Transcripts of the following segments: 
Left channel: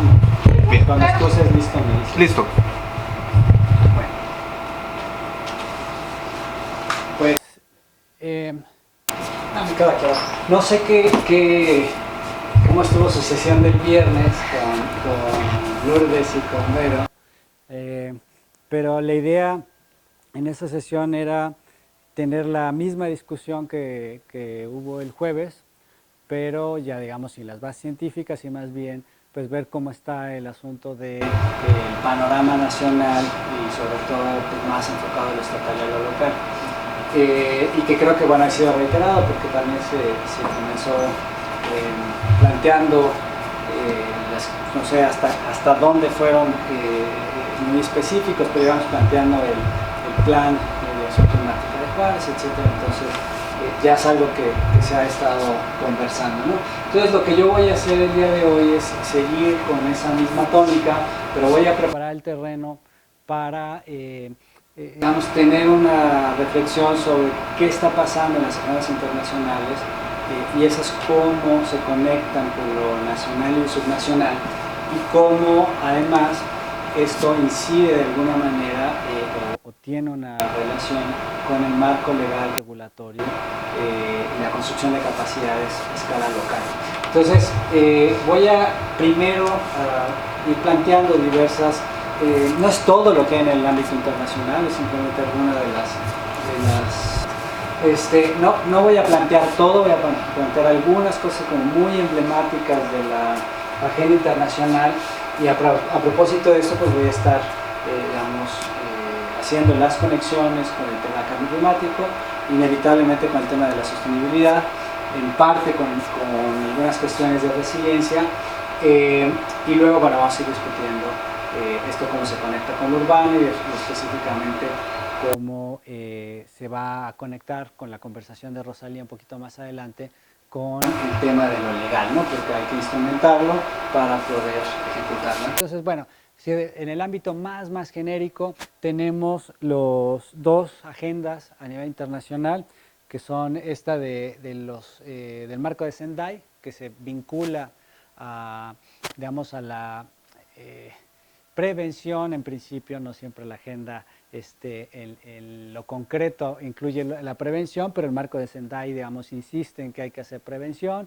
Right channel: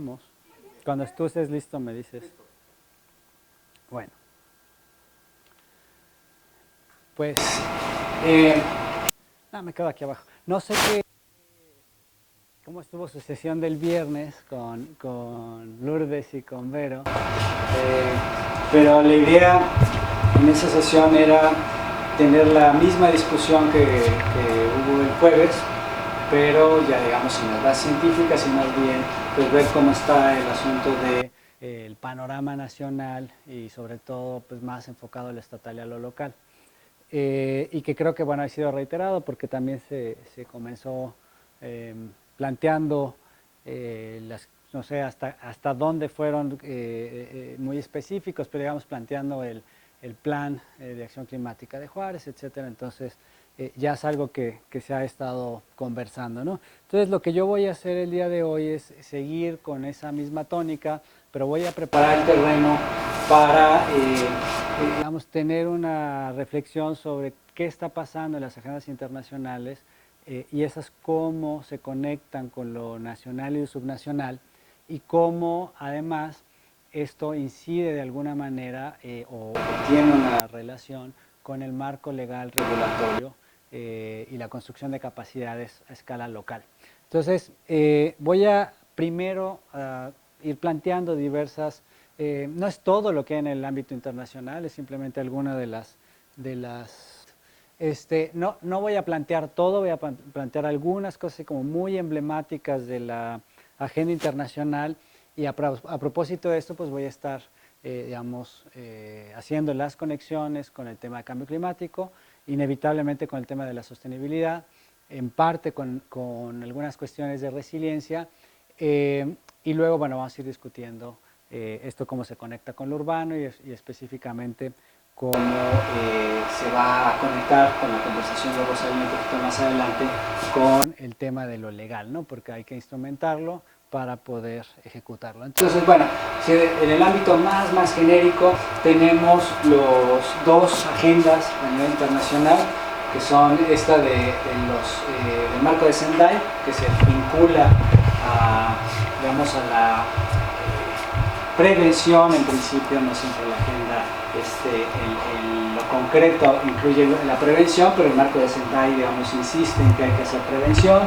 empezamos. Bien. Cuando tú estés listo, me dices. Listo. Bueno. Pues, me queda claro. No sé cómo estuvo su sesión del viernes con Lourdes y con Vero, pero la idea en esa sesión era tener la misma discusión que hubo el jueves, pero ya digamos sin las bases científicas y más bien pues ver cómo está el asunto del panorama nacional y sobre todo pues, más enfocado a lo estatal y a lo local. Y que creo que bueno, ha sido reiterado porque también se comenzó planteando, no sé hasta dónde fueron muy específicos, pero íbamos planteando el plan de acción climática de Juárez, etc. Entonces ya es algo que se ha estado conversando, ¿no? Entonces lo que yo voy a hacer el día de hoy es seguir con esa misma tónica, pero voy a preparar el terreno para digamos, tener una reflexión sobre qué está pasando en las agendas internacionales y esas cómo se conectan con lo nacional y subnacional y cómo además esto incide de alguna manera o tiene una relación con el marco legal regulatorio y la construcción de capacidades a escala local. Entonces voy a primero ir planteando diversas. No es todo lo que hay en el ámbito internacional, es simplemente alguna de las no voy a plantear todo, voy a plantear algunas cosas como muy emblemáticas de la agenda internacional y a propósito de esto pues voy a estar haciendo las conexiones con el tema del cambio climático, inevitablemente con el tema de la sostenibilidad, en parte con algunas cuestiones de resiliencia y luego bueno, vamos a ir discutiendo esto cómo se conecta con lo urbano y específicamente cómo se va a conectar con la conversación de Rosalía un poquito más adelante con el tema de lo legal, ¿no? Porque hay que instrumentarlo para poder ejecutarlo. Entonces, bueno, en el ámbito más genérico tenemos los dos agendas a nivel internacional, que son esta del marco de Sendai, que se vincula digamos, a la prevención en principio, no siempre la agenda en lo concreto incluye la prevención, pero el marco de Sendai, digamos, insiste en que hay que hacer prevención,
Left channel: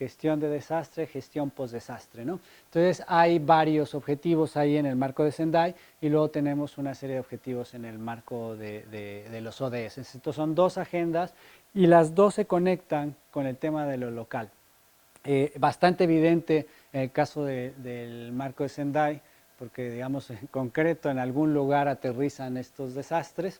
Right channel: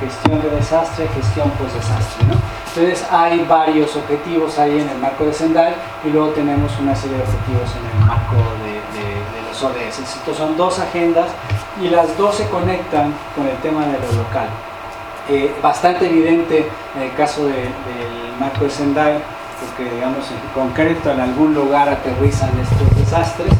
gestión de desastre, gestión post-desastre, ¿no? Entonces hay varios objetivos ahí en el marco de Sendai y luego tenemos una serie de objetivos en el marco de los ODS. Estos son dos agendas y las dos se conectan con el tema de lo local. Bastante evidente en el caso del marco de Sendai, porque digamos en concreto en algún lugar aterrizan estos desastres,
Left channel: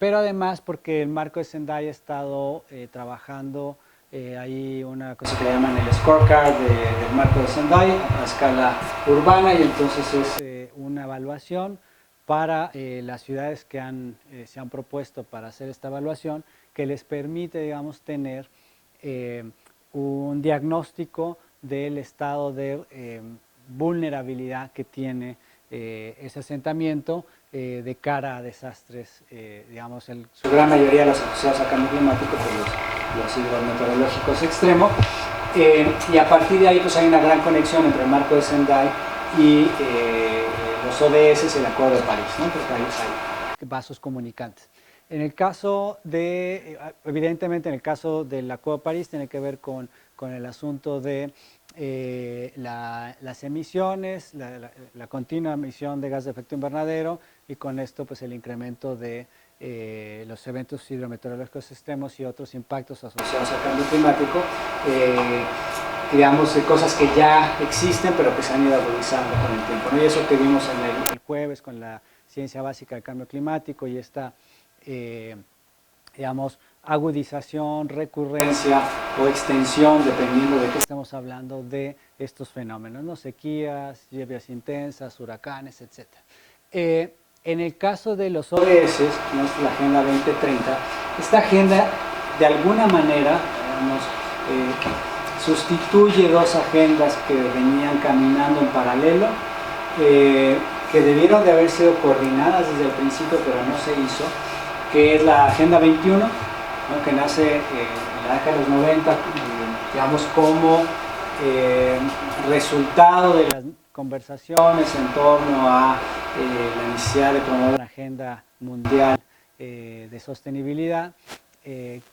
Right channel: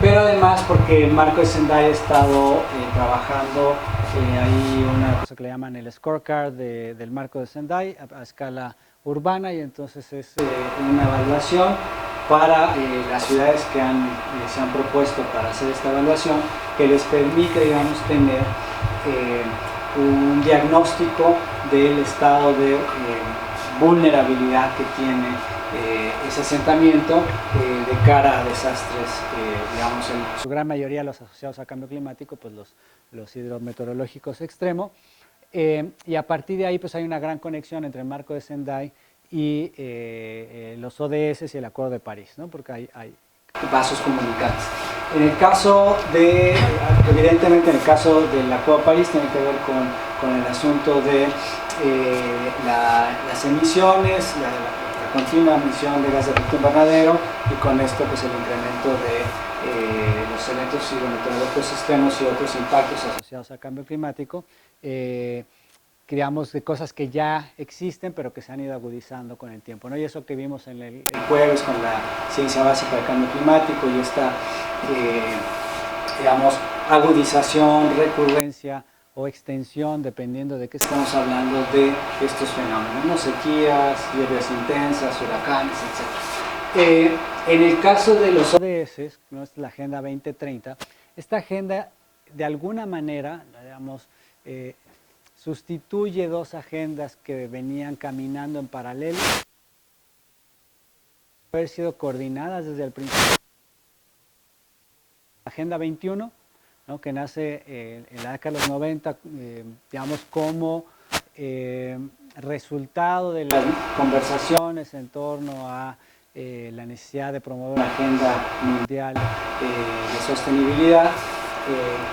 pero además porque el marco de Sendai ha estado trabajando, hay una cosa que le llaman el scorecard del marco de Sendai a escala urbana y entonces es una evaluación para las ciudades que se han propuesto para hacer esta evaluación que les permite, digamos, tener un diagnóstico del estado de vulnerabilidad que tiene ese asentamiento de cara a desastres, digamos, en su gran mayoría los asociados a cambio climático, pues los hidrometeorológicos extremos, y a partir de ahí pues hay una gran conexión entre el marco de Sendai y los ODS y el Acuerdo de París, ¿no? Porque hay vasos comunicantes. En el caso evidentemente en el caso del Acuerdo de París tiene que ver con el asunto de las emisiones, la continua emisión de gas de efecto invernadero y con esto pues el incremento de los eventos hidrometeorológicos extremos y otros impactos asociados al cambio climático, digamos de cosas que ya existen pero que se han ido agudizando con el tiempo, ¿no? Y eso que vimos en el jueves con la ciencia básica del cambio climático y esta digamos agudización, recurrencia o extensión, dependiendo de qué estamos hablando, de estos fenómenos, ¿no? Sequías, lluvias intensas, huracanes, etc. En el caso de los ODS, ¿no? Es la Agenda 2030, esta agenda de alguna manera, digamos, sustituye dos agendas que venían caminando en paralelo, que debieron de haber sido coordinadas desde el principio, pero no se hizo, que es la Agenda 21, ¿no? Que nace en la década de los 90, digamos, como resultado de las conversaciones en torno a la necesidad de promover una agenda mundial de sostenibilidad,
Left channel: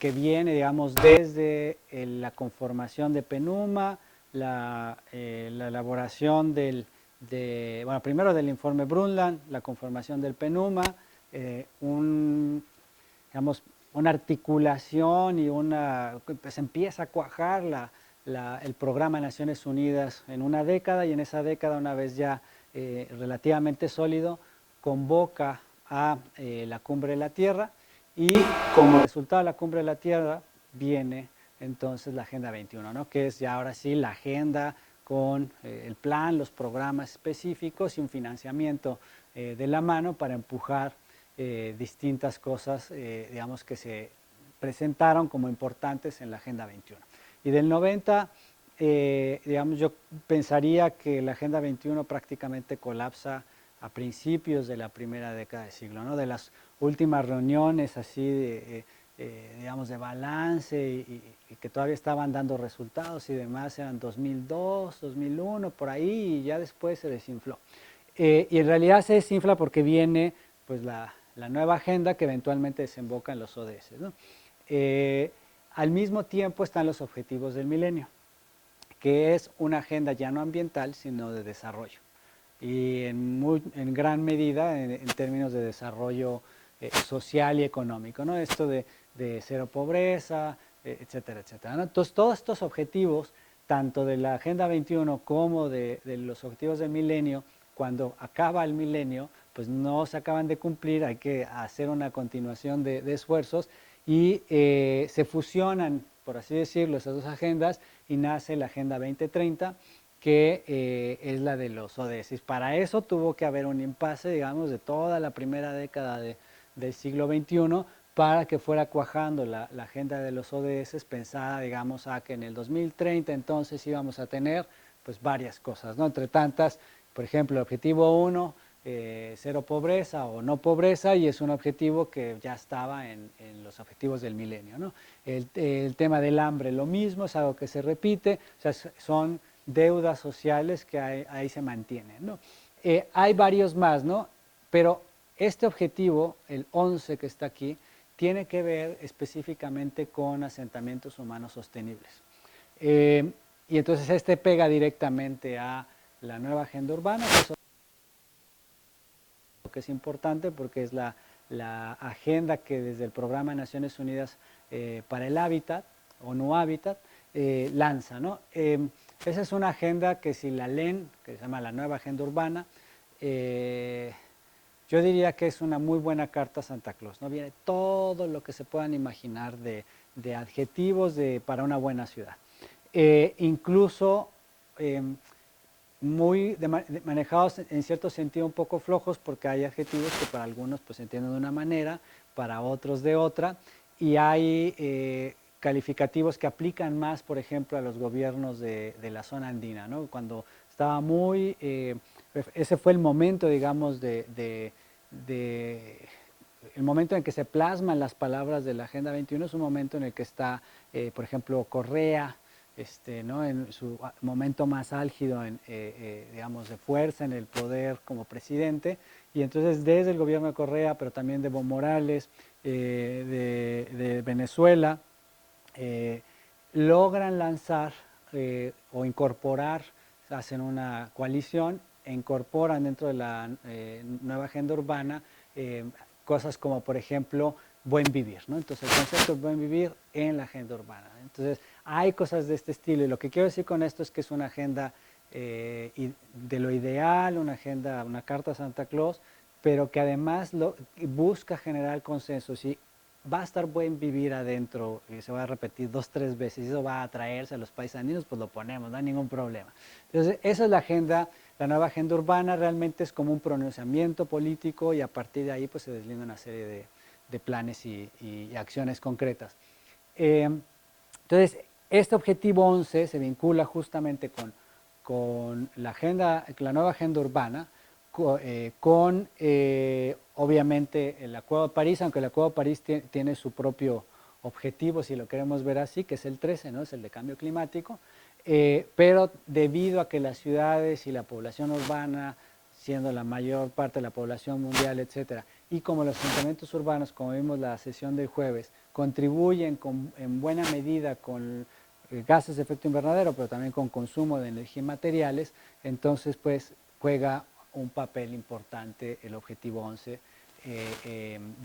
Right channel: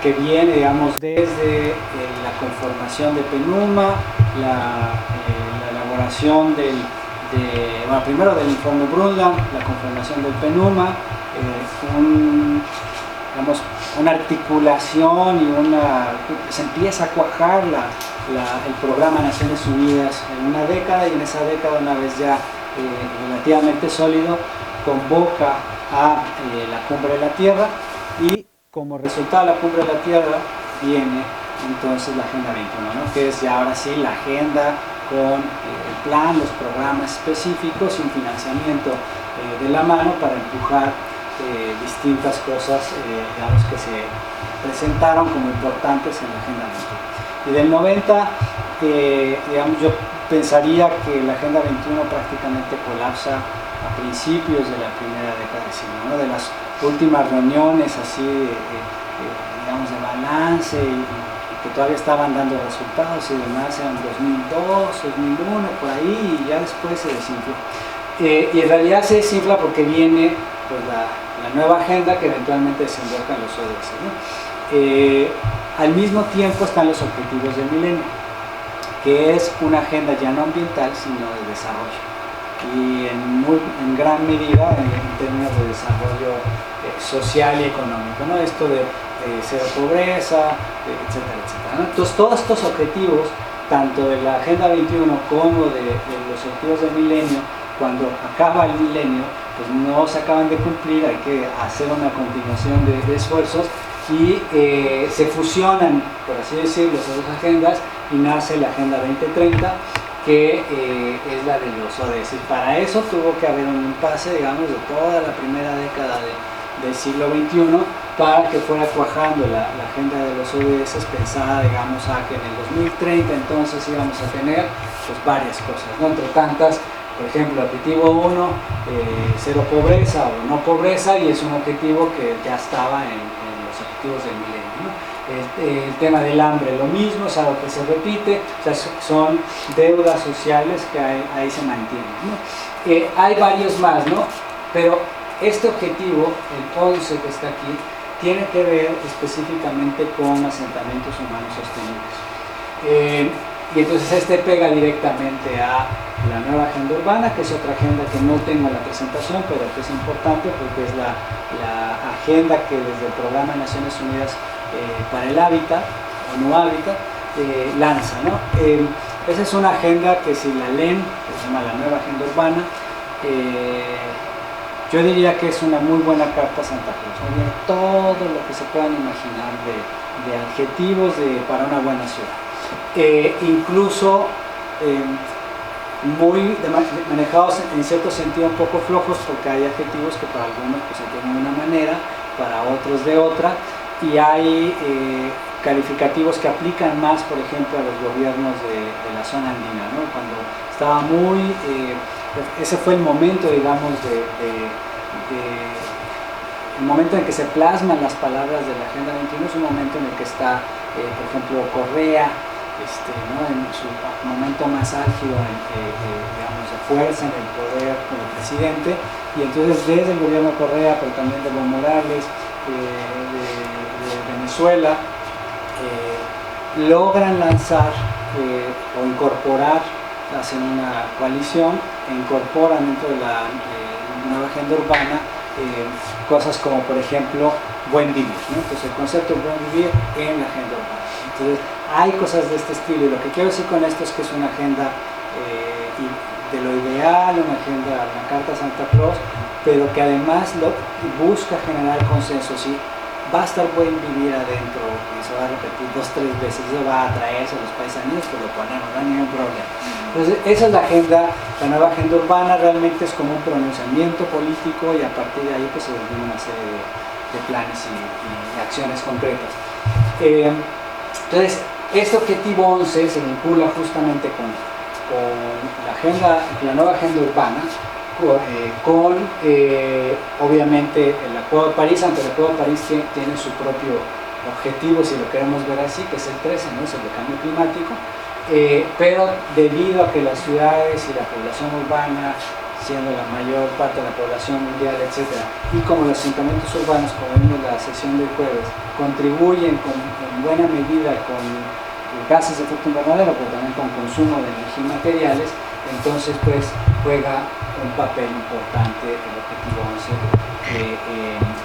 que viene, digamos, desde la conformación de PNUMA, la elaboración bueno, primero del informe Brundtland, la conformación del PNUMA, digamos, una articulación y se empieza a cuajar el programa Naciones Unidas en una década, y en esa década, una vez ya relativamente sólido, convoca a la Cumbre de la Tierra, y como resultado de la Cumbre de la Tierra viene entonces la Agenda 21, ¿no? Que es ya ahora sí la agenda con el plan, los programas específicos y un financiamiento de la mano para empujar distintas cosas, digamos, que se presentaron como importantes en la Agenda 21. Y del 90, digamos, yo pensaría que la Agenda 21 prácticamente colapsa a principios de la primera década del siglo, ¿no? De las últimas reuniones así, digamos, de balance y que todavía estaban dando resultados y demás, en 2002, 2001, por ahí, y ya después se desinfló. Y en realidad se desinfla porque viene, pues, la nueva agenda que eventualmente desemboca en los ODS, ¿no? Al mismo tiempo están los objetivos del milenio, que es una agenda ya no ambiental, sino de desarrollo, y en gran medida en términos de desarrollo social y económico, ¿no? Esto de cero pobreza, etcétera, etcétera, ¿no? Entonces, todos estos objetivos, tanto de la Agenda 21 como de los objetivos del milenio, cuando acaba el milenio, pues no se acaban de cumplir, hay que hacer una continuación de esfuerzos, y se fusionan, por así decirlo, esas dos agendas, y nace la Agenda 2030, que es la de los ODS. Y para eso tuvo que haber un impasse, digamos, de toda la primera década del siglo XXI, para que fuera cuajando la agenda de los ODS, pensada, digamos, a que en el 2030 entonces íbamos a tener, pues, varias cosas, ¿no? Entre tantas, por ejemplo, objetivo 1, cero pobreza o no pobreza, y es un objetivo que ya estaba en los objetivos del milenio, ¿no? El tema del hambre, lo mismo, es algo que se repite, o sea, son deudas sociales que ahí se mantienen, ¿no? Hay varios más, ¿no? Pero este objetivo, el 11 que está aquí, tiene que ver específicamente con asentamientos humanos sostenibles. Y entonces este pega directamente a la nueva agenda urbana, que es otra agenda que no tengo en la presentación, pero que es importante porque es la agenda que desde el Programa de Naciones Unidas para el Hábitat, o No Hábitat, lanza, ¿no? Esa es una agenda que, si la leen, que se llama la nueva agenda urbana, yo diría que es una muy buena carta a Santa Cruz, ¿no? Viene todo lo que se puedan imaginar de adjetivos para una buena ciudad. Incluso muy manejados en cierto sentido un poco flojos, porque hay adjetivos que para algunos pues se tienen de una manera, para otros de otra, y hay calificativos que aplican más, por ejemplo, a los gobiernos de la zona andina, ¿no? Cuando estaba ese fue el momento, digamos, el momento en que se plasman las palabras de la Agenda 21, es un momento en el que está, por ejemplo, Correa, ¿no? En su momento más álgido, digamos, de fuerza en el poder como presidente, y entonces desde el gobierno de Correa, pero también de Evo Morales, de Venezuela, logran lanzar o incorporar, hacen una coalición e incorporan dentro de la nueva agenda urbana cosas como, por ejemplo, buen vivir, ¿no? Entonces el concepto de buen vivir en la agenda urbana. Entonces hay cosas de este estilo, y lo que quiero decir con esto es que es una agenda de lo ideal, una carta a Santa Claus, pero que además busca generar consensos, y va a estar buen vivir adentro, y se va a repetir 2 o 3 veces, eso va a atraerse a los paisanos, que lo ponemos, no hay ningún problema. Entonces esa es la nueva agenda urbana, realmente es como un pronunciamiento político, y a partir de ahí pues se define una serie de planes y acciones concretas. Entonces, este objetivo 11 se vincula justamente con la nueva agenda urbana, con obviamente el Acuerdo de París, aunque el Acuerdo de París tiene su propio objetivo, si lo queremos ver así, que es el 13, ¿no? Es el de cambio climático, pero debido a que las ciudades y la población urbana, siendo la mayor parte de la población mundial, etc., y como los asentamientos urbanos, como vimos en la sesión del jueves, contribuyen en buena medida con gases de efecto invernadero, pero también con consumo de energía y materiales, entonces pues juega un papel importante el objetivo 11,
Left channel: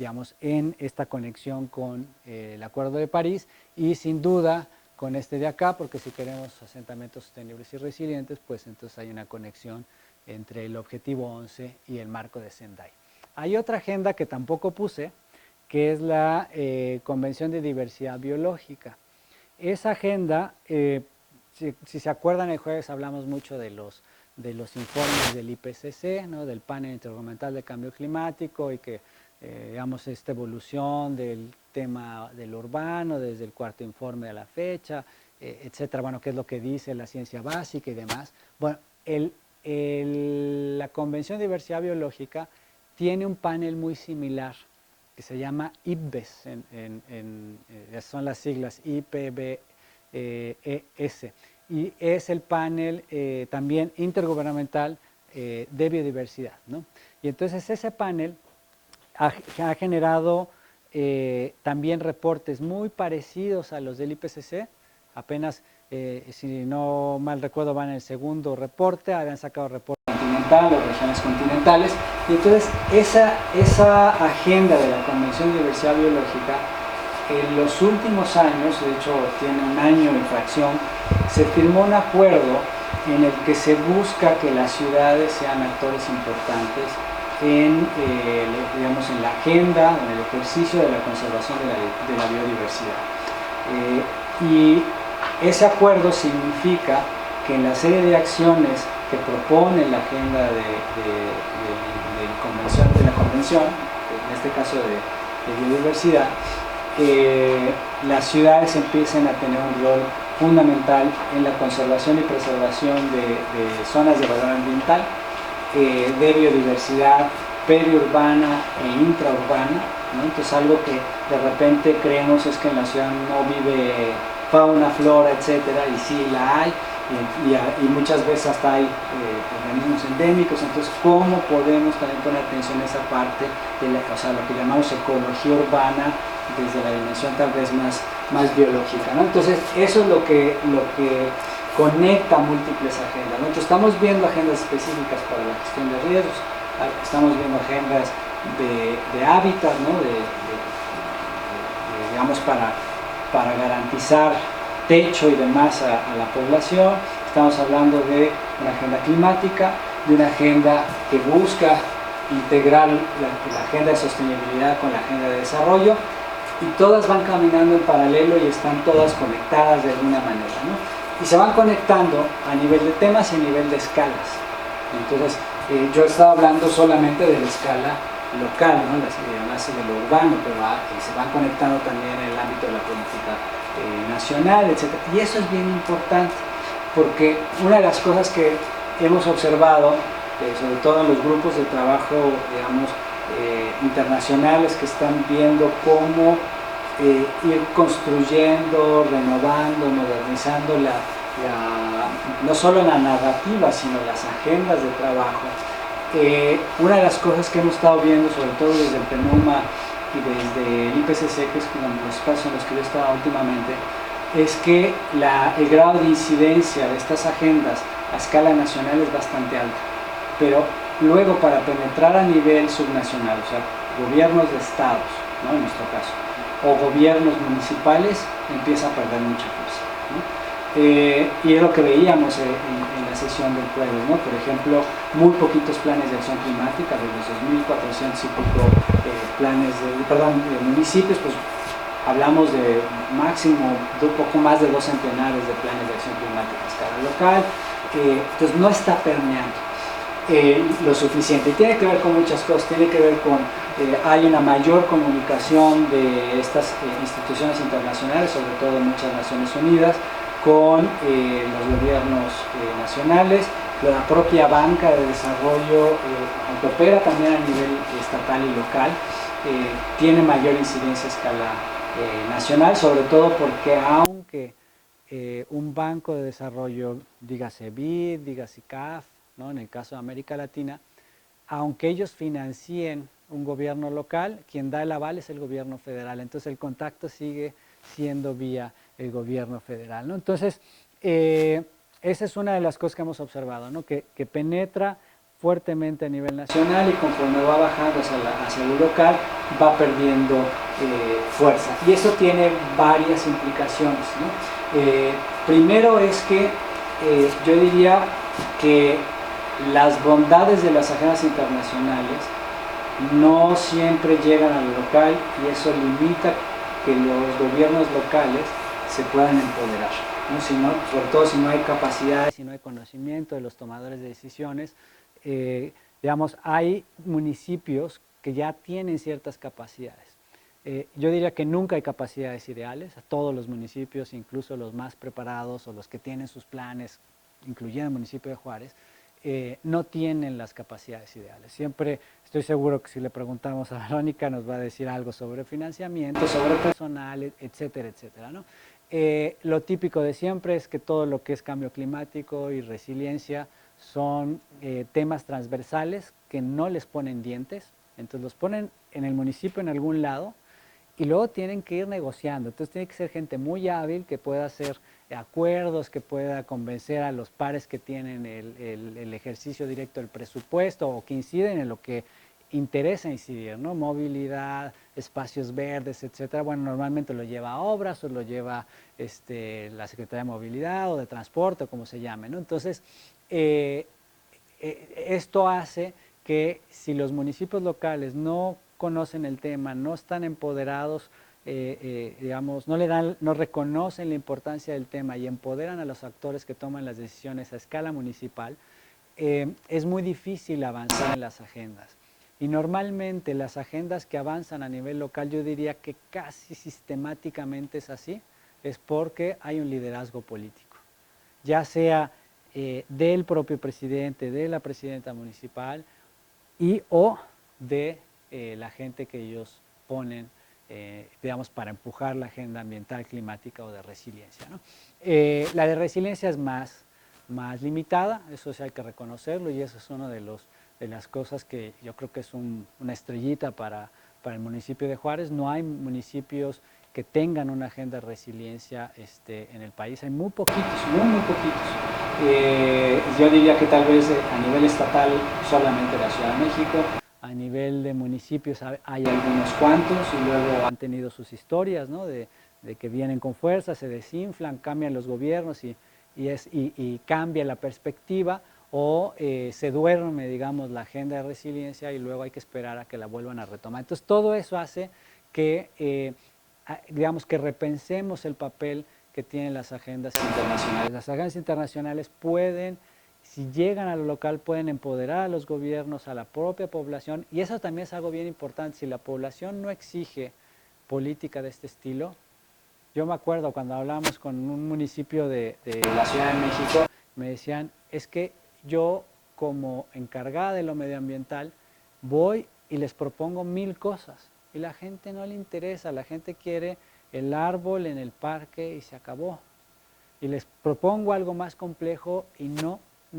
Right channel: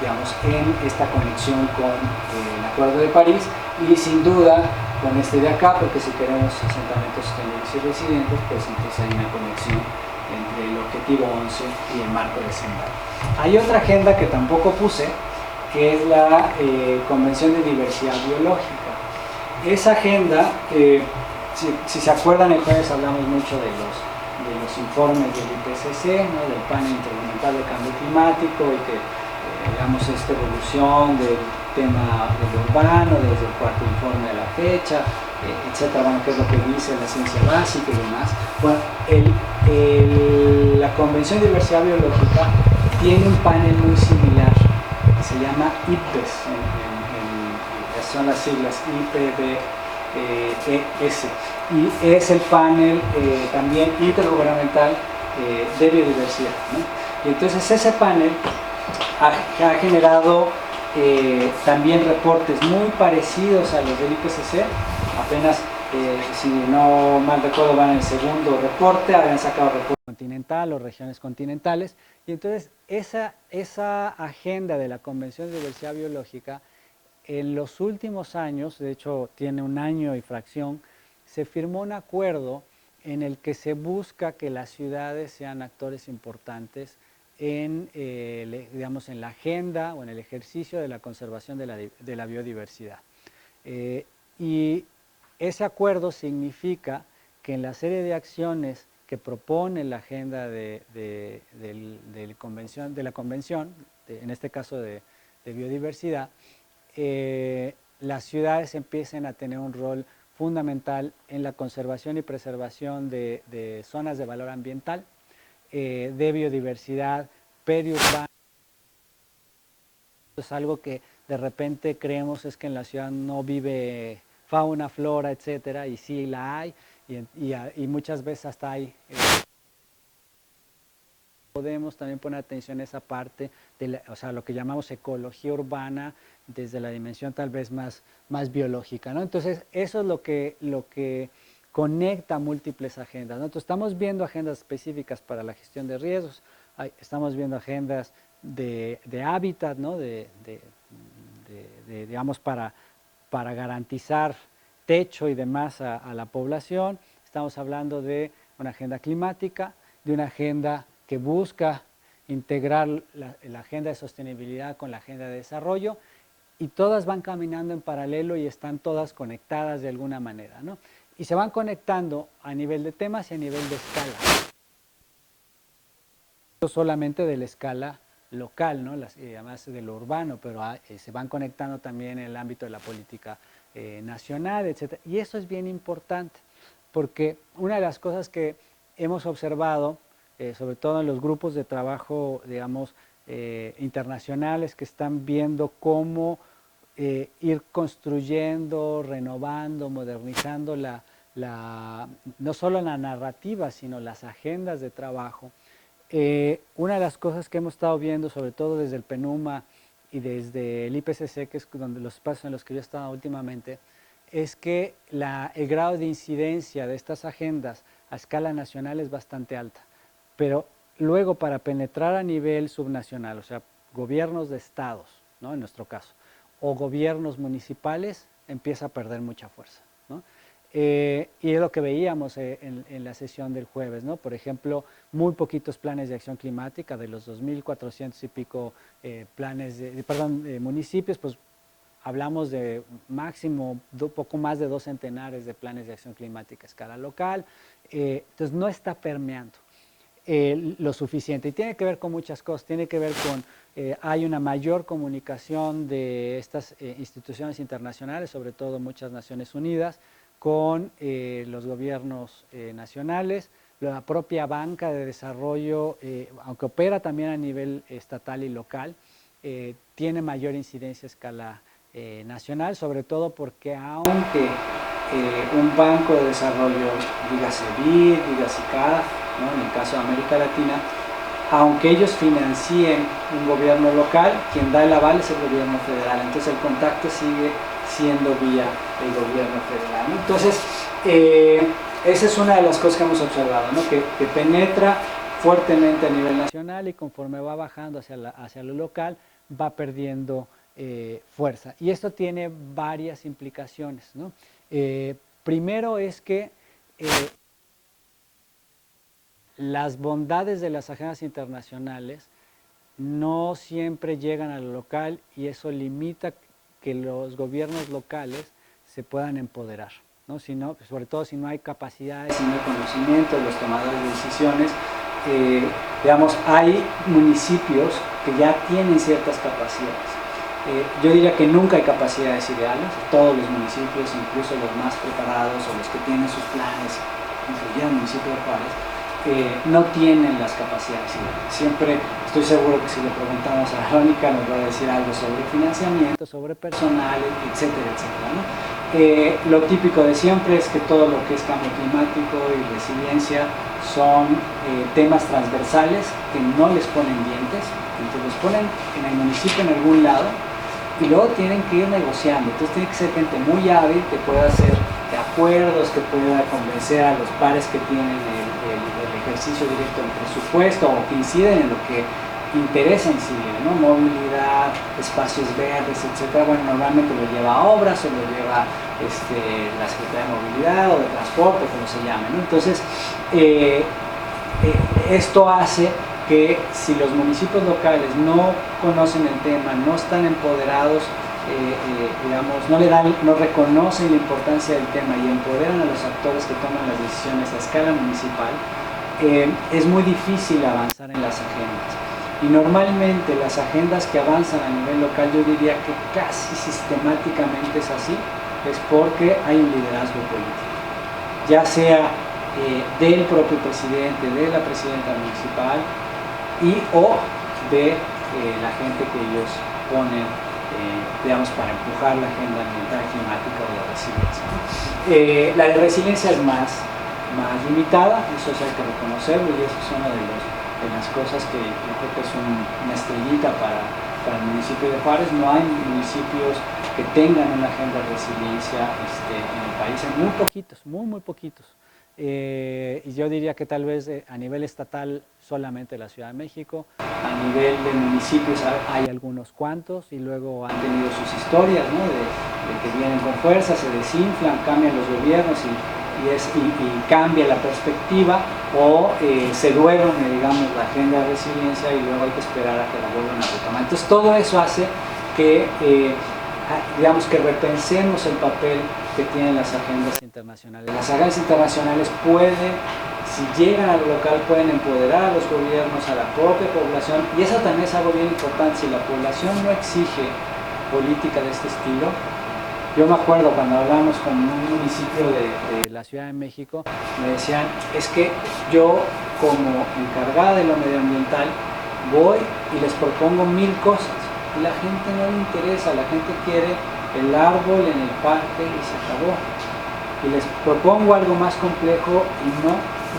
digamos, en esta conexión con el Acuerdo de París, y sin duda con este de acá, porque si queremos asentamientos sostenibles y resilientes, pues entonces hay una conexión entre el objetivo 11 y el marco de Sendai. Hay otra agenda que tampoco puse, que es la Convención de Diversidad Biológica. Esa agenda, si se acuerdan, el jueves hablamos mucho de los informes del IPCC, ¿no? Del Panel Intergubernamental de Cambio Climático, y que digamos esta evolución del tema del urbano desde el cuarto informe a la fecha, etcétera, bueno, qué es lo que dice la ciencia básica y demás. Bueno, la Convención de Diversidad Biológica tiene un panel muy similar que se llama IPBES, son las siglas IPBES, y es el panel también intergubernamental de biodiversidad, ¿no? Y entonces ese panel ha generado también reportes muy parecidos a los del IPCC. Apenas, si no mal recuerdo, van en el segundo reporte, habían sacado reporte continental o regiones continentales, y entonces esa agenda de la Convención de Diversidad Biológica en los últimos años, de hecho tiene un año y fracción, se firmó un acuerdo en el que se busca que las ciudades sean actores importantes en, digamos, en la agenda, en el ejercicio de la conservación de la biodiversidad. Y ese acuerdo significa que en la serie de acciones que propone la agenda de la convención, en este caso de biodiversidad, las ciudades empiecen a tener un rol fundamental en la conservación y preservación de zonas de valor ambiental, de biodiversidad periurbana e intraurbana, ¿no? Entonces algo que de repente creemos es que en la ciudad no vive fauna, flora, etcétera, y sí la hay, y muchas veces hasta hay organismos endémicos. Entonces, ¿cómo podemos también poner atención a esa parte de o sea, lo que llamamos ecología urbana desde la dimensión tal vez más biológica, ¿no? Entonces, eso es lo que conecta múltiples agendas, ¿no? Entonces, estamos viendo agendas específicas para la gestión de riesgos, estamos viendo agendas de hábitat, ¿no? Digamos, para garantizar techo y demás a la población. Estamos hablando de una agenda climática, de una agenda que busca integrar la agenda de sostenibilidad con la agenda de desarrollo, y todas van caminando en paralelo y están todas conectadas de alguna manera, ¿no? Y se van conectando a nivel de temas y a nivel de escala. Entonces, yo he estado hablando solamente de la escala local, ¿no? Además de lo urbano, pero se van conectando también en el ámbito de la política nacional, etc. Y eso es bien importante, porque una de las cosas que hemos observado, sobre todo en los grupos de trabajo, digamos, internacionales, que están viendo cómo ir construyendo, renovando, modernizando no solo la narrativa, sino las agendas de trabajo. Una de las cosas que hemos estado viendo, sobre todo desde el PENUMA y desde el IPCC, que es los espacios en los que yo he estado últimamente, es que el grado de incidencia de estas agendas a escala nacional es bastante alto, pero luego para penetrar a nivel subnacional, o sea, gobiernos de estados, ¿no? En nuestro caso, o gobiernos municipales, empieza a perder mucha fuerza, ¿no? Y es lo que veíamos en la sesión del jueves, ¿no? Por ejemplo, muy poquitos planes de acción climática, de los 2.400 y poco municipios, pues hablamos de máximo poco más de 2 centenares de planes de acción climática a escala local. Entonces no está permeando lo suficiente, y tiene que ver con muchas cosas. Tiene que ver con hay una mayor comunicación de estas instituciones internacionales, sobre todo muchas Naciones Unidas, con los gobiernos nacionales. La propia banca de desarrollo, aunque opera también a nivel estatal y local, tiene mayor incidencia a escala nacional, sobre todo porque aunque un banco de desarrollo, dígase BID, dígase CAF, ¿no? En el caso de América Latina, aunque ellos financien un gobierno local, quien da el aval es el gobierno federal. Entonces el contacto sigue siendo vía el gobierno federal, ¿no? Entonces, esa es una de las cosas que hemos observado, ¿no? que penetra fuertemente a nivel nacional y conforme va bajando hacia lo local, va perdiendo fuerza. Y esto tiene varias implicaciones, ¿no? Primero es que yo diría que las bondades de las agendas internacionales no siempre llegan a lo local y eso limita que los gobiernos locales se puedan empoderar, ¿no? Sobre todo si no hay capacidades, si no hay conocimiento de los tomadores de decisiones. Digamos, hay municipios que ya tienen ciertas capacidades. Yo diría que nunca hay capacidades ideales. Todos los municipios, incluso los más preparados o los que tienen sus planes, incluyendo el municipio de Juárez, no tienen las capacidades ideales. Siempre estoy seguro que si le preguntamos a Verónica nos va a decir algo sobre financiamiento, sobre personal, etcétera, etcétera, ¿no? Lo típico de siempre es que todo lo que es cambio climático y resiliencia son temas transversales que no les ponen dientes, entonces los ponen en el municipio en algún lado y luego tienen que ir negociando. Entonces tiene que ser gente muy hábil que pueda hacer acuerdos, que pueda convencer a los pares que tienen el ejercicio directo del presupuesto o que inciden en lo que interesa incidir, ¿no? Movilidad, espacios verdes, etcétera. Bueno, normalmente lo lleva obras o lo lleva la Secretaría de Movilidad o de Transporte, como se llame, ¿no? Entonces, esto hace que si los municipios locales no conocen el tema, no están empoderados, digamos, no reconocen la importancia del tema y empoderan a los actores que toman las decisiones a escala municipal, es muy difícil avanzar en las agendas. Y normalmente las agendas que avanzan a nivel local, yo diría que casi sistemáticamente es así, es porque hay un liderazgo político, ya sea del propio presidente, de la presidenta municipal o de la gente que ellos ponen, digamos, para empujar la agenda ambiental, climática o de resiliencia, ¿no? La de resiliencia es más limitada, eso sí hay que reconocerlo, y eso es una de las cosas que yo creo que es una estrellita para el municipio de Juárez. No hay municipios que tengan una agenda de resiliencia en el país, hay muy poquitos, muy poquitos. Yo diría que tal vez a nivel estatal solamente la Ciudad de México, a nivel de municipios hay algunos cuantos y luego han tenido sus historias, ¿no? de que vienen con fuerza, se desinflan, cambian los gobiernos y cambia la perspectiva o se duerme, digamos, la agenda de resiliencia y luego hay que esperar a que la vuelvan a retomar. Entonces todo eso hace que, digamos, que repensemos el papel que tienen las agendas internacionales. Las agendas internacionales pueden, si llegan a lo local, pueden empoderar a los gobiernos, a la propia población, y eso también es algo bien importante. Si la población no exige política de este estilo, yo me acuerdo cuando hablamos con un municipio de la Ciudad de México, me decían, es que yo como encargada de lo medioambiental voy y les propongo 1000 cosas y la gente no le interesa, la gente quiere el árbol en el parque y se acabó. Y les propongo algo más complejo y no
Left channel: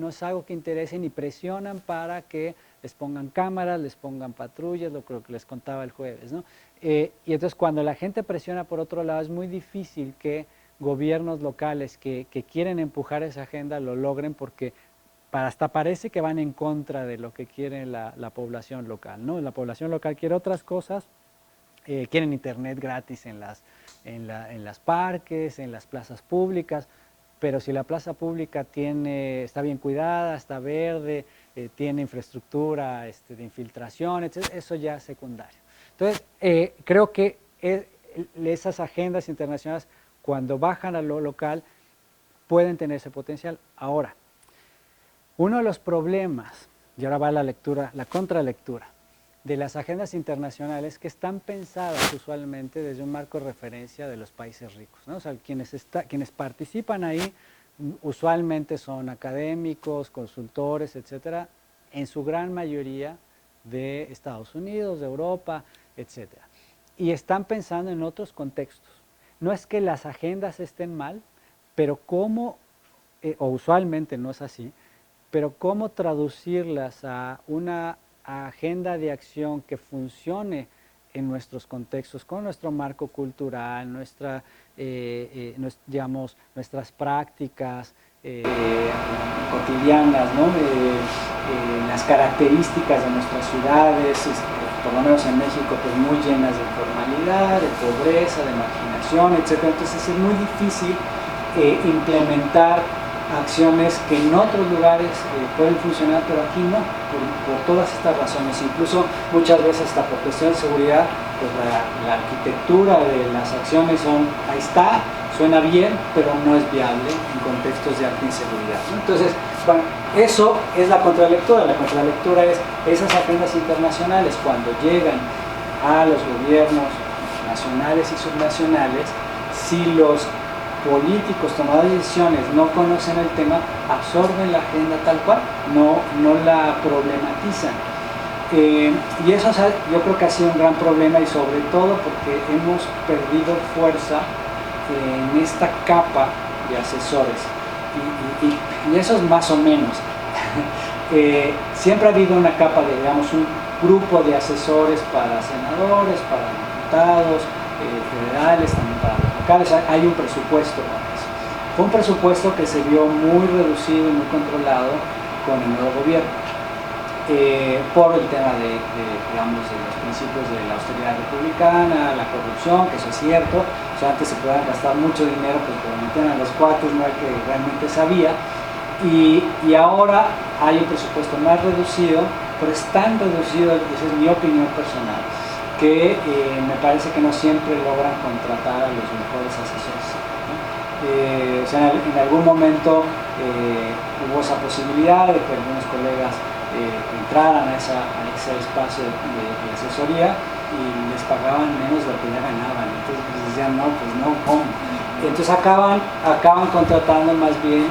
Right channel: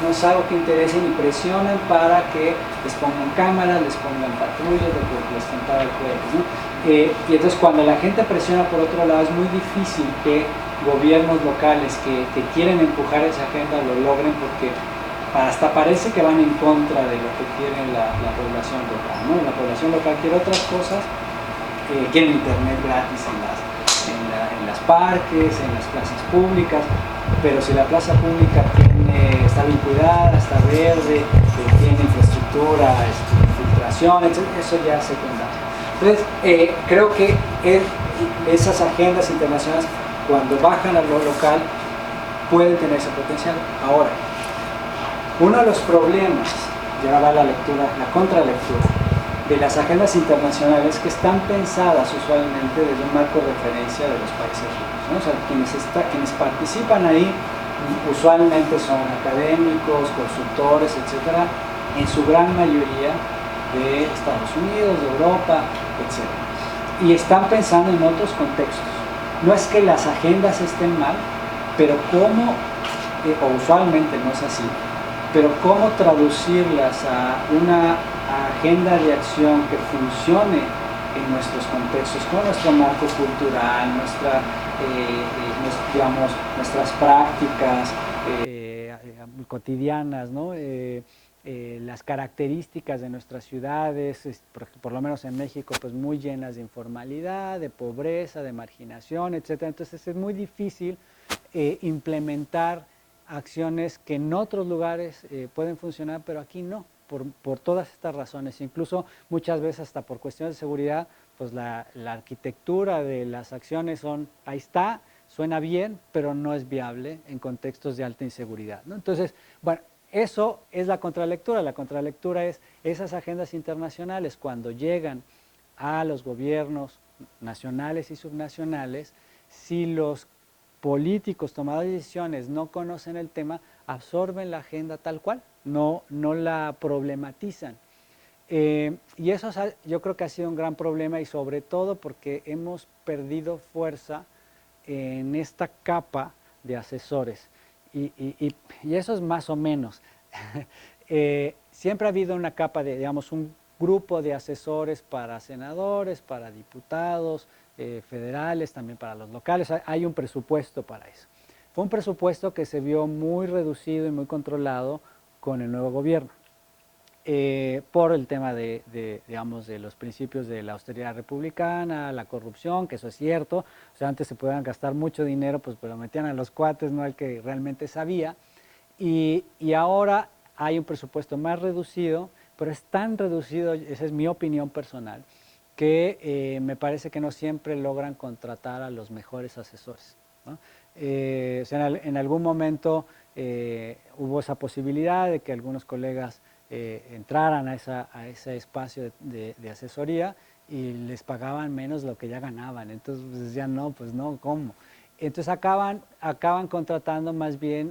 es algo que interese ni presionan para que les pongan cámaras, les pongan patrullas, les contaba el juego, ¿no? Y entonces cuando la gente presiona por otro lado es muy difícil que gobiernos locales que quieren empujar esa agenda lo logren, porque hasta parece que van en contra de lo que quiere la población local, ¿no? La población local quiere otras cosas, quieren internet gratis en las parques, en las plazas públicas, pero si la plaza pública está bien cuidada, está verde, tiene infraestructura, filtración, etc., eso ya es secundario. Entonces, creo que esas agendas internacionales, cuando bajan a lo local, pueden tener ese potencial. Ahora, uno de los problemas, y ahora va la contralectura, de las agendas internacionales que están pensadas usualmente desde un marco de referencia de los países ricos, ¿no? O sea, quienes participan ahí usualmente son académicos, consultores, etcétera, en su gran mayoría de Estados Unidos, de Europa, etc. Y están pensando en otros contextos. No es que las agendas estén mal, pero cómo, o usualmente no es así, pero cómo traducirlas a una agenda de acción que funcione en nuestros contextos, con nuestro marco cultural, digamos, nuestras prácticas cotidianas, ¿no? Las características de nuestras ciudades, por lo menos en México, pues muy llenas de informalidad, de pobreza, de marginación, etc. Entonces es muy difícil implementar acciones que en otros lugares pueden funcionar, pero aquí no, por todas estas razones. Incluso muchas veces hasta por cuestión de seguridad, pues la arquitectura de las acciones ahí está, suena bien, pero no es viable en contextos de alta inseguridad, ¿no? Entonces, bueno, eso es la contralectura. La contralectura es esas agendas internacionales cuando llegan a los gobiernos nacionales y subnacionales, si los políticos tomadores de decisiones no conocen el tema, absorben la agenda tal cual, no la problematizan. Y eso yo creo que ha sido un gran problema, y sobre todo porque hemos perdido fuerza en esta capa de asesores. Y eso es más o menos. Siempre ha habido una capa de, digamos, un grupo de asesores para senadores, para diputados, federales, también para los locales. Hay un presupuesto para eso. Fue un presupuesto que se vio muy reducido y muy controlado con el nuevo gobierno, por el tema digamos, de los principios de la austeridad republicana, la corrupción, que eso es cierto. O sea, antes se podían gastar mucho dinero, pues lo metían a los cuartos, no hay que realmente sabía. Y ahora hay un presupuesto más reducido, pero es tan reducido, esa es mi opinión personal, que me parece que no siempre logran contratar a los mejores asesores, ¿no? O sea, en algún momento hubo esa posibilidad de que algunos colegas entraran a ese espacio de asesoría y les pagaban menos de lo que ya ganaban. Entonces pues, decían, no, pues no, ¿cómo? Y entonces acaban contratando más bien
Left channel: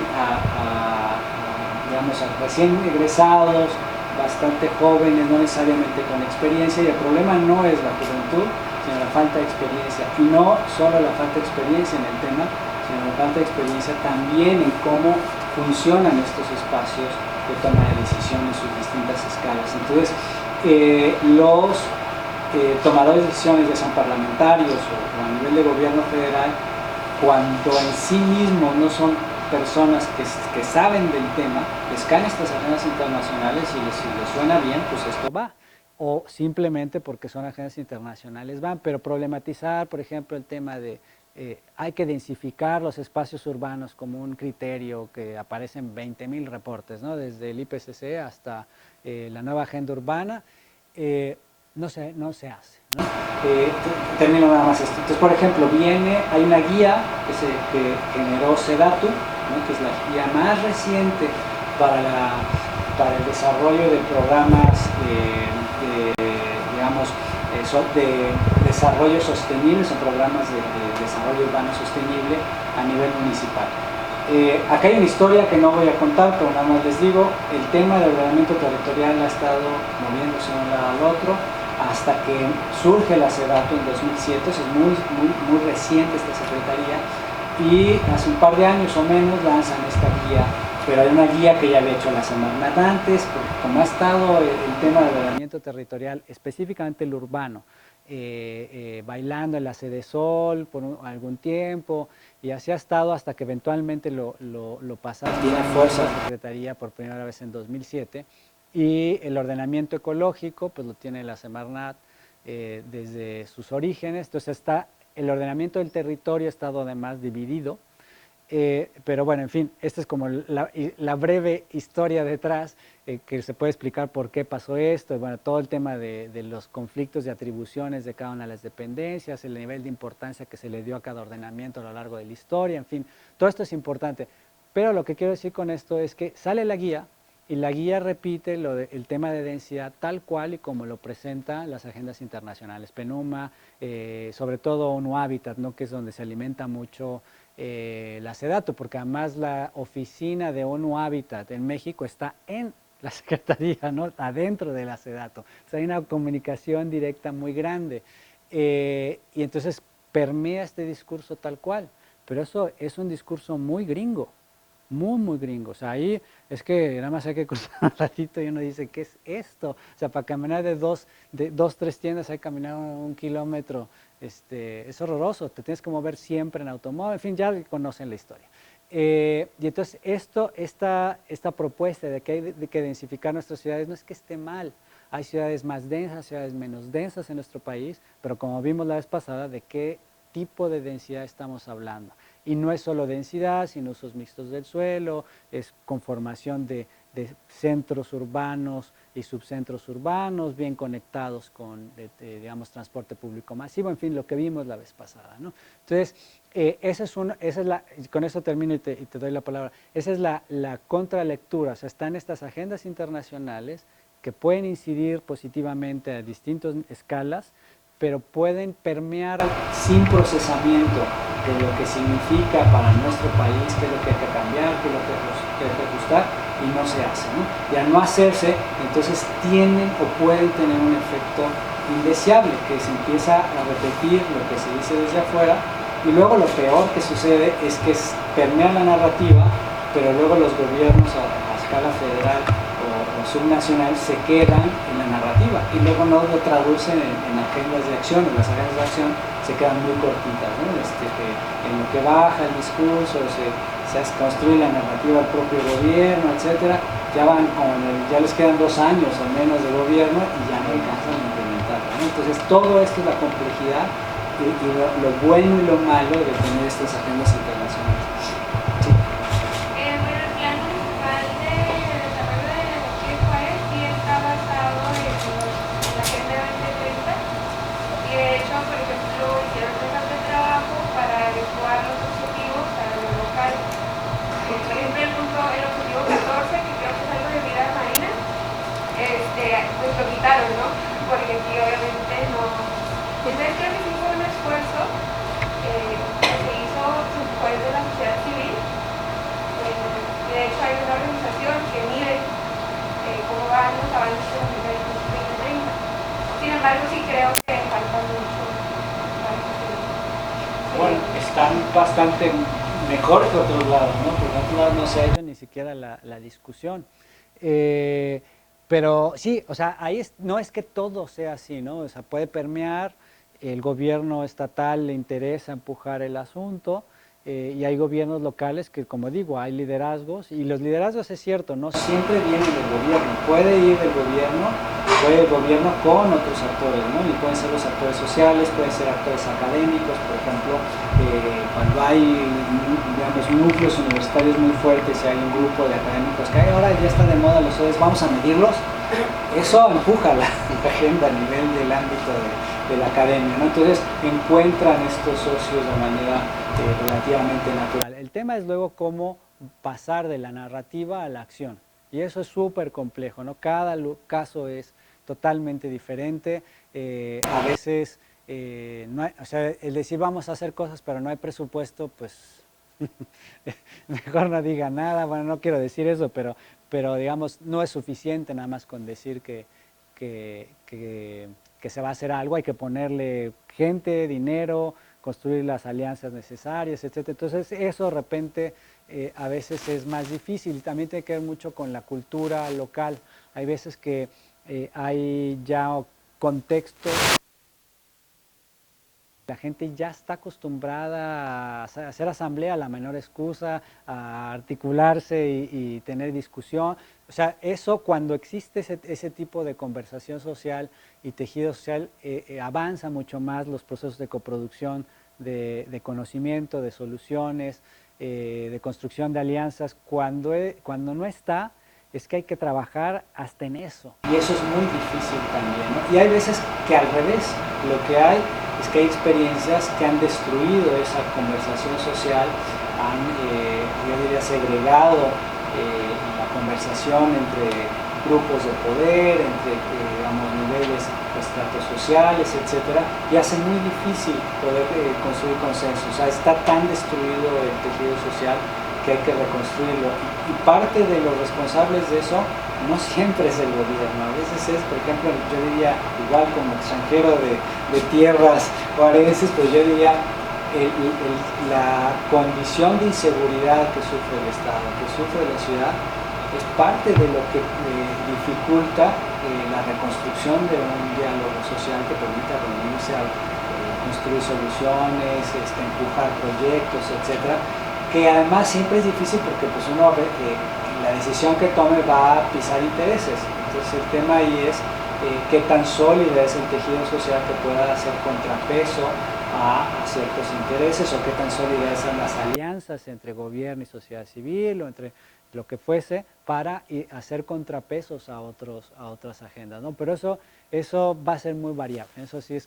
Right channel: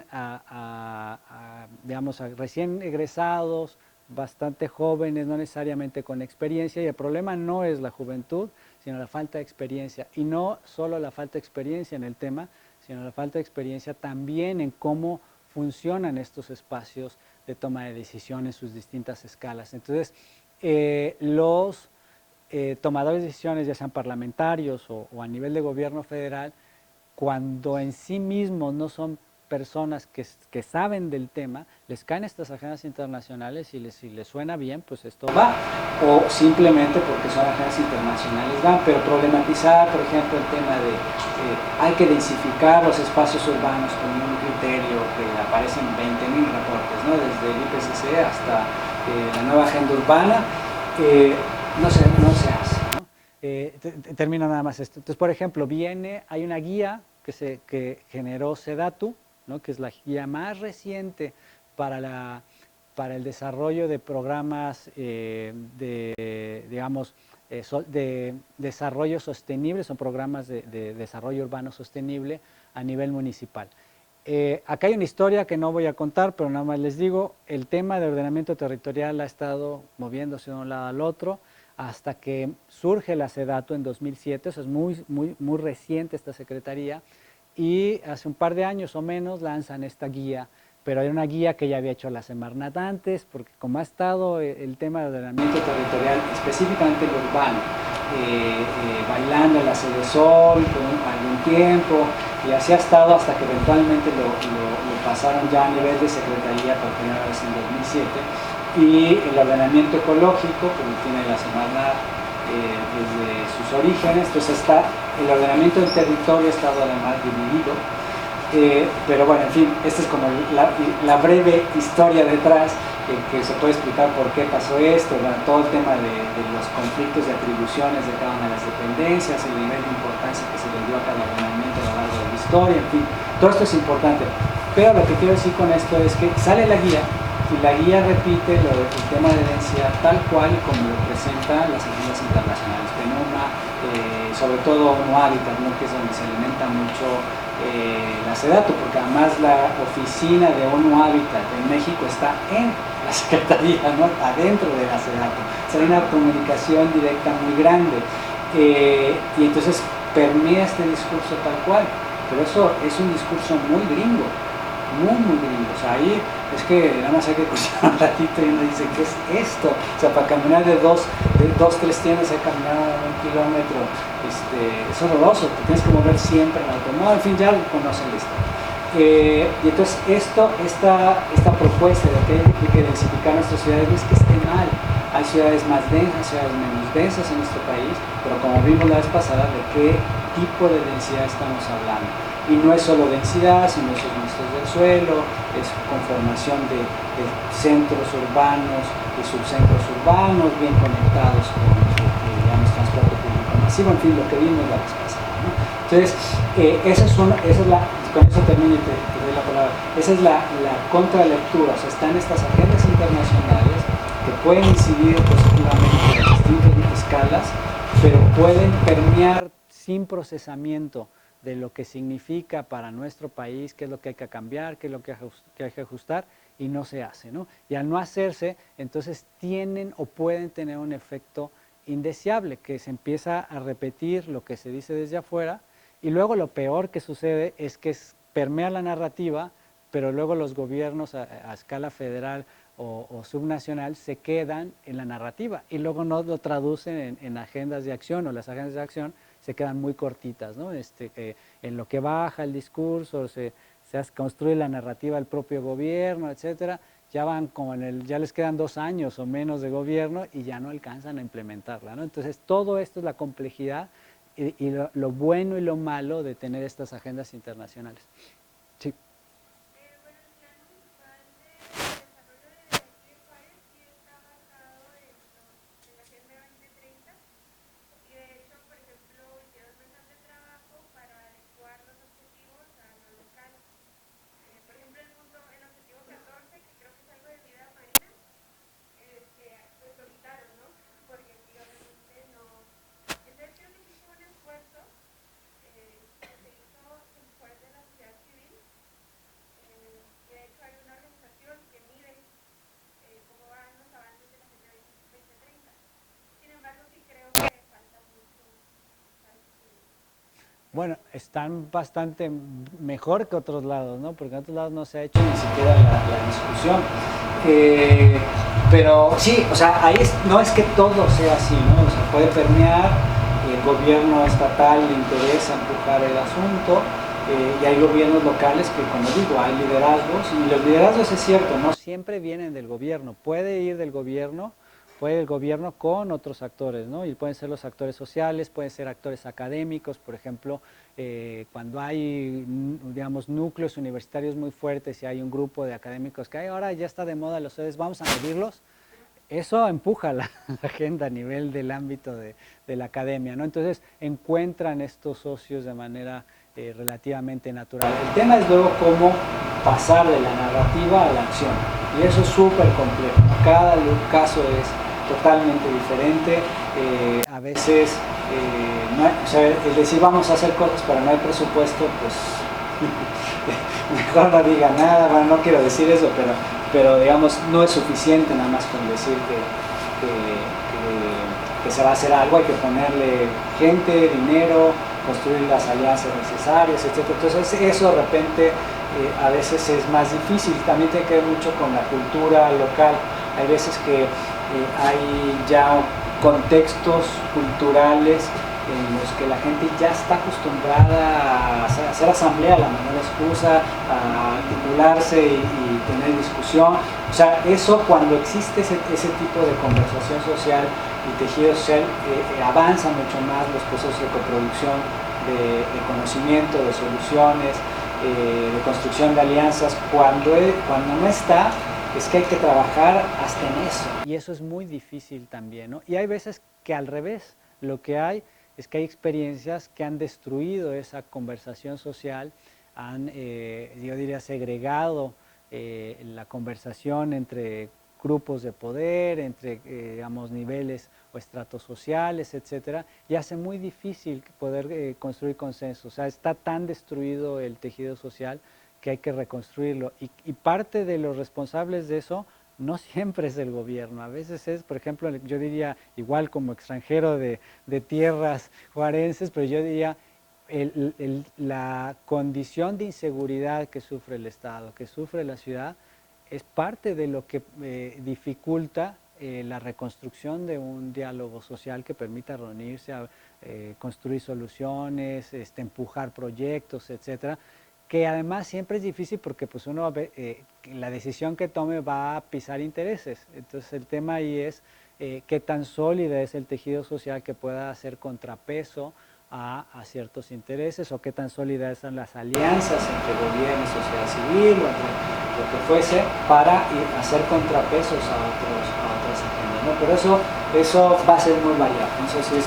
digamos, a recién egresados, bastante jóvenes, no necesariamente con experiencia, y el problema no es la juventud, sino la falta de experiencia, y no solo la falta de experiencia en el tema, sino la falta de experiencia también en cómo funcionan estos espacios de toma de decisión en sus distintas escalas. Entonces, los tomadores de decisiones, ya sean parlamentarios o a nivel de gobierno federal, cuando en sí mismos no son personas que saben del tema, les caen estas agendas internacionales y si les suena bien, pues esto va, o simplemente porque son agendas internacionales van. Pero problematizar, por ejemplo, el tema de hay que densificar los espacios urbanos con un criterio que aparece en 20.000 reportes, ¿no? Desde el IPCC hasta la nueva agenda urbana, no se hace, ¿no? Termino nada más esto. Entonces, por ejemplo, hay una guía que generó SEDATU, ¿no? Que es la guía más reciente para el desarrollo de programas digamos, de desarrollo sostenible, son programas de desarrollo urbano sostenible a nivel municipal. Acá hay una historia que no voy a contar, pero nada más les digo, el tema del ordenamiento territorial ha estado moviéndose de un lado al otro hasta que surge la SEDATU en 2007, es muy reciente esta secretaría, y hace un par de años o menos lanzan esta guía, pero hay una guía que ya había hecho la Semarnat antes, porque como ha estado el tema del ordenamiento territorial, específicamente el urbano, bailando en la Sede Sol por algún tiempo, y así ha estado hasta que eventualmente lo pasaron ya a esa secretaría por primera vez en 2007, y el ordenamiento ecológico, que tiene la Semarnat desde sus orígenes. Entonces el ordenamiento del territorio ha estado además dividido, pero bueno, en fin, esta es como la breve historia detrás, que se puede explicar por qué pasó esto, todo el tema de los conflictos de atribuciones de cada una de las dependencias, el nivel de importancia que se le dio a cada ordenamiento a lo largo de la historia, en fin, todo esto es importante. Pero lo que quiero decir con esto es que sale la guía, y la guía repite el tema de densidad tal cual como lo presentan las agencias internacionales, PENUMA, sobre todo ONU Habitat, ¿no? Que es donde se alimenta mucho la SEDATU, porque además la oficina de ONU Habitat en México está en la Secretaría, ¿no? Adentro de la SEDATU. O sea, hay una comunicación directa muy grande, y entonces permea este discurso tal cual. pero eso es un discurso muy gringo, muy gringo. O sea, ahí es que nada más hay que cruzar un ratito y uno dice, ¿qué es esto? O sea, para caminar de dos, tres tiendas hay que caminar 1 kilómetro, es horroroso, te tienes que mover siempre en automóvil, en fin, ya conocen la historia. Y entonces esta propuesta de que hay que densificar nuestras ciudades no es que esté mal. Hay ciudades más densas, ciudades menos densas en nuestro país, pero como vimos la vez pasada, ¿de qué tipo de densidad estamos hablando? Y no es solo densidad, sino esos monstruos del suelo, es conformación de centros urbanos y subcentros urbanos bien conectados con digamos, transporte público masivo, en fin, lo que vimos la vez pasada, ¿no? Entonces, con eso termino y te doy la palabra, esa es la contralectura, o sea, están estas agendas internacionales que pueden incidir positivamente en distintas escalas, pero pueden permear sin procesamiento de lo que significa para nuestro país, qué es lo que hay que cambiar, qué es lo que hay que ajustar, y no se hace, ¿no? Y al no hacerse, entonces tienen o pueden tener un efecto indeseable, que se empieza a repetir lo que se dice desde afuera, y luego lo peor que sucede es que permea la narrativa, pero luego los gobiernos a escala federal o subnacional se quedan en la narrativa y luego no lo traducen en agendas de acción, las agendas de acción se quedan muy cortitas, ¿no? En lo que baja el discurso, se construye la narrativa del propio gobierno, etcétera, ya les quedan 2 años o menos de gobierno y ya no alcanzan a implementarlo, ¿no? Entonces todo esto es la complejidad y lo bueno y lo malo de tener estas agendas internacionales. Sí. Bueno, el plan municipal de desarrollo de aquí de Juárez sí está basado en la Agenda 2030 y de hecho, por ejemplo, hicieron mesas de trabajo para adecuar los objetivos para lo local. Por ejemplo, el objetivo 14, que creo que es algo de vida marina, pues lo quitaron, ¿no? Porque aquí obviamente no. Entonces creo que sí fue un esfuerzo que se hizo después de la sociedad civil. Y de hecho hay una organización que mide cómo van los avances de la Agenda 2030. Sin embargo, sí creo que falta mucho. Bueno, están bastante mejor que otros lados, ¿no? Porque en otros lados no se ha hecho ni siquiera la discusión. Pero sí, o sea, no es que todo sea así, ¿no? O sea, puede permear, el gobierno estatal le interesa empujar el asunto, y hay gobiernos locales que, como digo, hay liderazgos, y los liderazgos es cierto, no siempre vienen del gobierno, puede ir del gobierno, puede el gobierno con otros actores, ¿no? Y pueden ser los actores sociales, pueden ser actores académicos, por ejemplo, cuando hay, digamos, núcleos universitarios muy fuertes y hay un grupo de académicos que ahora ya está de moda los ODS, vamos a medirlos, eso empuja la agenda a nivel del ámbito de la academia, ¿no? Entonces encuentran estos socios de manera relativamente natural. El tema es luego cómo pasar de la narrativa a la acción, y eso es súper complejo, ¿no? Cada caso es totalmente diferente, a veces o sea, el decir vamos a hacer cosas pero no hay presupuesto, pues mejor no diga nada. Bueno, no quiero decir eso, pero digamos no es suficiente nada más con decir que se va a hacer algo, hay que ponerle gente, dinero, construir las alianzas necesarias, etc. Entonces eso de repente a veces es más difícil. También tiene que ver mucho con la cultura local. Hay veces que hay ya contextos culturales en los que la gente ya está acostumbrada a hacer asamblea, la menor excusa, a articularse y tener discusión. O sea, eso, cuando existe ese tipo de conversación social y tejido social, avanza mucho más los procesos de coproducción, de conocimiento, de soluciones, de construcción de alianzas. Cuando no está, es que hay que trabajar hasta en eso, y eso es muy difícil también, ¿no? Y hay veces que al revés, lo que hay es que hay experiencias que han destruido esa conversación social, yo diría, segregado la conversación entre grupos de poder, entre digamos, niveles, estratos sociales, etcétera, y hace muy difícil poder construir consensos. O sea, está tan destruido el tejido social que hay que reconstruirlo, y parte de los responsables de eso no siempre es el gobierno, a veces es, por ejemplo, yo diría, igual como extranjero de tierras juarenses, pues yo diría, la condición de inseguridad que sufre el Estado, que sufre la ciudad, es parte de lo que dificulta la reconstrucción de un diálogo social que permita reunirse a construir soluciones, empujar proyectos, etcétera, que además siempre es difícil porque pues uno ve que la decisión que tome va a pisar intereses. Entonces el tema ahí es qué tan sólido es el tejido social que pueda hacer contrapeso a ciertos intereses, o qué tan sólidas son las alianzas entre gobierno y sociedad civil, o entre lo que fuese, para hacer contrapesos a otras agendas, ¿no? Pero eso va a ser muy variado. Entonces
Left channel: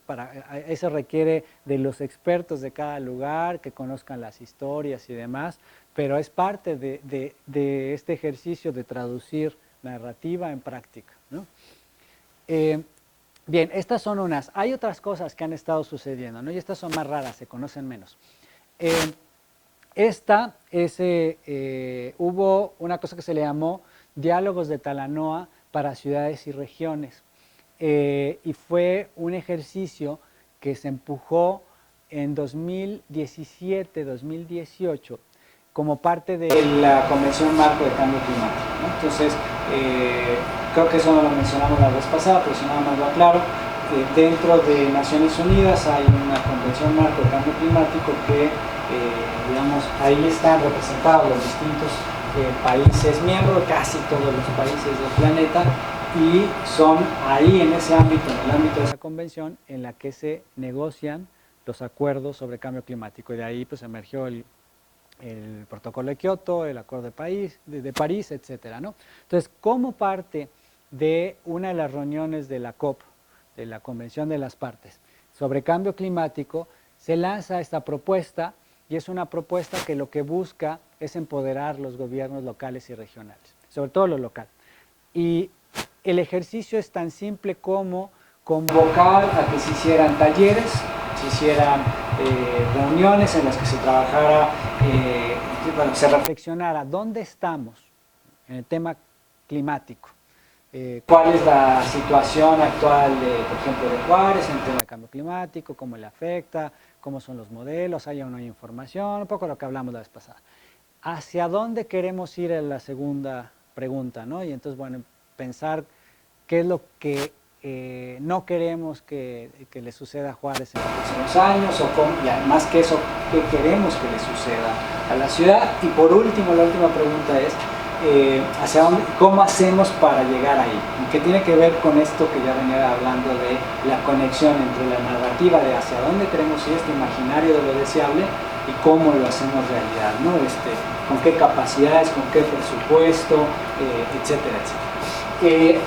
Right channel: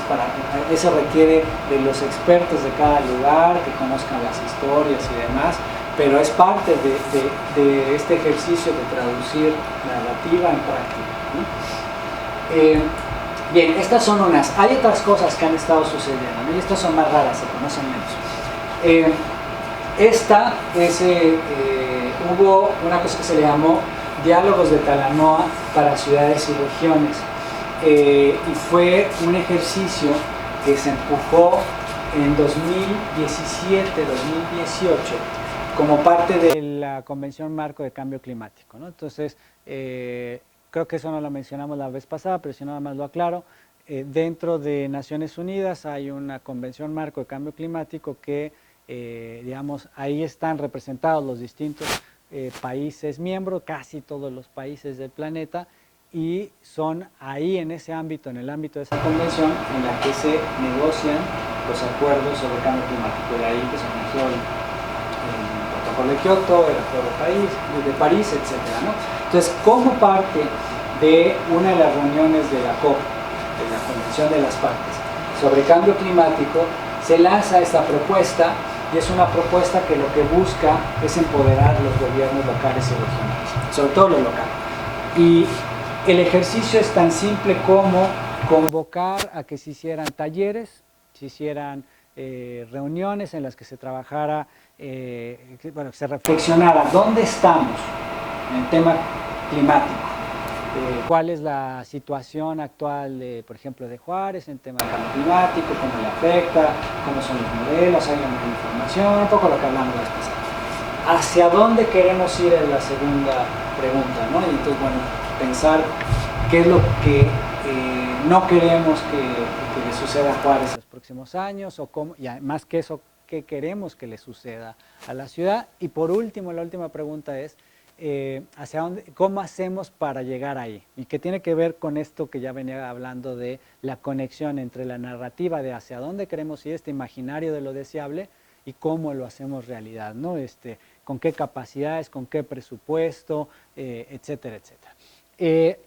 eso requiere de los expertos de cada lugar, que conozcan las historias y demás, pero es parte de este ejercicio de traducir narrativa en práctica, ¿no? Bien, estas son unas. Hay otras cosas que han estado sucediendo, ¿no? Y estas son más raras, se conocen menos. Hubo una cosa que se le llamó Diálogos de Talanoa para ciudades y regiones. Y fue un ejercicio que se empujó en 2017, 2018, como parte de la Convención Marco de Cambio Climático, ¿no? Entonces, creo que eso no lo mencionamos la vez pasada, pero si nada más lo aclaro, dentro de Naciones Unidas hay una Convención Marco de Cambio Climático que, digamos, ahí están representados los distintos países miembros, casi todos los países del planeta, y son ahí en ese ámbito, en el ámbito de esa convención, en la que se negocian los acuerdos sobre cambio climático. De ahí que se emergió el protocolo de Kioto, el acuerdo de París, etc., ¿no? Entonces, como parte de una de las reuniones de la COP, de la Convención de las Partes, sobre cambio climático, se lanza esta propuesta, y es una propuesta que lo que busca es empoderar los gobiernos locales y regionales, sobre todo los locales. Y el ejercicio es tan simple como convocar a que se hicieran talleres, se hicieran reuniones en las que se trabajara, se reflexionara dónde estamos en el tema climático, cuál es la situación actual, por ejemplo, de Juárez en el tema del cambio climático, cómo le afecta, cómo son los modelos, hay una información, un poco lo que hablamos la vez pasada. ¿Hacia dónde queremos ir? Es la segunda pregunta, ¿no? Y entonces, bueno, pensar qué es lo que no queremos que le suceda a Juárez en los próximos años, o cómo, y además que eso, qué queremos que le suceda a la ciudad. Y por último, la última pregunta es hacia dónde, cómo hacemos para llegar ahí, y que tiene que ver con esto que ya venía hablando de la conexión entre la narrativa de hacia dónde queremos ir, este imaginario de lo deseable, y cómo lo hacemos realidad, ¿no? Con qué capacidades, con qué presupuesto, etcétera, etcétera.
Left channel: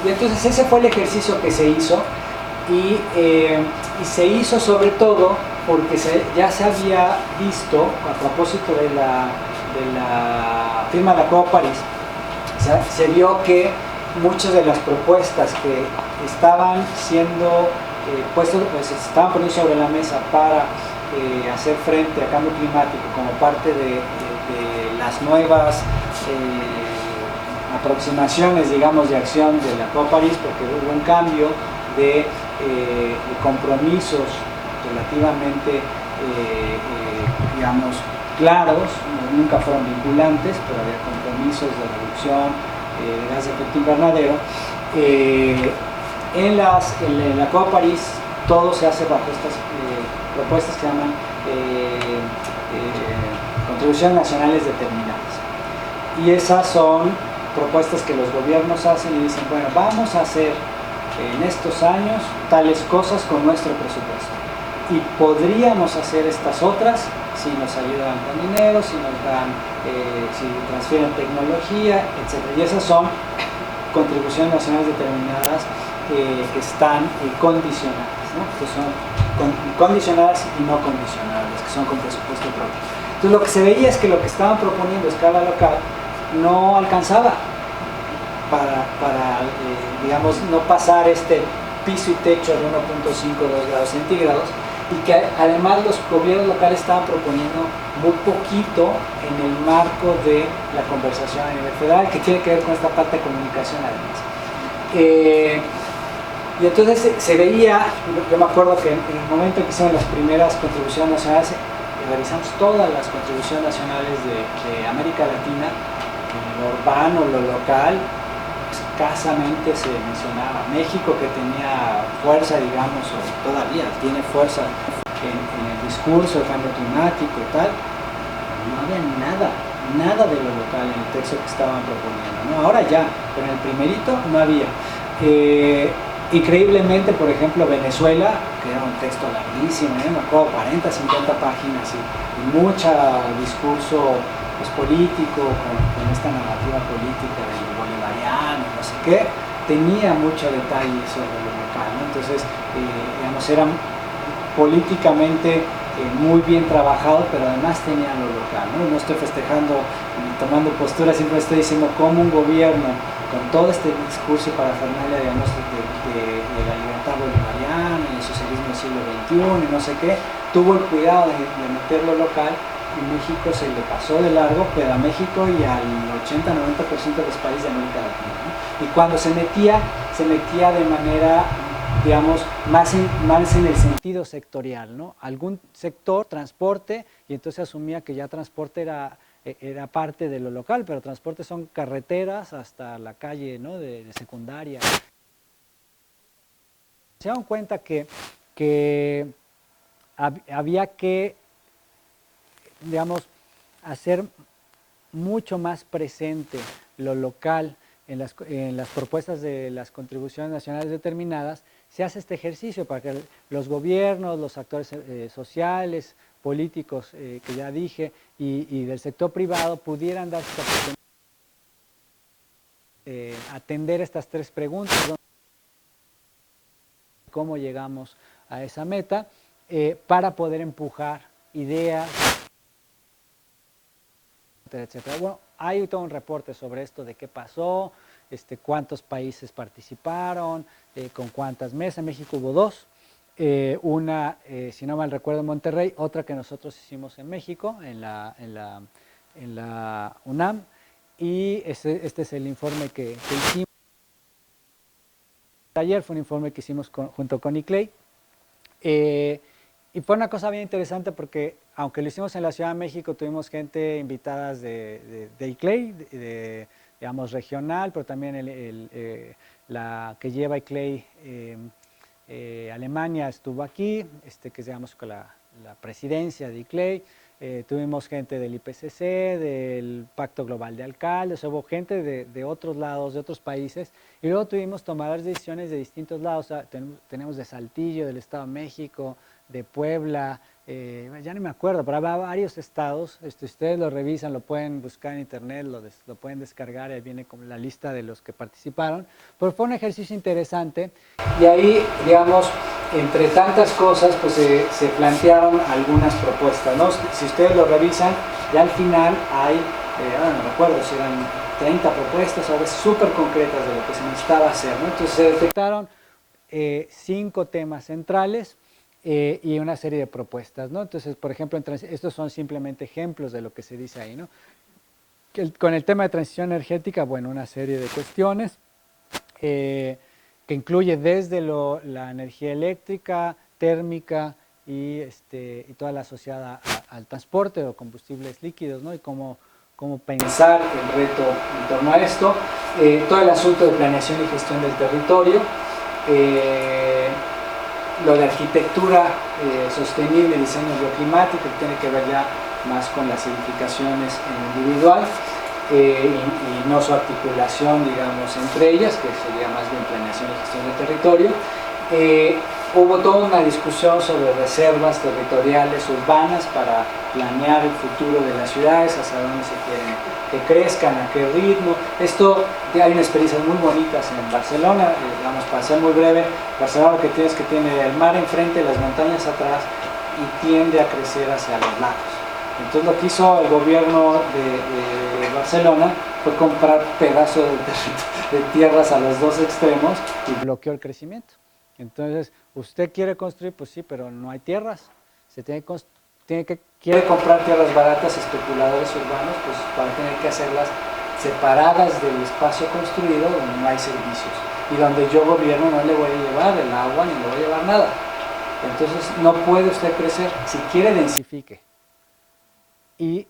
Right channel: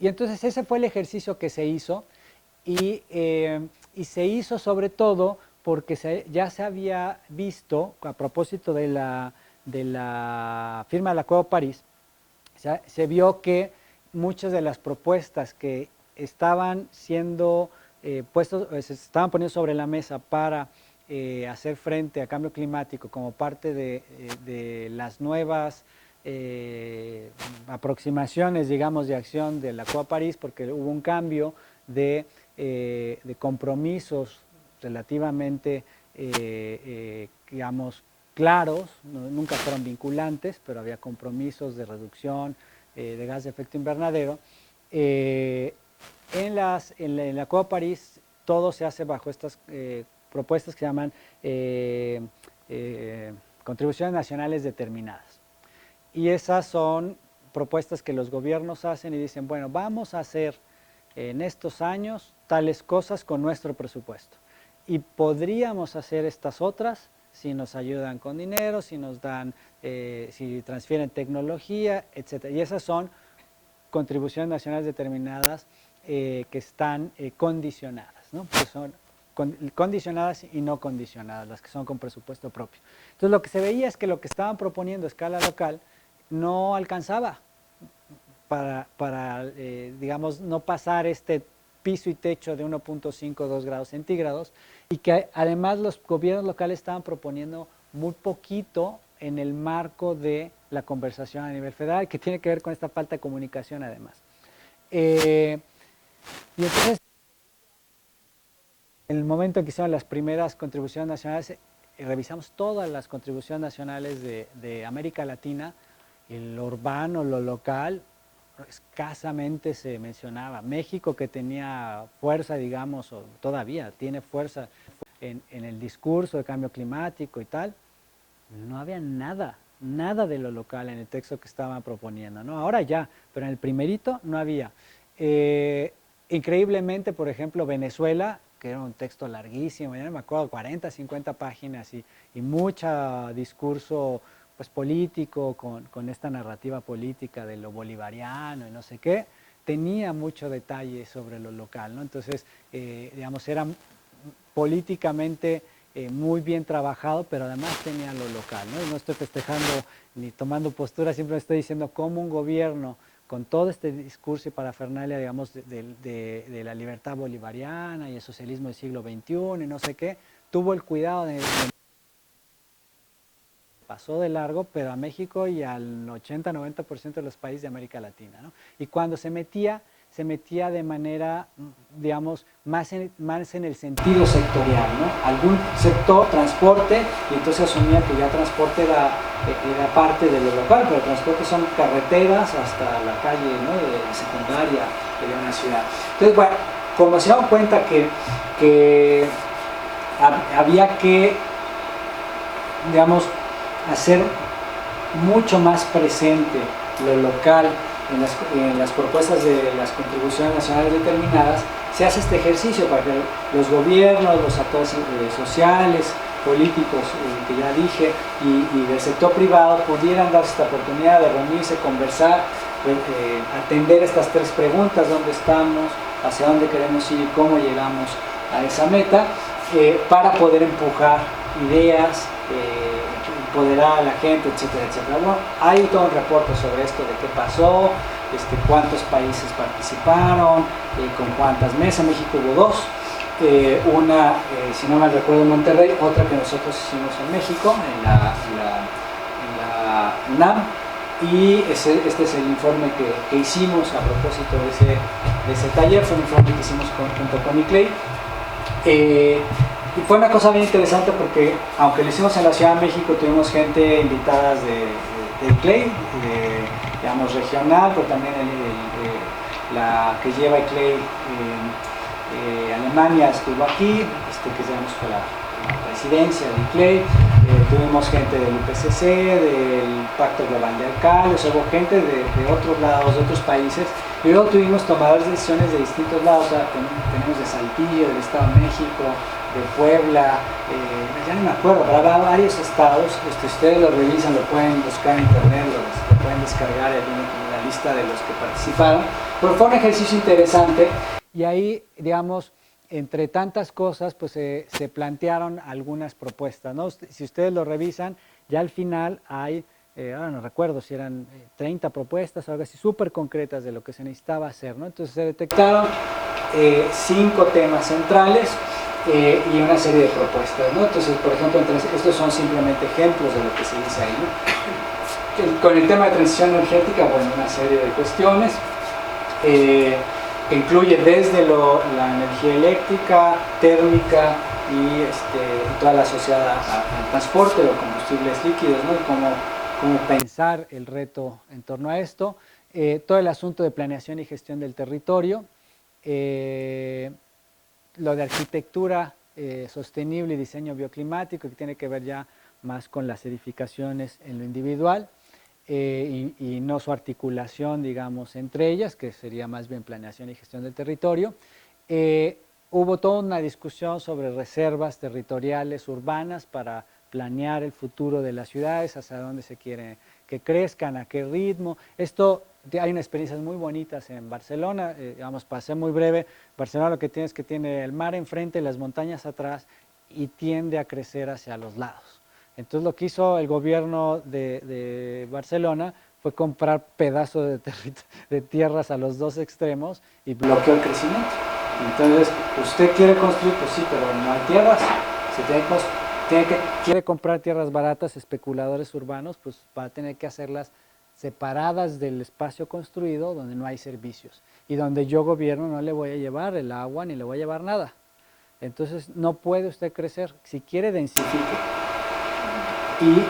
Y entonces ese fue el ejercicio que se hizo, y se hizo sobre todo porque ya se había visto, a propósito de la firma de la Acuerdo de París, se vio que muchas de las propuestas que estaban siendo puestas, pues se estaban poniendo sobre la mesa para hacer frente al cambio climático como parte de las nuevas aproximaciones, digamos, de acción de la Acuerdo de París, porque hubo un cambio de compromisos relativamente, digamos, claros, nunca fueron vinculantes, pero había compromisos de reducción de gas de efecto invernadero. En la Acuerdo de París todo se hace bajo estas propuestas que se llaman contribuciones nacionales determinadas. Y esas son propuestas que los gobiernos hacen y dicen, bueno, vamos a hacer en estos años tales cosas con nuestro presupuesto. Y podríamos hacer estas otras si nos ayudan con dinero, si nos dan, si transfieren tecnología, etc. Y esas son contribuciones nacionales determinadas que están condicionadas, ¿no? Que son condicionadas y no condicionadas, que son con presupuesto propio. Entonces lo que se veía es que lo que estaban proponiendo a escala local no alcanzaba para digamos, no pasar este piso y techo de 1.5-2 grados centígrados, y que además los gobiernos locales estaban proponiendo muy poquito en el marco de la conversación a nivel federal, que tiene que ver con esta parte de comunicación además. Y entonces se veía, yo me acuerdo que en el momento en que hicieron las primeras contribuciones nacionales, revisamos todas las contribuciones nacionales de América Latina, lo urbano, lo local, escasamente se mencionaba. México, que tenía fuerza, digamos, o todavía tiene fuerza en el discurso del cambio climático y tal, no había nada de lo local en el texto que estaban proponiendo, ¿no? Ahora ya, pero en el primerito no había. Increíblemente, por ejemplo, Venezuela, que era un texto larguísimo, me acuerdo, 40, 50 páginas y mucho discurso pues, político, con esta narrativa política de lo bolivariano, no sé qué, tenía mucho detalle sobre lo local, ¿no? Entonces, digamos, era políticamente muy bien trabajado, pero además tenía lo local, ¿no? No estoy festejando ni tomando postura, siempre estoy diciendo cómo un gobierno con todo este discurso y parafernalia, digamos, de la libertad bolivariana y el socialismo del siglo XXI y no sé qué, tuvo el cuidado de meter lo local, y México se le pasó de largo, pero a México y al 80-90% de los países de América Latina, ¿no? Y cuando se metía de manera, digamos, más en el sentido sectorial, ¿no? Algún sector, transporte, y entonces asumía que ya transporte era parte de lo local, pero el transporte son carreteras hasta la calle, ¿no? de secundaria de una ciudad. Entonces, bueno, como se dan cuenta que había que, digamos, hacer mucho más presente lo local en las propuestas de las contribuciones nacionales determinadas, se hace este ejercicio para que los gobiernos, los actores sociales, políticos, que ya dije, y del sector privado pudieran darse esta oportunidad de reunirse, conversar, atender estas tres preguntas: ¿dónde estamos? ¿Hacia dónde queremos ir? ¿Cómo llegamos a esa meta? Para poder empujar ideas, empoderar a la gente, etcétera, etcétera. Bueno, hay todo un reporte sobre esto de qué pasó, cuántos países participaron, con cuántas mesas. México hubo dos. Una, si no mal recuerdo, en Monterrey, otra que nosotros hicimos en México, en la UNAM, y este es el informe que hicimos a propósito de ese taller. Fue un informe que hicimos junto con ICLEI, y fue una cosa bien interesante porque, aunque lo hicimos en la Ciudad de México, tuvimos gente invitada de ICLEI, digamos regional, pero también la que lleva ICLEI Alemania estuvo aquí, que digamos con la presidencia de ICLEI. Tuvimos gente del IPCC, del Pacto Global de Alcaldes, hubo gente de otros lados, de otros países, y luego tuvimos tomadores de decisiones de distintos lados. O sea, tenemos de Saltillo, del Estado de México, de Puebla, ya no me acuerdo, pero habrá varios estados. Si ustedes lo revisan, lo pueden buscar en internet, lo pueden descargar, y viene como la lista de los que participaron. Pero fue un ejercicio interesante, y ahí, digamos, entre tantas cosas, pues se plantearon algunas propuestas, ¿no? Si ustedes lo revisan, ya al final hay, no recuerdo si eran 30 propuestas, o súper concretas de lo que se necesitaba hacer, ¿no? Entonces se detectaron 5 temas centrales y una serie de propuestas, ¿no? Entonces, por ejemplo, estos son simplemente ejemplos de lo que se dice ahí, ¿no? Con el tema de transición energética, bueno, una serie de cuestiones. Incluye desde la energía eléctrica, térmica y toda la asociada al transporte de combustibles líquidos, ¿no? Y cómo pensar el reto en torno a esto. Todo el asunto de planeación y gestión del territorio, lo de arquitectura sostenible, diseño bioclimático, que tiene que ver ya más con las edificaciones en individual. Y no su articulación, digamos, entre ellas, que sería más bien planeación y gestión del territorio. Hubo toda una discusión sobre reservas territoriales urbanas para planear el futuro de las ciudades, hacia dónde se quieren que crezcan, a qué ritmo. Hay unas experiencias muy bonitas en Barcelona, digamos, para ser muy breve. Barcelona lo que tiene es que tiene el mar enfrente, las montañas atrás, y tiende a crecer hacia los lados. Entonces lo que hizo el gobierno de Barcelona fue comprar pedazos de tierras a los dos extremos y bloqueó el crecimiento. Entonces, usted quiere construir, pues sí, pero no hay tierras. Quiere comprar tierras baratas, especuladores urbanos, pues van a tener que hacerlas separadas del espacio construido donde no hay servicios. Y donde yo, gobierno, no le voy a llevar el agua ni le voy a llevar nada. Entonces no puede usted crecer. Si quiere, densifique. y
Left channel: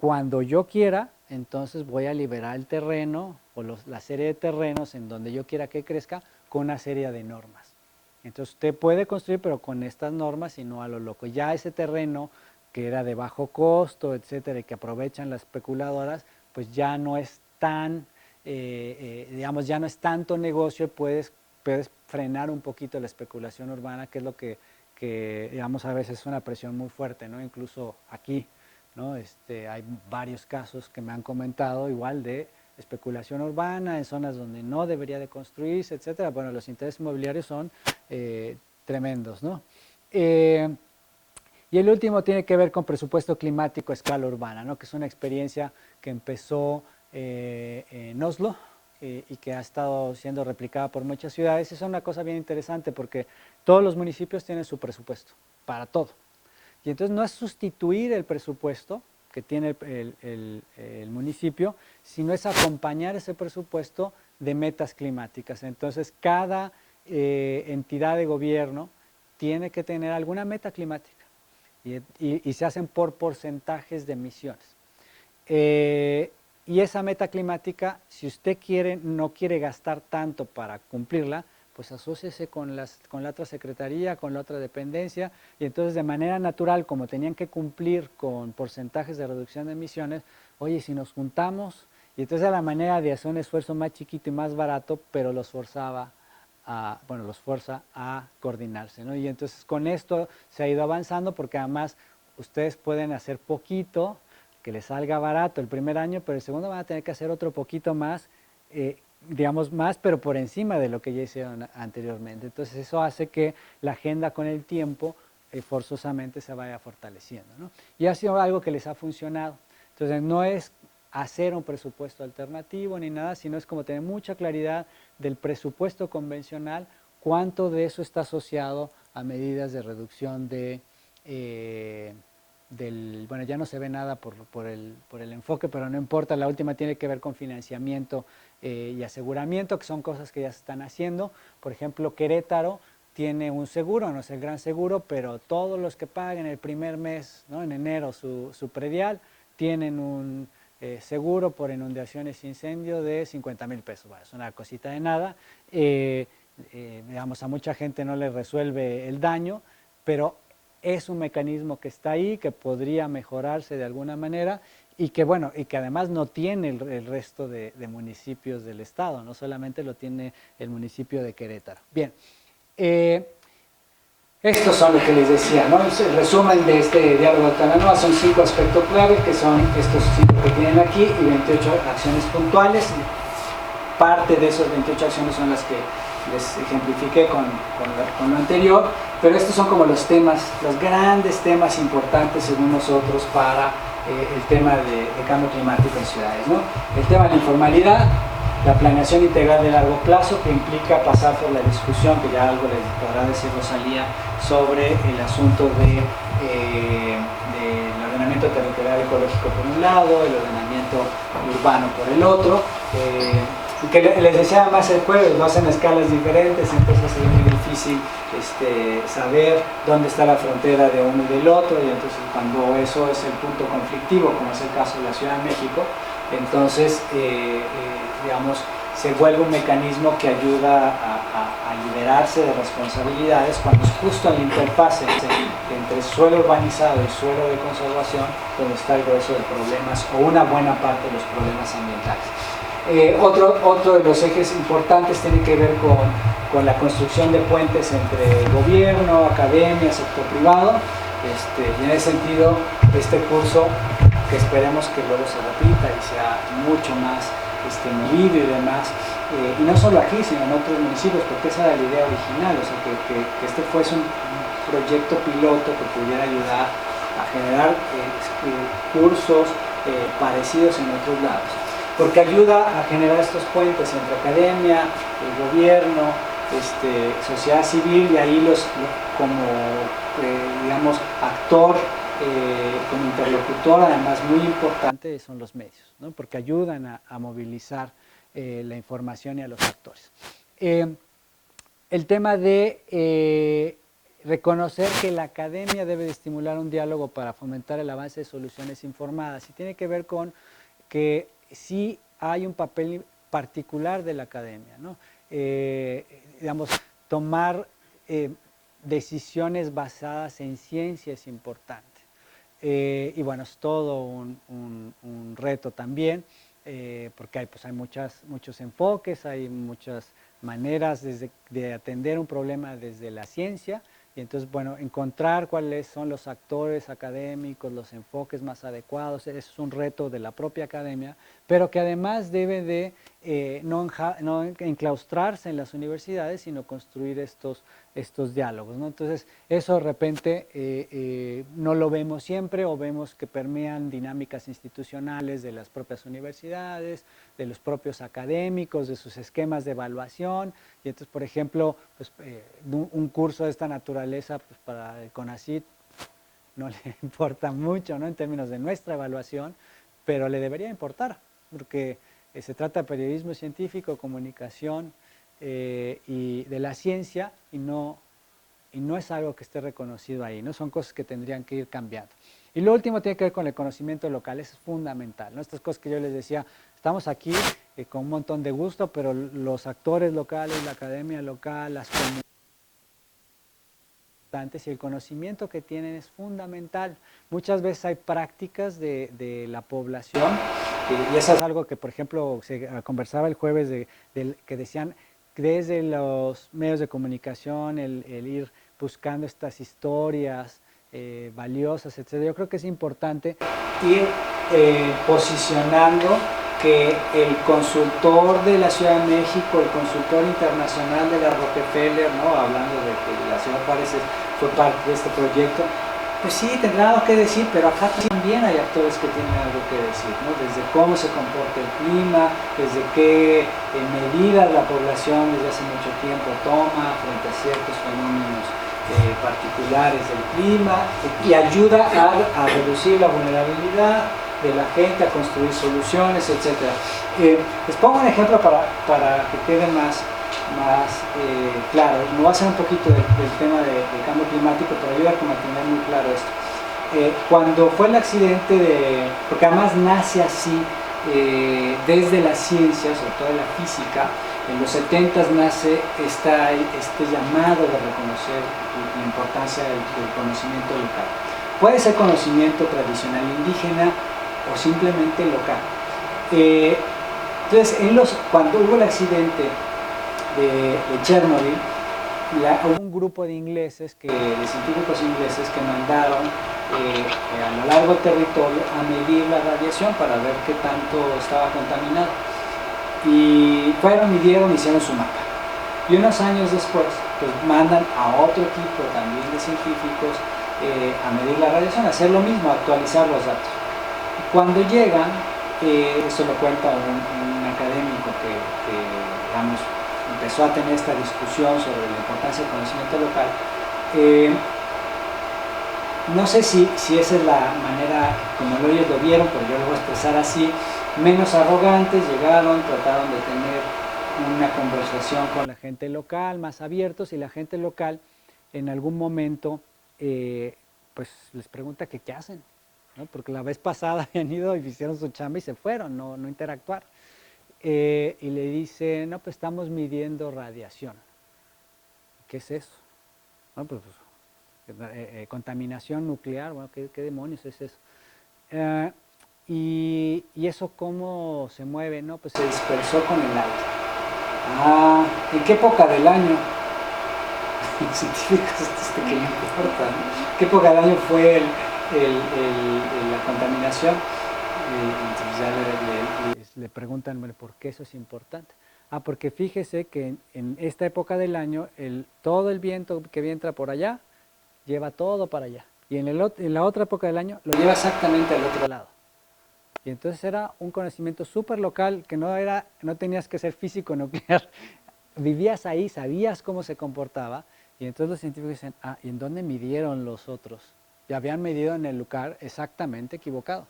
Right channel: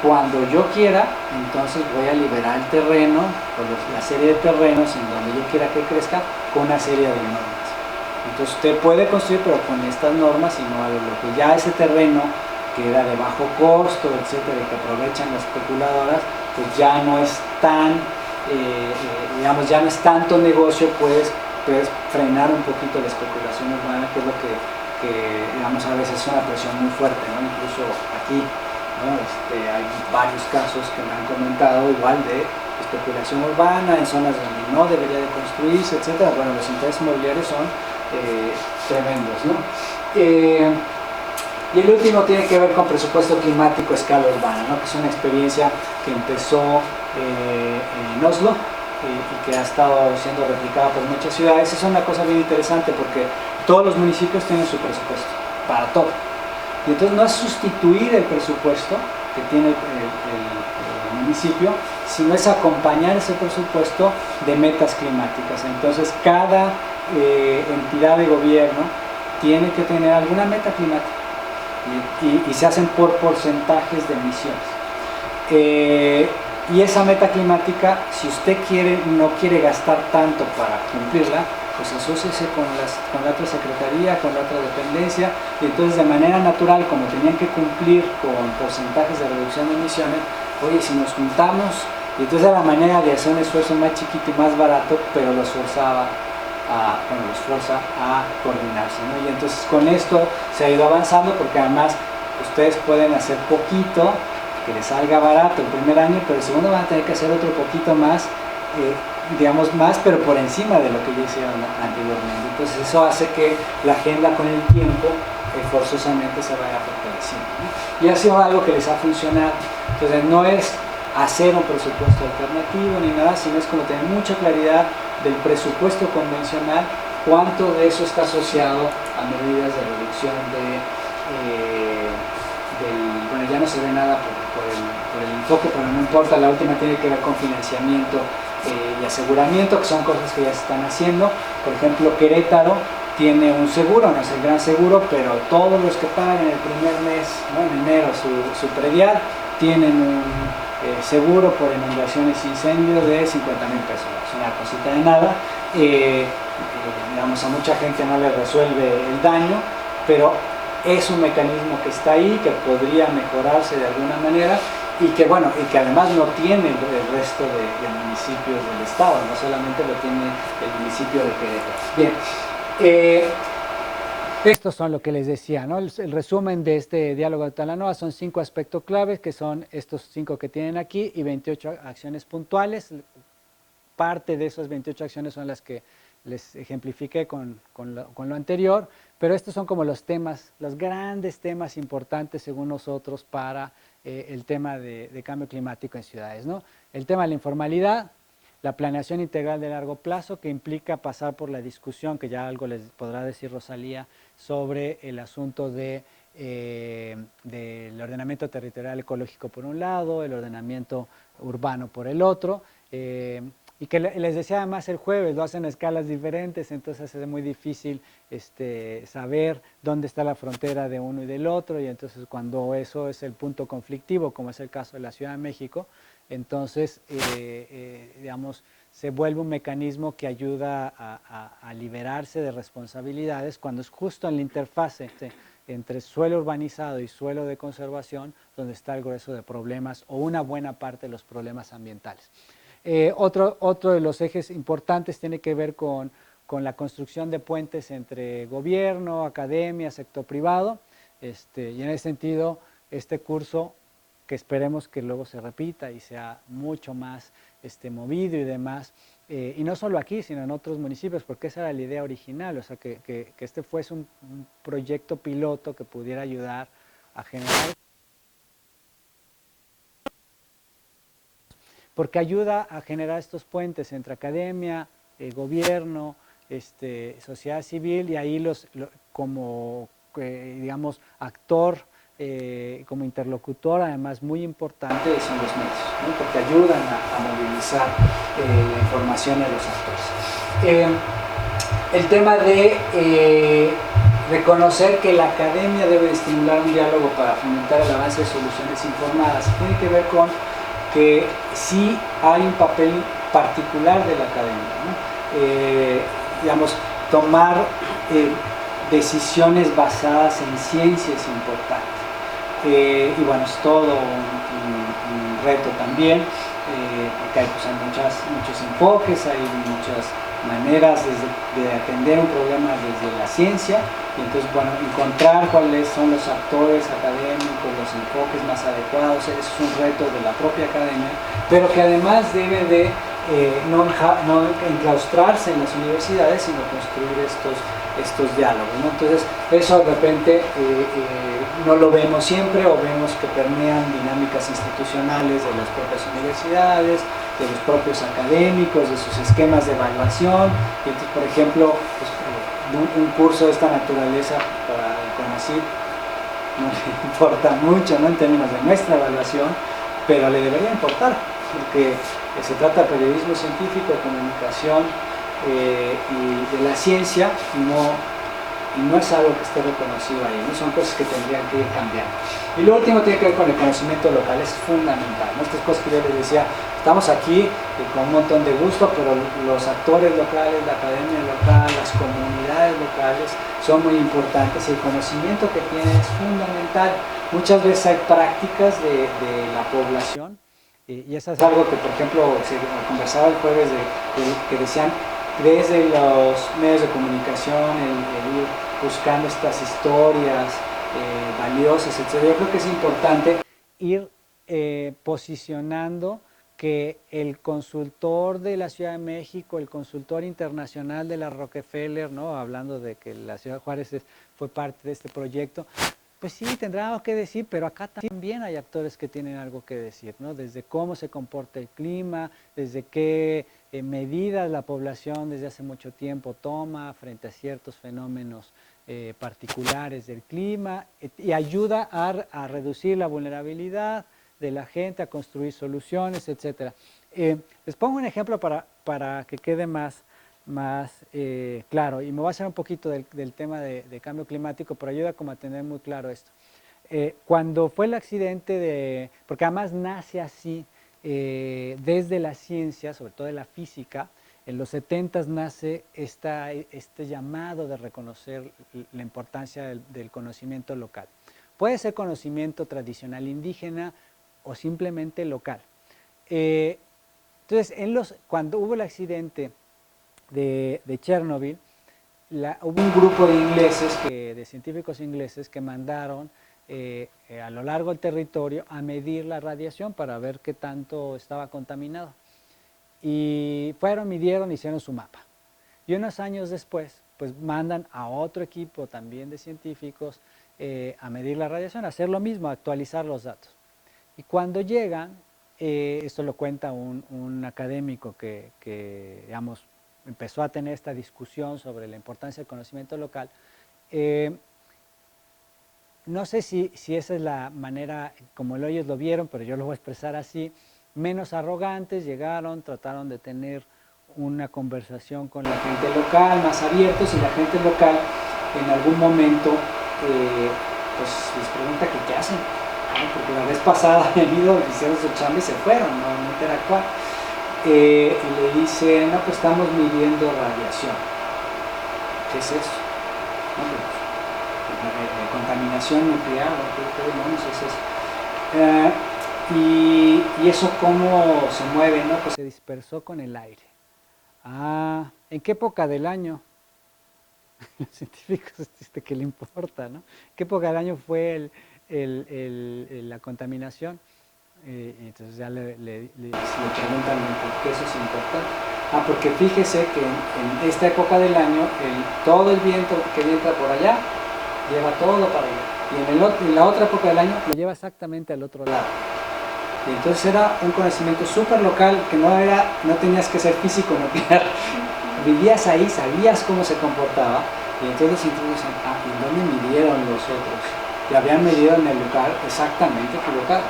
cuando yo quiera, entonces voy a liberar el terreno o la serie de terrenos en donde yo quiera que crezca con una serie de normas. Entonces usted puede construir, pero con estas normas y no a lo que ya ese terreno que era de bajo costo, etcétera, y que aprovechan las especuladoras, pues ya no es tan, digamos, ya no es tanto negocio, puedes frenar un poquito la especulación urbana, que es lo que digamos, a veces es una presión muy fuerte, ¿no? Incluso aquí, ¿no? Hay varios casos que me han comentado igual de especulación urbana en zonas donde no debería de construirse, etcétera. Bueno, los intereses inmobiliarios son tremendos, ¿no? Y el último tiene que ver con presupuesto climático a escala urbana, ¿no? Que es una experiencia que empezó en Oslo y que ha estado siendo replicada por muchas ciudades. Es una cosa bien interesante porque todos los municipios tienen su presupuesto para todo. Y entonces no es sustituir el presupuesto que tiene el municipio, sino es acompañar ese presupuesto de metas climáticas. Entonces cada entidad de gobierno tiene que tener alguna meta climática y se hacen por porcentajes de emisiones. Y esa meta climática, si usted no quiere gastar tanto para cumplirla, pues asóciese con la otra secretaría, con la otra dependencia, y entonces de manera natural, como tenían que cumplir con porcentajes de reducción de emisiones, oye, si nos juntamos, y entonces era la manera de hacer un esfuerzo más chiquito y más barato, pero los forza a coordinarse, ¿no? Y entonces con esto se ha ido avanzando, porque además ustedes pueden hacer poquito, que les salga barato el primer año, pero el segundo van a tener que hacer otro poquito más, digamos más, pero por encima de lo que ya hicieron anteriormente. Entonces eso hace que la agenda con el tiempo forzosamente se vaya fortaleciendo, ¿no? Y ha sido algo que les ha funcionado. Entonces no es hacer un presupuesto alternativo ni nada, sino es como tener mucha claridad del presupuesto convencional, cuánto de eso está asociado a medidas de reducción bueno, ya no se ve nada por el enfoque, pero no importa, la última tiene que ver con financiamiento y aseguramiento, que son cosas que ya se están haciendo. Por ejemplo, Querétaro tiene un seguro, no es el gran seguro, pero todos los que pagan el primer mes, ¿no? En enero su predial, tienen un seguro por inundaciones e incendios de 50,000 pesos. Es una cosita de nada. Digamos, a mucha gente no le resuelve el daño, pero es un mecanismo que está ahí, que podría mejorarse de alguna manera y que además no tiene el resto de municipios del estado, no solamente lo tiene el municipio de Querétaro. Bien, estos son lo que les decía, ¿no? El resumen de este diálogo de Talanoa son 5 aspectos clave, que son estos 5 que tienen aquí, y 28 acciones puntuales. Parte de esas 28 acciones son las que les ejemplifiqué con lo anterior, pero estos son como los temas, los grandes temas importantes según nosotros para el tema de cambio climático en ciudades, ¿no? El tema de la informalidad, la planeación integral de largo plazo, que implica pasar por la discusión, que ya algo les podrá decir Rosalía, sobre el asunto del ordenamiento territorial ecológico por un lado, el ordenamiento urbano por el otro, que les decía más el jueves, lo hacen a escalas diferentes, entonces es muy difícil saber dónde está la frontera de uno y del otro, y entonces cuando eso es el punto conflictivo, como es el caso de la Ciudad de México, entonces digamos, se vuelve un mecanismo que ayuda a liberarse de responsabilidades cuando es justo en la interfase entre suelo urbanizado y suelo de conservación donde está el grueso de problemas o una buena parte de los problemas ambientales. Otro de los ejes importantes tiene que ver con la construcción de puentes entre gobierno, academia, sector privado, y en ese sentido este curso, que esperemos que luego se repita y sea mucho más movido y demás, y no solo aquí sino en otros municipios, porque esa era la idea original, o sea, que este fuese un proyecto piloto que pudiera ayudar a generar cursos parecidos en otros lados, porque ayuda a generar estos puentes entre academia, gobierno, sociedad civil, y ahí digamos, actor, como interlocutor, además muy importante, son los medios, ¿no? Porque ayudan a movilizar la información de los actores. El tema de reconocer que la academia debe estimular un diálogo para fomentar el avance de soluciones informadas. Tiene que ver con que sí hay un papel particular de la academia, ¿no? Digamos, tomar decisiones basadas en ciencia es importante. Y bueno, es todo un reto también, porque hay muchos enfoques, hay muchas maneras de atender un problema desde la ciencia, y entonces, bueno, encontrar cuáles son los actores académicos, los enfoques más adecuados, eso es un reto de la propia academia, pero que además debe de no enclaustrarse en las universidades, sino construir estos diálogos, ¿no? Entonces, eso de repente no lo vemos siempre, o vemos que permean dinámicas institucionales de las propias universidades, de los propios académicos, de sus esquemas de evaluación. Y entonces, por ejemplo, pues, un curso de esta naturaleza para el CONACYT no le importa mucho, ¿no?, en términos de nuestra evaluación, pero le debería importar, porque se trata de periodismo científico, de comunicación y de la ciencia, y no es algo que esté reconocido ahí, ¿no? Son cosas que tendrían que ir cambiando. Y lo último tiene que ver con el conocimiento local, es fundamental, ¿no? Estas cosas que yo les decía, estamos aquí con un montón de gusto, pero los actores locales, la academia local, las comunidades locales son muy importantes, y el conocimiento que tienen es fundamental. Muchas veces hay prácticas de la población, y eso es algo que, por ejemplo, se conversaba el jueves, que decían, desde los medios de comunicación, el ir buscando estas historias valiosas, etc. Yo creo que es importante ir posicionando que el consultor de la Ciudad de México, el consultor internacional de la Rockefeller, ¿no?, hablando de que la Ciudad Juárez fue parte de este proyecto, pues sí, tendrá algo que decir, pero acá también hay actores que tienen algo que decir, ¿no? Desde cómo se comporta el clima, desde qué medidas la población desde hace mucho tiempo toma frente a ciertos fenómenos particulares del clima, y ayuda a reducir la vulnerabilidad de la gente, a construir soluciones, etc. Les pongo un ejemplo para que quede más claro. Me voy a hacer un poquito del tema de cambio climático, pero ayuda como a tener muy claro esto. Cuando fue el accidente porque además nace así desde la ciencia, sobre todo la física, en los 70 nace este llamado de reconocer la importancia del conocimiento local. Puede ser conocimiento tradicional indígena o simplemente local. Entonces, cuando hubo el accidente de Chernobyl, hubo un grupo de científicos ingleses que mandaron a lo largo del territorio a medir la radiación para ver qué tanto estaba contaminado. Y fueron, midieron, hicieron su mapa. Y unos años después, pues mandan a otro equipo también de científicos a medir la radiación, a hacer lo mismo, a actualizar los datos. Y cuando llegan, esto lo cuenta un académico que digamos, empezó a tener esta discusión sobre la importancia del conocimiento local. No sé si esa es la manera como ellos lo vieron, pero yo lo voy a expresar así. Menos arrogantes, llegaron, trataron de tener una conversación con la gente local, más abiertos, y la gente local en algún momento pues les pregunta que qué hacen, ¿no? Porque la vez pasada han venido, hicieron su chamba y se fueron, no interactuar. Y le dicen, no, pues estamos midiendo radiación. ¿Qué es eso? No, pues, contaminación nuclear, ¿no? ¿Qué demonios es eso? Y eso cómo se mueve, ¿no? Pues se dispersó con el aire. ¿En qué época del año? Los científicos, que le importa, ¿no? ¿Qué época del año fue la contaminación? Entonces ya le preguntan por qué eso es importante. Porque fíjese que en esta época del año todo el viento que entra por allá lleva todo para allá, y en la otra época del año lo lleva exactamente al otro lado. Y entonces era un conocimiento súper local, que no tenías que ser físico nuclear, vivías ahí, sabías cómo se comportaba. Y entonces los científicos dicen, ¿en dónde midieron los otros? Que habían medido en el lugar exactamente equivocado.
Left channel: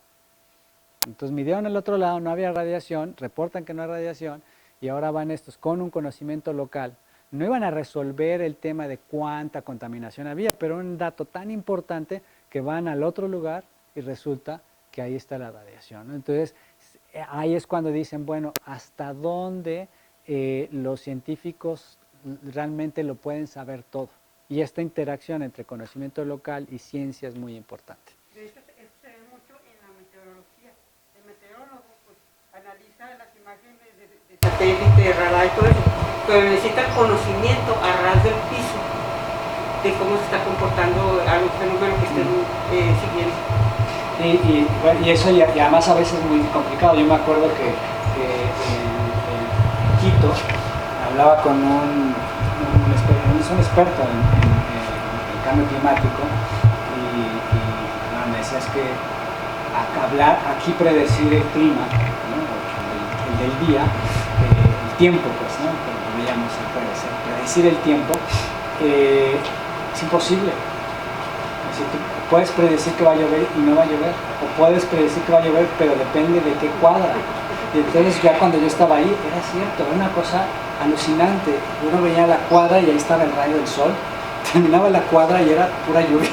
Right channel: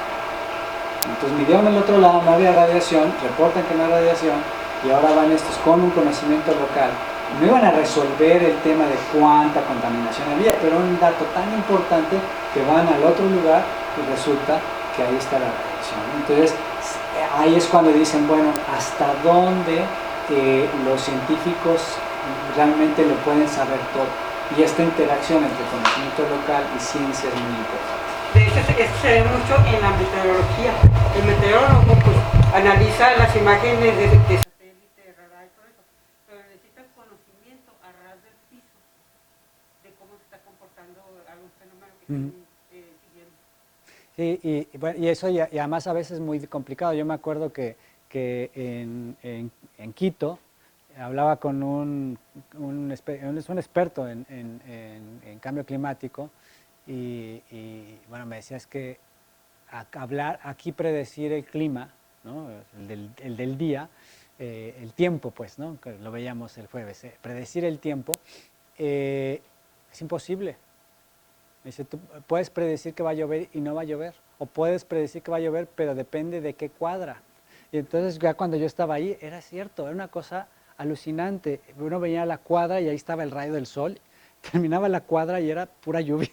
Entonces midieron el otro lado, no había radiación, reportan que no hay radiación, y ahora van estos con un conocimiento local no iban a resolver el tema de cuánta contaminación había, pero un dato tan importante que van al otro lugar y resulta que ahí está la radiación. Entonces, ahí es cuando dicen, bueno, ¿hasta dónde los científicos realmente lo pueden saber todo? Y esta interacción entre conocimiento local y ciencia es muy importante. De hecho, esto se ve mucho en la meteorología. El meteorólogo pues, analiza las imágenes de satélite, de radar y todo eso, pero necesita conocimiento a ras del piso de cómo se está comportando algún fenómeno que estén siguiendo. Bueno, y eso y además a veces es muy complicado. Yo me acuerdo que en Quito hablaba con un experto en cambio climático y me decía es que hablar aquí predecir el clima, ¿no? el del día, el tiempo pues, ¿no? Como veíamos predecir el tiempo es imposible. Es decir, tú puedes predecir que va a llover y no va a llover, o puedes predecir que va a llover pero depende de qué cuadra. Y entonces ya cuando yo estaba ahí era cierto, era una cosa alucinante. Uno veía la cuadra y ahí estaba el rayo del sol, terminaba la cuadra y era pura lluvia.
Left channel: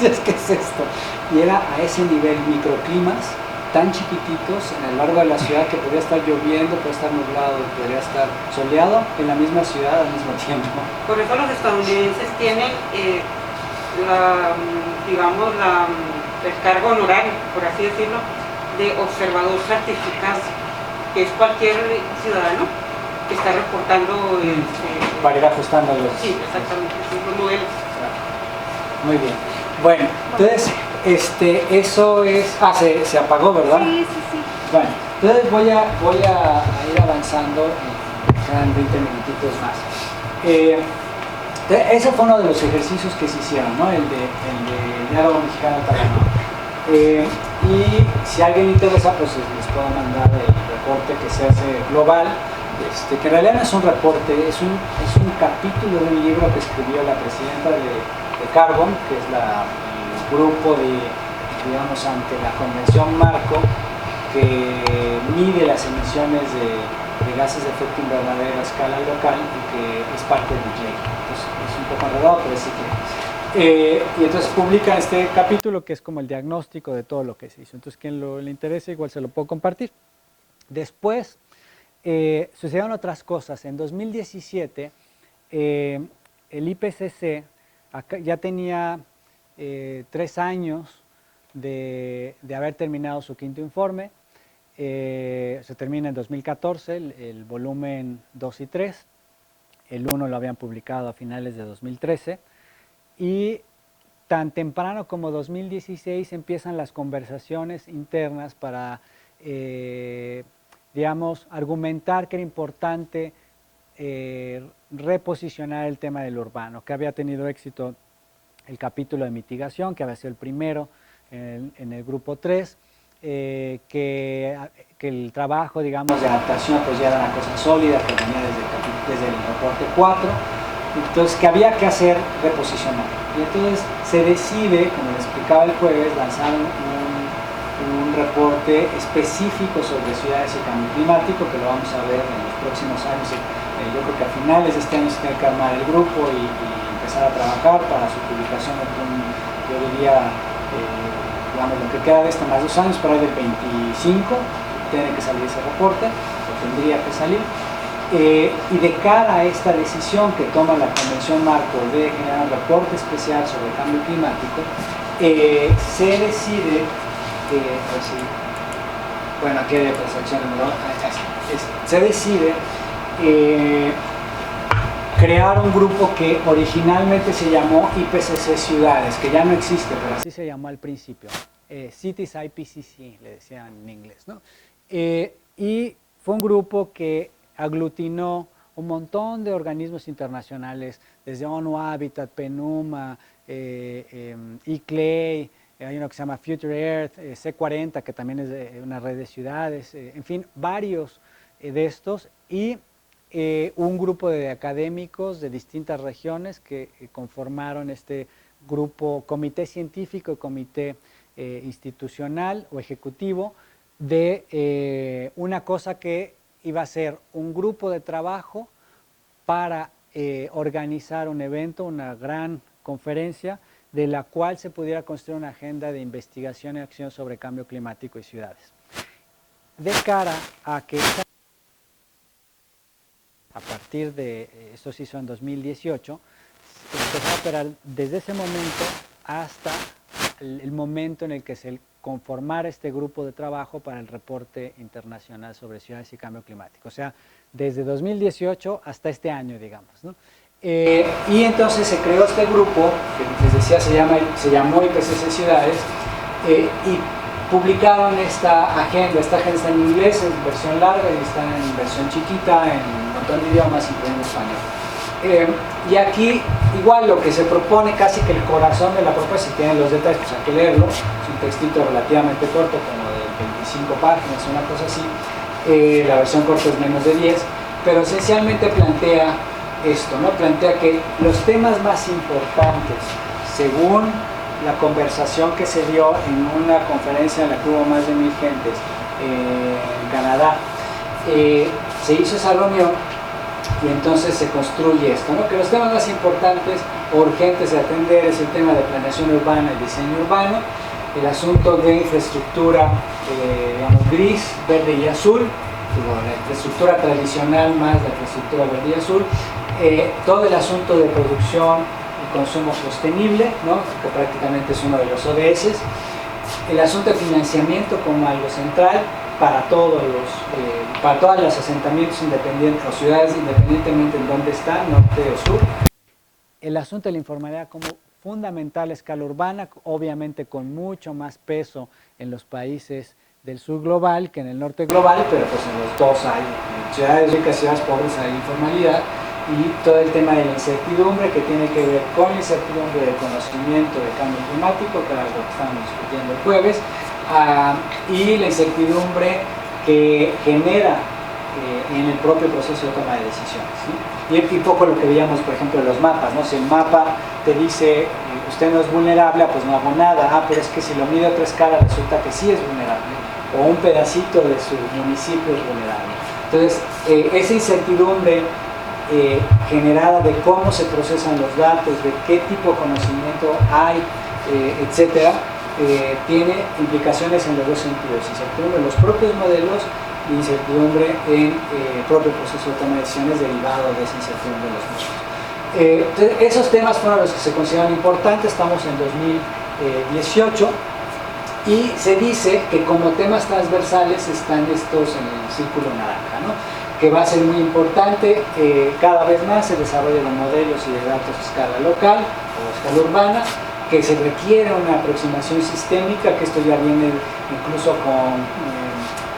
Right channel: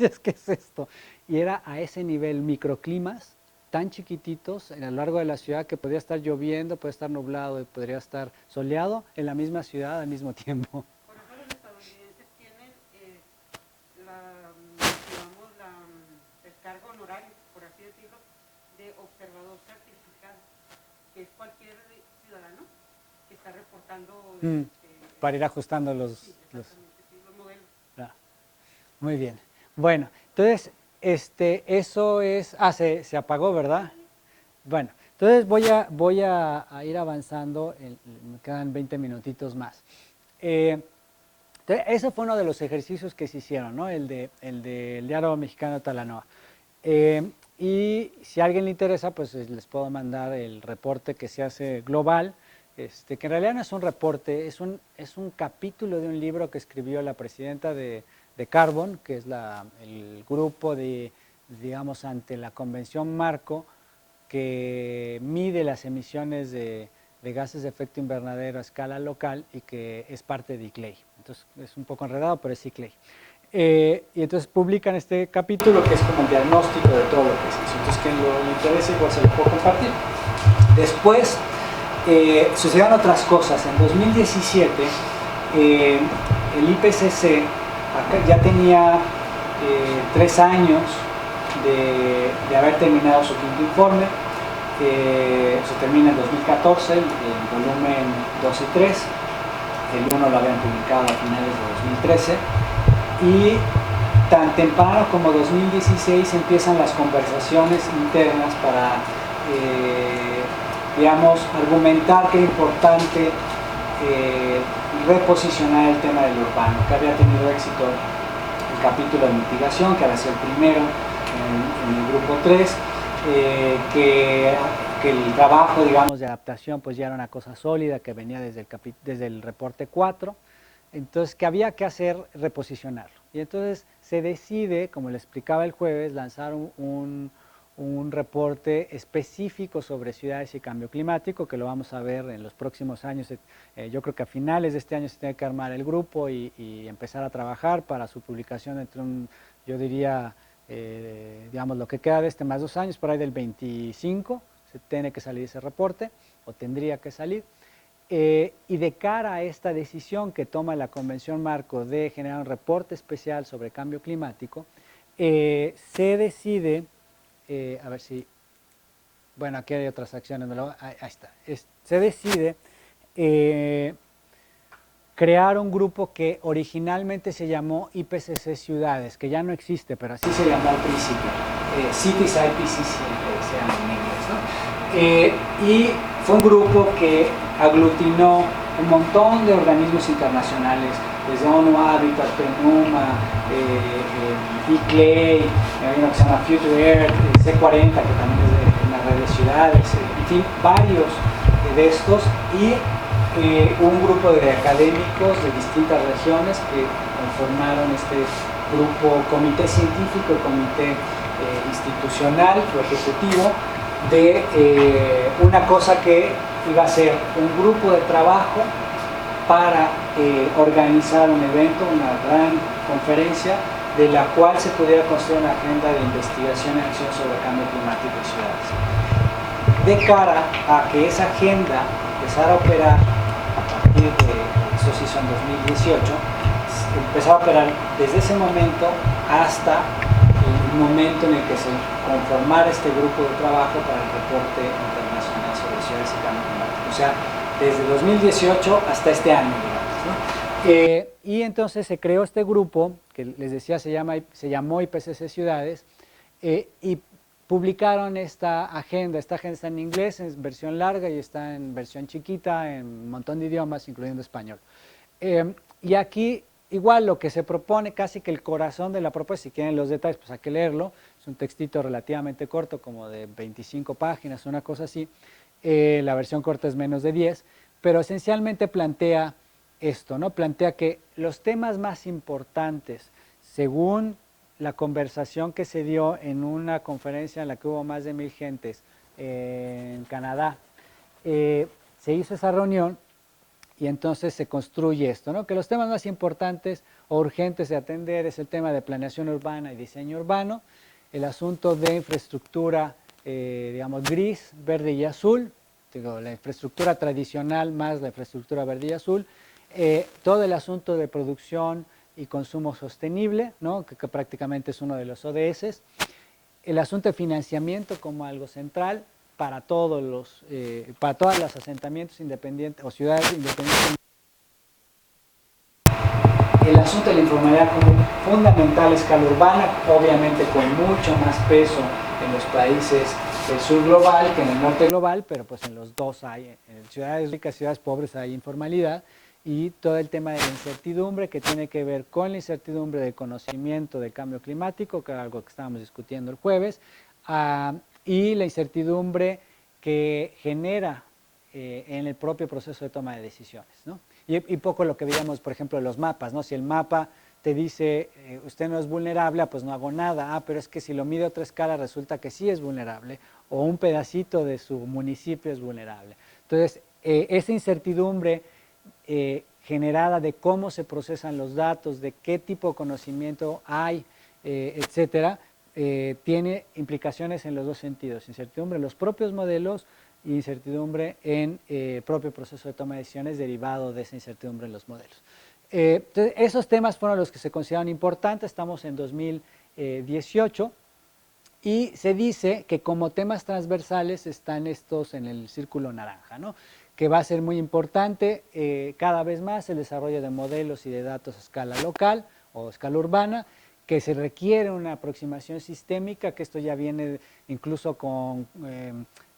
Es que es esto. Y era a ese nivel, microclimas tan chiquititos en el largo de la ciudad que podía estar lloviendo, podía estar nublado, podría estar soleado en la misma ciudad al mismo tiempo. Por eso los estadounidenses tienen el cargo honorario, por así decirlo, de observador certificado, que es cualquier ciudadano que está reportando para ir ajustando los... Sí, exactamente, los modelos. Muy bien. Bueno, entonces, eso es... se apagó, ¿verdad? Sí. Bueno, entonces voy a ir avanzando, quedan 20 minutitos más. Ese fue uno de los ejercicios que se hicieron, ¿no? El de diálogo mexicano-italiano. Y si a alguien le interesa, pues les puedo mandar el reporte que se hace global, que en realidad no es un reporte, es un capítulo de un libro que escribió la presidenta de Carbon, que es el grupo digamos, ante la Convención Marco, que mide las emisiones de gases de efecto invernadero a escala local y que es parte del JEI. Entonces es un poco enredado, pero sí que... y entonces publica este capítulo que es como el diagnóstico de todo lo que se hizo. Entonces quien le interese igual se lo puedo compartir. Después sucedieron otras cosas. En 2017 el IPCC ya tenía 3 años de haber terminado su quinto informe. Se termina en 2014, el volumen 2 y 3. El 1 lo habían publicado a finales de 2013. Y tan temprano como 2016 empiezan las conversaciones internas para, digamos, argumentar que era importante reposicionar el tema del urbano, que había tenido éxito el capítulo de mitigación, que había sido el primero en el grupo 3, que el trabajo, digamos, de adaptación pues ya era una cosa sólida, que venía desde el reporte 4, entonces que había que hacer reposicionar. Y entonces se decide, como les explicaba el jueves, lanzar un reporte específico sobre ciudades y cambio climático, que lo vamos a ver en los próximos años. Yo creo que a finales de este año se tiene que armar el grupo y empezar a trabajar para su publicación, yo diría, digamos, lo que queda de más 2 años, por ahí del 25, tiene que salir ese reporte, o tendría que salir. Y de cara a esta decisión que toma la Convención Marco de generar un reporte especial sobre cambio climático, se decide, bueno, aquí hay otras acciones, ¿no? Se decide crear un grupo que originalmente se llamó IPCC Ciudades, que ya no existe, pero así se llamó al principio, Cities IPCC, se llama en inglés, ¿no? Y fue un grupo que aglutinó un montón de organismos internacionales, desde ONU Habitat, PNUMA, ICLEI, hay uno que se llama Future Earth, C40, que también es de una red de ciudades, en fin, varios de estos, y un grupo de académicos de distintas regiones que conformaron este grupo, comité científico y comité institucional o ejecutivo de una cosa que iba a ser un grupo de trabajo para organizar un evento, una gran conferencia, de la cual se pudiera construir una agenda de investigación y acción sobre el cambio climático y ciudades. De cara a que esa agenda empezara a operar a partir de, eso se hizo en 2018, empezó a operar desde ese momento hasta el momento en el que se conformara este grupo de trabajo para el reporte internacional sobre ciudades y cambio climático. O sea, desde 2018 hasta este año, digamos, ¿no? Y entonces se creó este grupo, que les decía se llamó IPCC Ciudades, y publicaron esta agenda está en inglés, en versión larga y está en versión chiquita, en un montón de idiomas, incluyendo español. Y aquí, igual lo que se propone, casi que el corazón de la propuesta, si tienen los detalles, pues hay que leerlo, es un textito relativamente corto, como de 25 páginas, una cosa así, la versión corta es menos de 10, pero esencialmente plantea esto, ¿no? Plantea que los temas más importantes, según la conversación que se dio en una conferencia en la que hubo más de 1000 gentes en Canadá, se hizo esa reunión y entonces se construye esto, ¿no? Que los temas más importantes o urgentes de atender es el tema de planeación urbana y diseño urbano, el asunto de infraestructura, digamos, gris, verde y azul, la infraestructura tradicional más la infraestructura verde y azul, todo el asunto de producción y consumo sostenible, ¿no? Que prácticamente es uno de los ODS, el asunto de financiamiento como algo central para todos los asentamientos independientes o ciudades, independientemente en dónde están, norte o sur, el asunto de la informalidad como fundamental a escala urbana, obviamente con mucho más peso en los países del sur global que en el norte global, pero pues en los dos hay, en ciudades ricas y ciudades pobres hay informalidad, y todo el tema de la incertidumbre que tiene que ver con la incertidumbre del conocimiento del cambio climático, que era algo que estábamos discutiendo el jueves, y la incertidumbre que genera en el propio proceso de toma de decisiones, ¿sí? Y poco lo que veíamos, por ejemplo, en los mapas, ¿no? Si el mapa te dice usted no es vulnerable, pues no hago nada, pero es que si lo mide a otra escala resulta que sí es vulnerable, o un pedacito de su municipio es vulnerable. Entonces, esa incertidumbre generada de cómo se procesan los datos, de qué tipo de conocimiento hay, etcétera, tiene implicaciones en los dos sentidos: incertidumbre en los propios modelos y incertidumbre en el propio proceso de toma de decisiones derivado de esa incertidumbre de los modelos. Esos temas fueron los que se consideran importantes. Estamos en 2018 y se dice que como temas transversales están estos en el círculo naranja, ¿no? Que va a ser muy importante cada vez más el desarrollo de modelos y de datos a escala local o a escala urbana, que se requiere una aproximación sistémica, que esto ya viene incluso con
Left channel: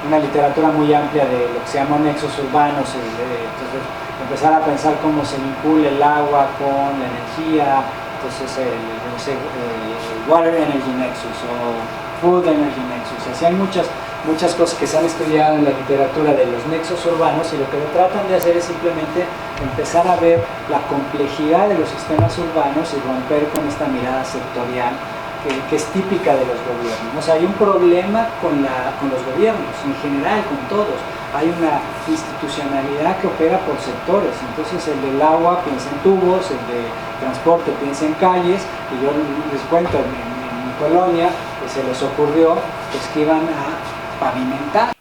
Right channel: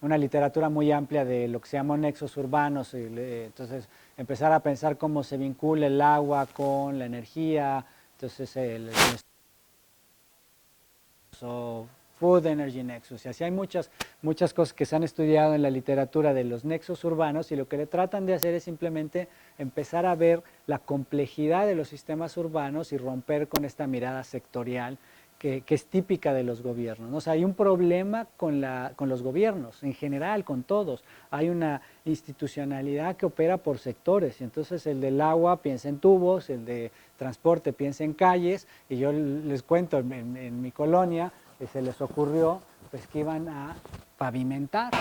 una literatura muy amplia de lo que se llama nexos urbanos, entonces empezar a pensar cómo se vincula el agua con la energía, entonces el Water Energy Nexus o Food Energy Nexus, así hay muchas cosas que se han estudiado en la literatura de los nexos urbanos, y lo que tratan de hacer es simplemente empezar a ver la complejidad de los sistemas urbanos y romper con esta mirada sectorial que es típica de los gobiernos. O sea, hay un problema con los gobiernos, en general, con todos. Hay una institucionalidad que opera por sectores, entonces el del agua piensa en tubos, el de transporte piensa en calles, y yo les cuento, en mi colonia que se les ocurrió pues, que iban a pavimentar,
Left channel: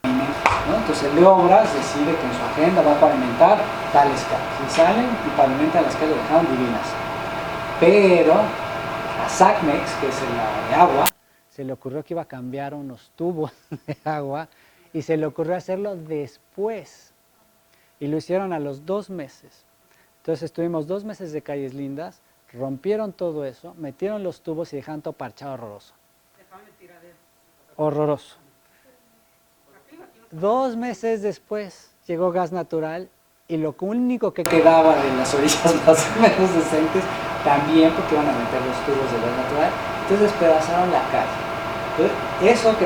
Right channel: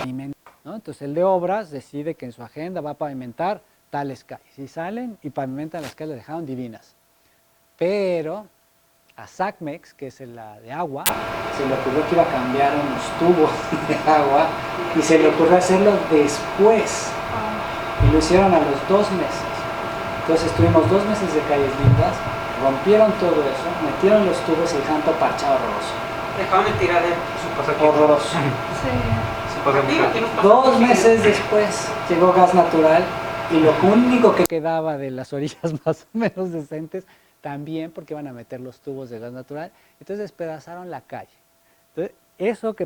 ¿no? Entonces el de obras decide que en su agenda va a pavimentar tales calles, y salen y pavimentan las calles, dejaron divinas, pero a SACMEX, que es la de agua, se le ocurrió que iba a cambiar unos tubos de agua y se le ocurrió hacerlo después, y lo hicieron a los 2 meses. Entonces tuvimos 2 meses de calles lindas, rompieron todo eso, metieron los tubos y dejaron todo parchado horroroso. Dejaron de tirar de horroroso. sí. 2 meses después llegó gas natural, y lo único que quedaba de las orillas más o menos decentes también, porque iban a meter los tubos de gas natural, entonces despedazaron la calle. Entonces, eso que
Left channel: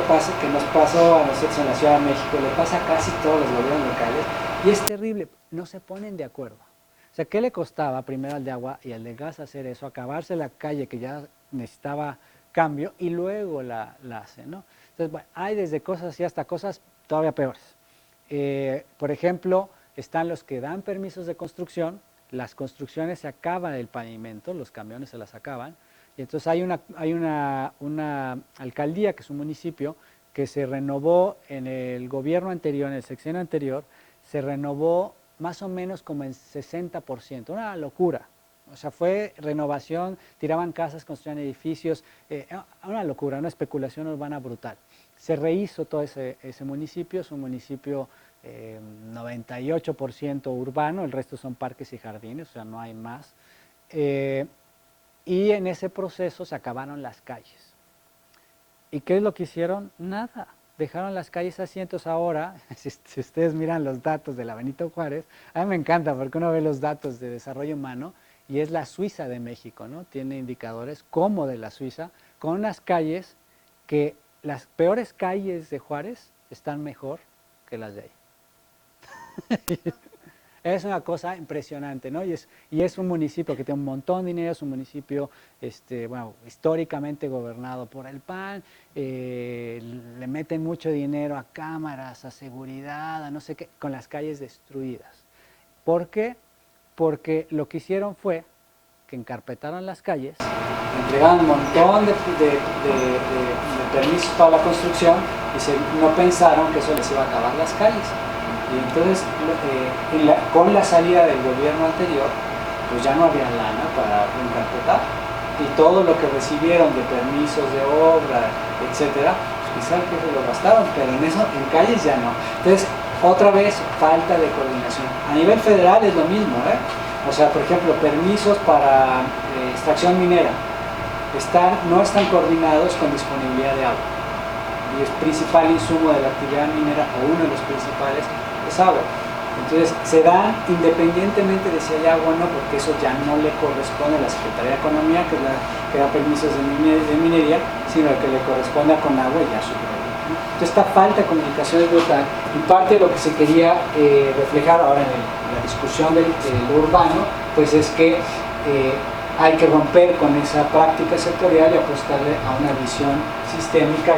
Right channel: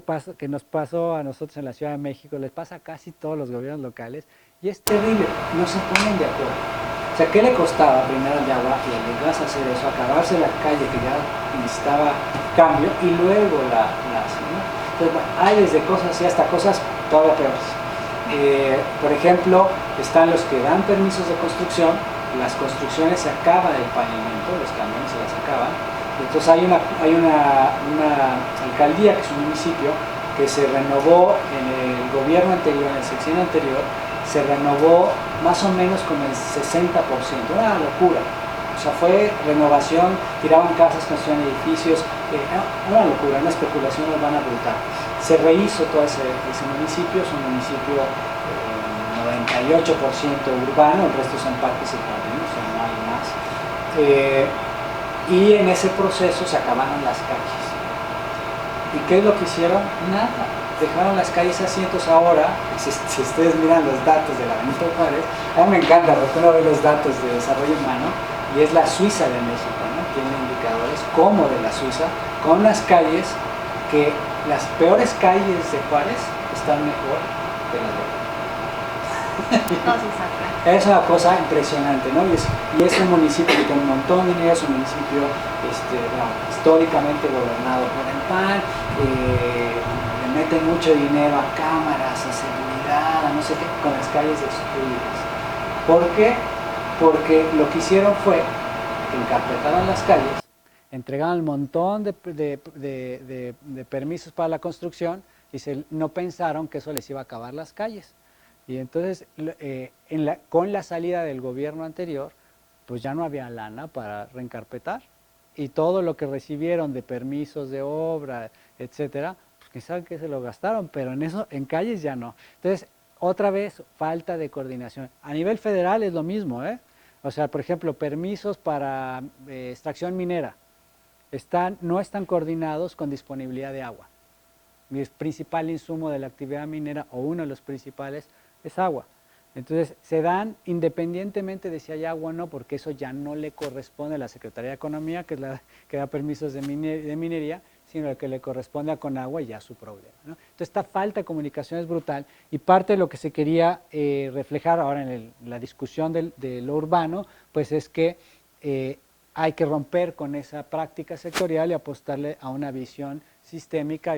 nos pasó a nosotros en la Ciudad de México, le pasa a casi todos los gobiernos locales, y es terrible, no se ponen de acuerdo. O sea, ¿qué le costaba primero al de agua y al de gas hacer eso? Acabarse la calle que ya necesitaba cambio, y luego la ¿no? Entonces, bueno, hay desde cosas y hasta cosas todavía peores. Por ejemplo, están los que dan permisos de construcción, las construcciones se acaba el pavimento, los camiones se las acaban. Entonces hay una alcaldía, que es un municipio, que se renovó en el gobierno anterior, en el sexenio anterior, se renovó más o menos como el 60%, una locura. O sea, fue renovación, tiraban casas, construían edificios, una locura, una especulación urbana brutal. Se rehizo todo ese municipio, es un municipio 98% urbano, el resto son parques y jardines, o sea, no hay más. Y en ese proceso se acabaron las calles. ¿Y qué es lo que hicieron? Nada. Dejaron las calles asientos ahora. Si ustedes miran los datos de la Benito Juárez, a mí me encanta porque uno ve los datos de desarrollo humano y es la Suiza de México, ¿no? Tiene indicadores como de la Suiza, con las calles que las peores calles de Juárez están mejor que las de otras. Es una cosa impresionante, ¿no? Y es un municipio que tiene un montón de dinero, es un municipio históricamente gobernado por el PAN, le meten mucho dinero a cámaras, a seguridad, a no sé qué, con las calles destruidas. ¿Por qué? Porque lo que hicieron fue que encarpetaron las calles, entregaron un montón de permisos para la construcción y no pensaron que eso les iba a acabar las calles. Y entonces, con la salida del gobierno anterior, pues ya no había lana para encarpetar. Y todo lo que recibieron de permisos de obra, etcétera, pues quizás que se lo gastaron, pero en calles ya no. Entonces, otra vez, falta de coordinación. A nivel federal es lo mismo, ¿eh? O sea, por ejemplo, permisos para extracción minera no están coordinados con disponibilidad de agua. Y el principal insumo de la actividad minera, o uno de los principales, es agua. Entonces se dan independientemente de si hay agua o no, porque eso ya no le corresponde a la Secretaría de Economía, que es la que da permisos de minería, sino al que le corresponde con agua y ya su problema, ¿no? Entonces esta falta de comunicación es brutal, y parte de lo que se quería reflejar ahora en la discusión del urbano, pues es que hay que romper con esa práctica sectorial y apostarle a una visión sistémica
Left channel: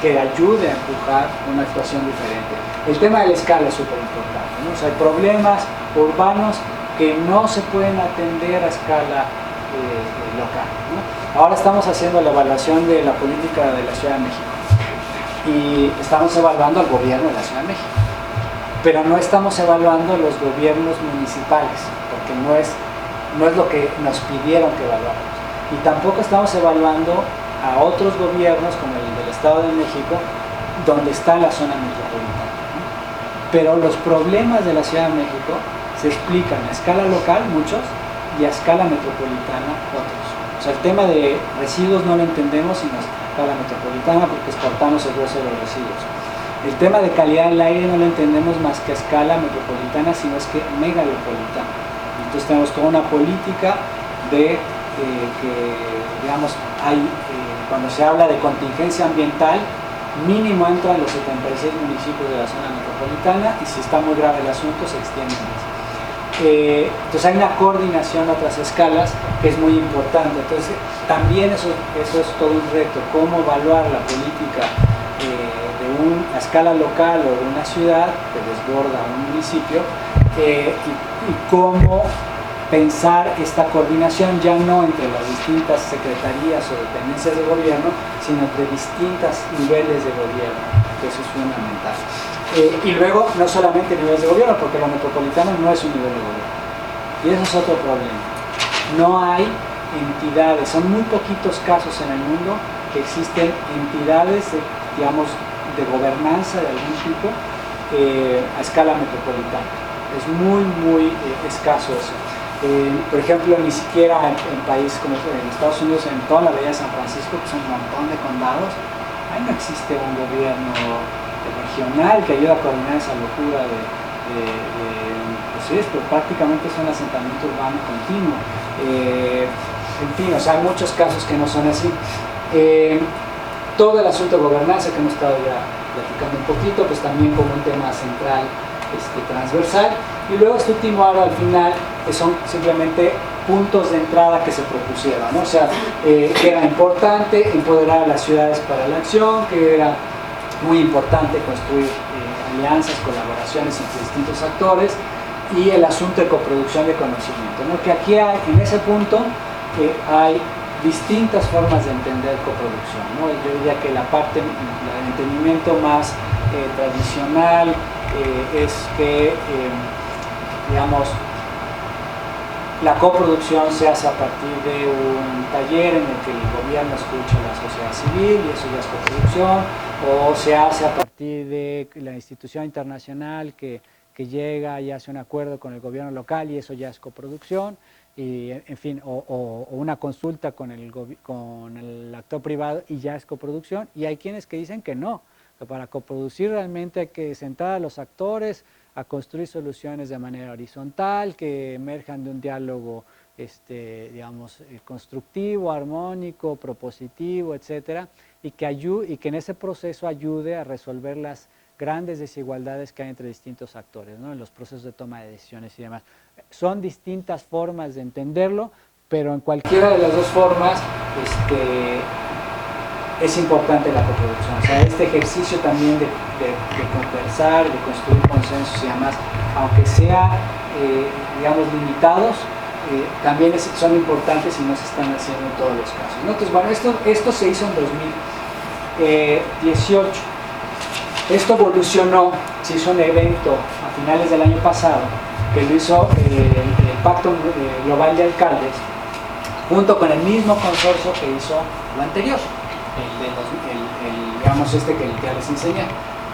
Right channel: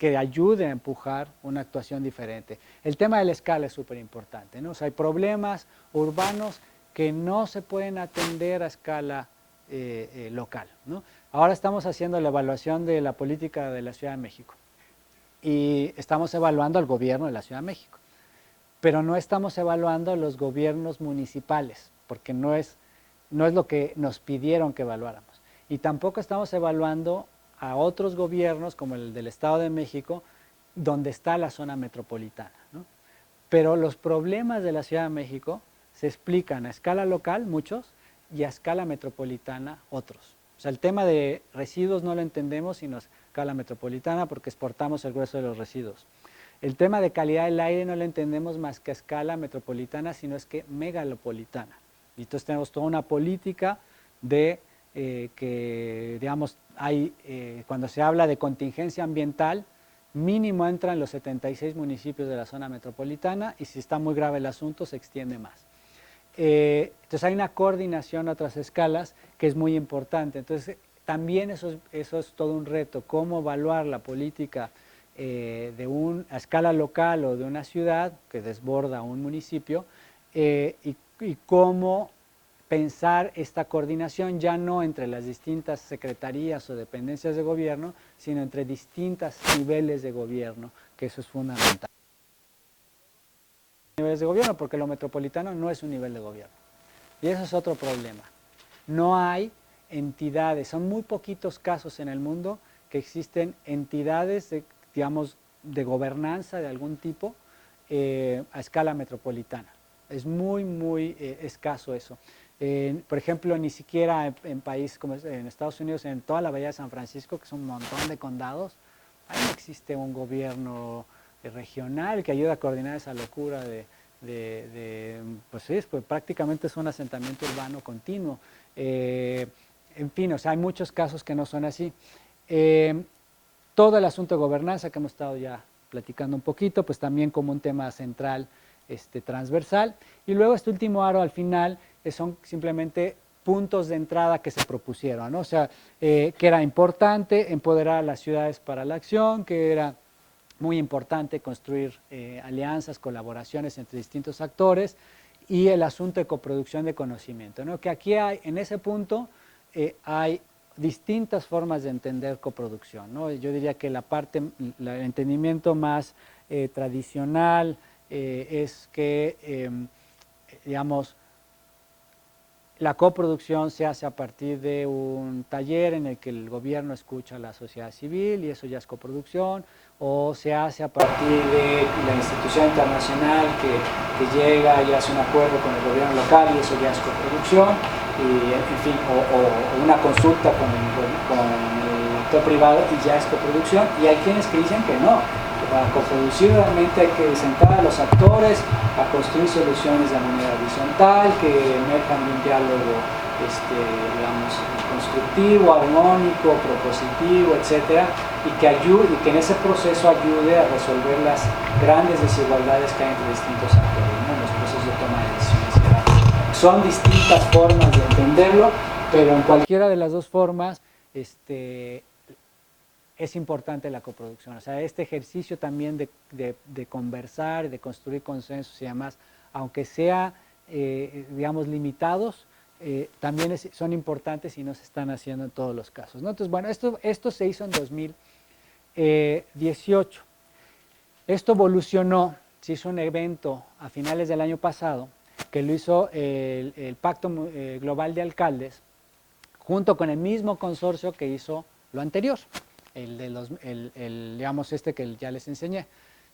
que ayude a empujar una actuación diferente. El tema de la escala es súper importante, ¿no? O sea, hay problemas urbanos que no se pueden atender a escala local, ¿no? Ahora estamos haciendo la evaluación de la política de la Ciudad de México y estamos evaluando al gobierno de la Ciudad de México, pero no estamos evaluando los gobiernos municipales, porque no es lo que nos pidieron que evaluáramos. Y tampoco estamos evaluando a otros gobiernos como el del Estado de México, donde está la zona metropolitana, ¿no? Pero los problemas de la Ciudad de México se explican a escala local, muchos, y a escala metropolitana, otros. O sea, el tema de residuos no lo entendemos sino a escala metropolitana porque exportamos el grueso de los residuos. El tema de calidad del aire no lo entendemos más que a escala metropolitana, sino es que megalopolitana. Entonces tenemos toda una política de que, digamos, cuando se habla de contingencia ambiental, mínimo entran los 76 municipios de la zona metropolitana y si está muy grave el asunto se extiende más. Entonces hay una coordinación a otras escalas que es muy importante. Entonces también eso es todo un reto, cómo evaluar la política de una escala local o de una ciudad que desborda un municipio y cómo pensar esta coordinación ya no entre las distintas secretarías o dependencias de gobierno, sino entre distintos niveles de gobierno, que eso es fundamental. Y luego, no solamente niveles de gobierno, porque lo metropolitano no es un nivel de gobierno. Y eso es otro problema. No hay entidades, son muy poquitos casos en el mundo que existen entidades, de gobernanza de algún tipo a escala metropolitana. Es muy, muy escaso eso. Por ejemplo, ni siquiera en países como en Estados Unidos, en toda la bahía de San Francisco, que son un montón de condados, ahí no existe un gobierno regional que ayude a coordinar esa locura pues sí, pero prácticamente es un asentamiento urbano continuo. En fin, o sea, hay muchos casos que no son así. Todo el asunto de gobernanza que hemos estado ya platicando un poquito, pues también como un tema central, transversal. Y luego este último ahora al final, que son simplemente puntos de entrada que se propusieron, ¿no? O sea, que era importante empoderar a las ciudades para la acción, que era muy importante construir alianzas, colaboraciones entre distintos actores, y el asunto de coproducción de conocimiento, ¿no? Que aquí hay, en ese punto, que hay distintas formas de entender coproducción, ¿no? Yo diría que la parte del entendimiento más tradicional es que, digamos, la coproducción se hace a partir de un taller en el que el gobierno escucha a la sociedad civil y eso ya es coproducción, o se hace a partir de la institución internacional que llega y hace un acuerdo con el gobierno local y eso ya es coproducción, y, en fin, o una consulta con el actor privado y ya es coproducción, y hay quienes que dicen que no. Para coproducir realmente hay que sentar a los actores a construir soluciones de manera horizontal que emerjan de un diálogo digamos, constructivo, armónico, propositivo, etcétera, y que en ese proceso ayude a resolver las grandes desigualdades que hay entre distintos actores, ¿no? En los procesos de toma de decisiones. Son distintas formas de entenderlo, pero en cualquiera de las dos formas es importante la coproducción, o sea, este ejercicio también de conversar, de construir consensos y demás, aunque sea, digamos, limitados, también son importantes y no se están haciendo en todos los casos, ¿no? Entonces, bueno, esto se hizo en 2018, esto evolucionó, se hizo un evento a finales del año pasado, que lo hizo el Pacto Global de Alcaldes, junto con el mismo consorcio que hizo lo anterior, digamos que ya les enseñé.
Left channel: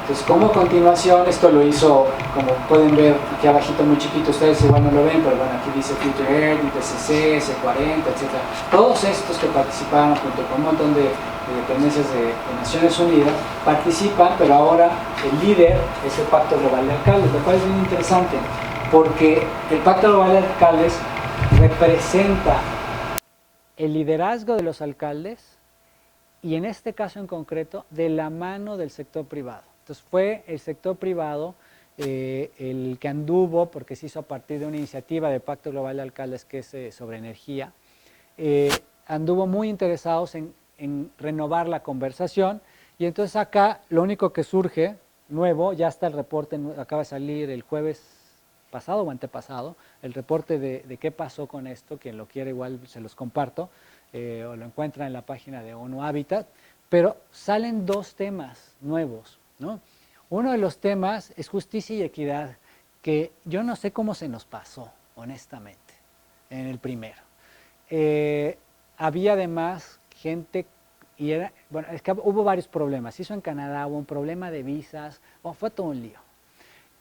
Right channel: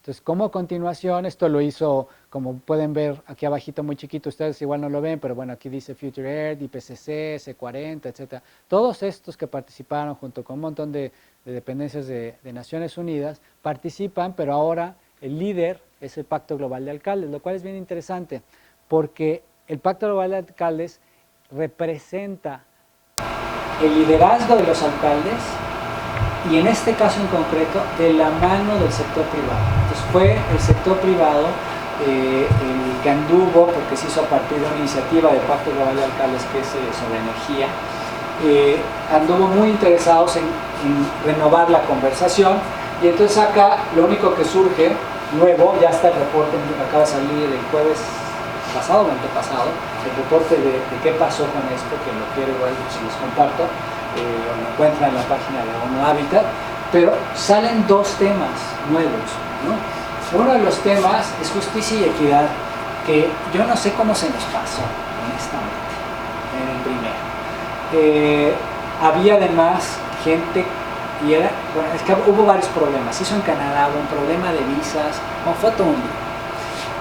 Entonces, como continuación, esto lo hizo, como pueden ver aquí abajito muy chiquito, ustedes igual no lo ven, pero bueno, aquí dice Future Earth, IPCC, C40, etc. Todos estos que participaron junto con un montón de dependencias de Naciones Unidas participan, pero ahora el líder es el Pacto Global de Alcaldes, lo cual es muy interesante, porque el Pacto Global de Alcaldes representa el liderazgo de los alcaldes y en este caso en concreto de la mano del sector privado. Entonces fue el sector privado el que anduvo, porque se hizo a partir de una iniciativa del Pacto Global de Alcaldes que es sobre energía, anduvo muy interesados en renovar la conversación, y entonces acá lo único que surge nuevo, ya está el reporte, acaba de salir el jueves pasado o antepasado, el reporte de qué pasó con esto, que lo quiero igual se los comparto, lo encuentran en la página de ONU Habitat, pero salen dos temas nuevos, ¿no? Uno de los temas es justicia y equidad, que yo no sé cómo se nos pasó, honestamente, en el primero. Había además gente, y era, bueno, es que hubo varios problemas, se hizo en Canadá, hubo un problema de visas, bueno, fue todo un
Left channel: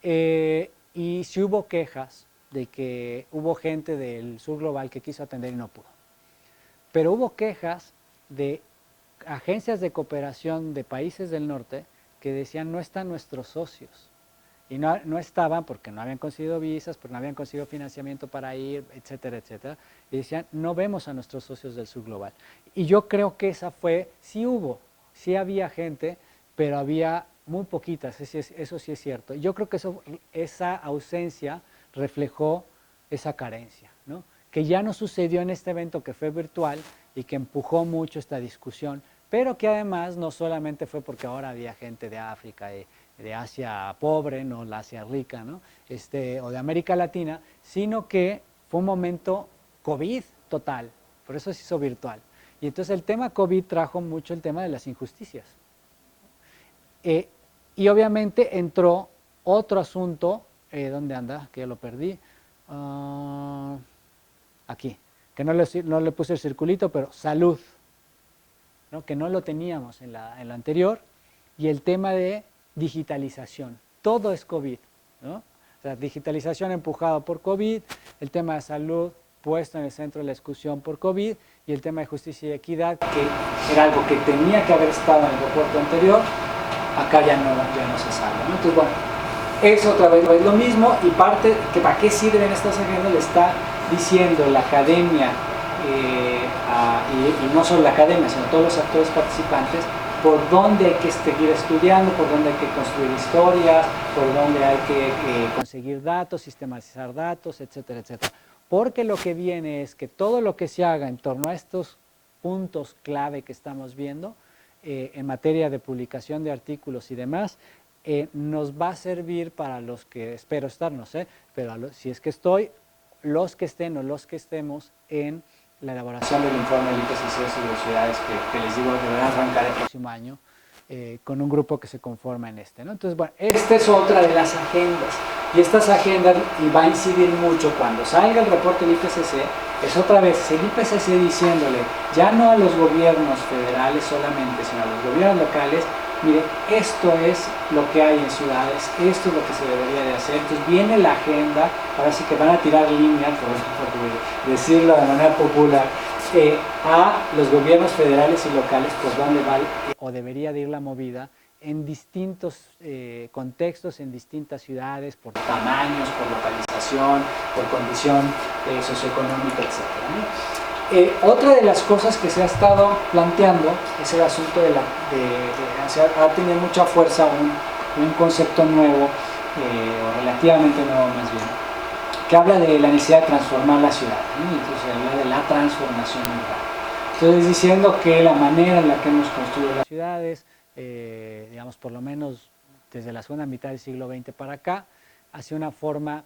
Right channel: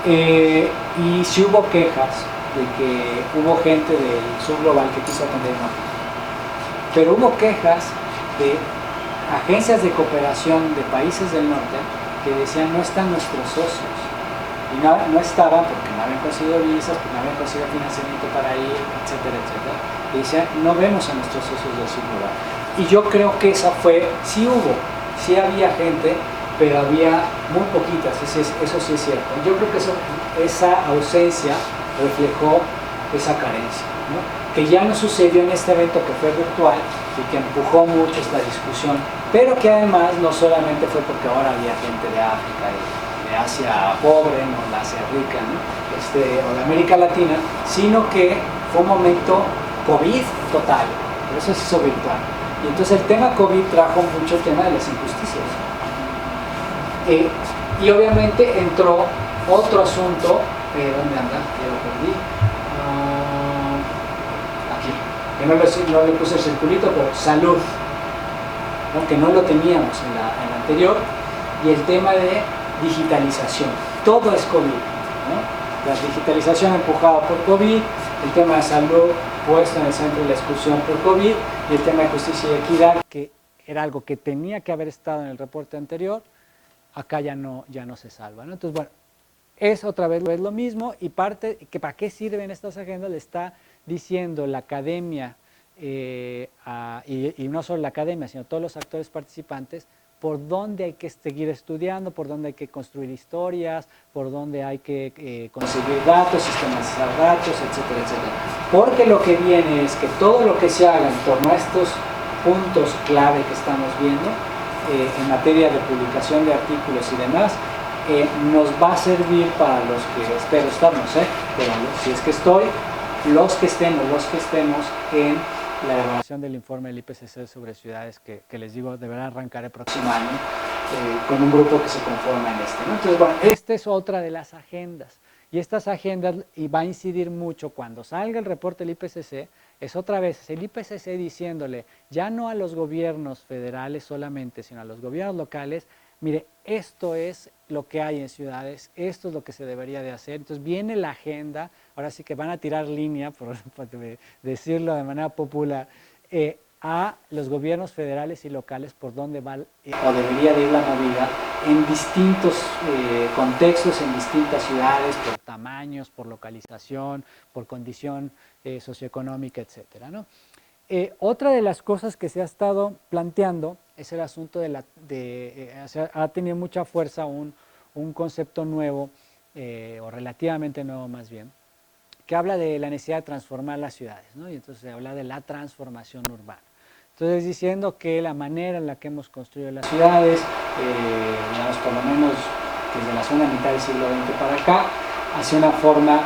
día. Y sí hubo quejas de que hubo gente del sur global que quiso atender una. Pero hubo quejas de agencias de cooperación de países del norte que decían no están nuestros socios, y no estaban porque no habían conseguido visas, porque no habían conseguido financiamiento para ir, etcétera, etcétera, y decían no vemos a nuestros socios del sur global. Y yo creo que esa fue, sí había gente, pero había muy poquitas, eso sí es cierto. Yo creo que esa ausencia reflejó esa carencia, ¿no? Que ya no sucedió en este evento que fue virtual y que empujó mucho esta discusión, pero que además no solamente fue porque ahora había gente de África y de Asia pobre, no de Asia rica, ¿no? O de América Latina, sino que fue un momento COVID total, por eso se hizo virtual. Y entonces el tema COVID trajo mucho el tema de las injusticias. Y obviamente entró otro asunto, ¿dónde anda? Ya lo perdí. Que no le puse el circulito, pero salud, ¿no? Que no lo teníamos en la anterior, y el tema de digitalización, todo es COVID, ¿no? La digitalización empujada por COVID, el tema de salud puesto en el centro de la discusión por COVID, y el tema de justicia y equidad, que era algo que tenía que haber estado en el reporte anterior, acá ya no se sabe, ¿no? Entonces, bueno, es otra vez lo mismo, y parte que para qué sirven estas agendas le está diciendo la academia, y no solo la academia, sino todos los actores participantes, por dónde hay que seguir estudiando, por dónde hay que construir historias, por dónde hay que conseguir datos, sistematizar datos, etcétera, etcétera. Porque lo que viene es que todo lo que se haga en torno a estos puntos clave que estamos viendo, en materia de publicación de artículos y demás, nos va a servir para los que, espero estar, no sé, pero si es que estoy, los que estemos en la elaboración del informe del IPCC sobre ciudades que les digo que van a arrancar el próximo año, con un grupo que se conforma en este, ¿no? Entonces, bueno, esta es otra de las agendas, y estas agendas y va a incidir mucho cuando salga el reporte del IPCC. Es otra vez el IPCC diciéndole ya no a los gobiernos federales solamente, sino a los gobiernos locales: mire, esto es lo que hay en ciudades, esto es lo que se debería de hacer. Entonces viene la agenda, ahora sí que van a tirar línea, por decirlo de manera popular, a los gobiernos federales y locales por donde va o debería de ir la movida en distintos contextos, en distintas ciudades, por tamaños, por localización, por condición socioeconómica, etc., ¿no? Otra de las cosas que se ha estado planteando es el asunto ha tenido mucha fuerza un concepto nuevo, o relativamente nuevo más bien, que habla de la necesidad de transformar la ciudad, ¿no? Entonces habla de la transformación urbana. Entonces, diciendo que la manera en la que hemos construido las ciudades, digamos, por lo menos desde la segunda mitad del siglo XX para acá, hacia una forma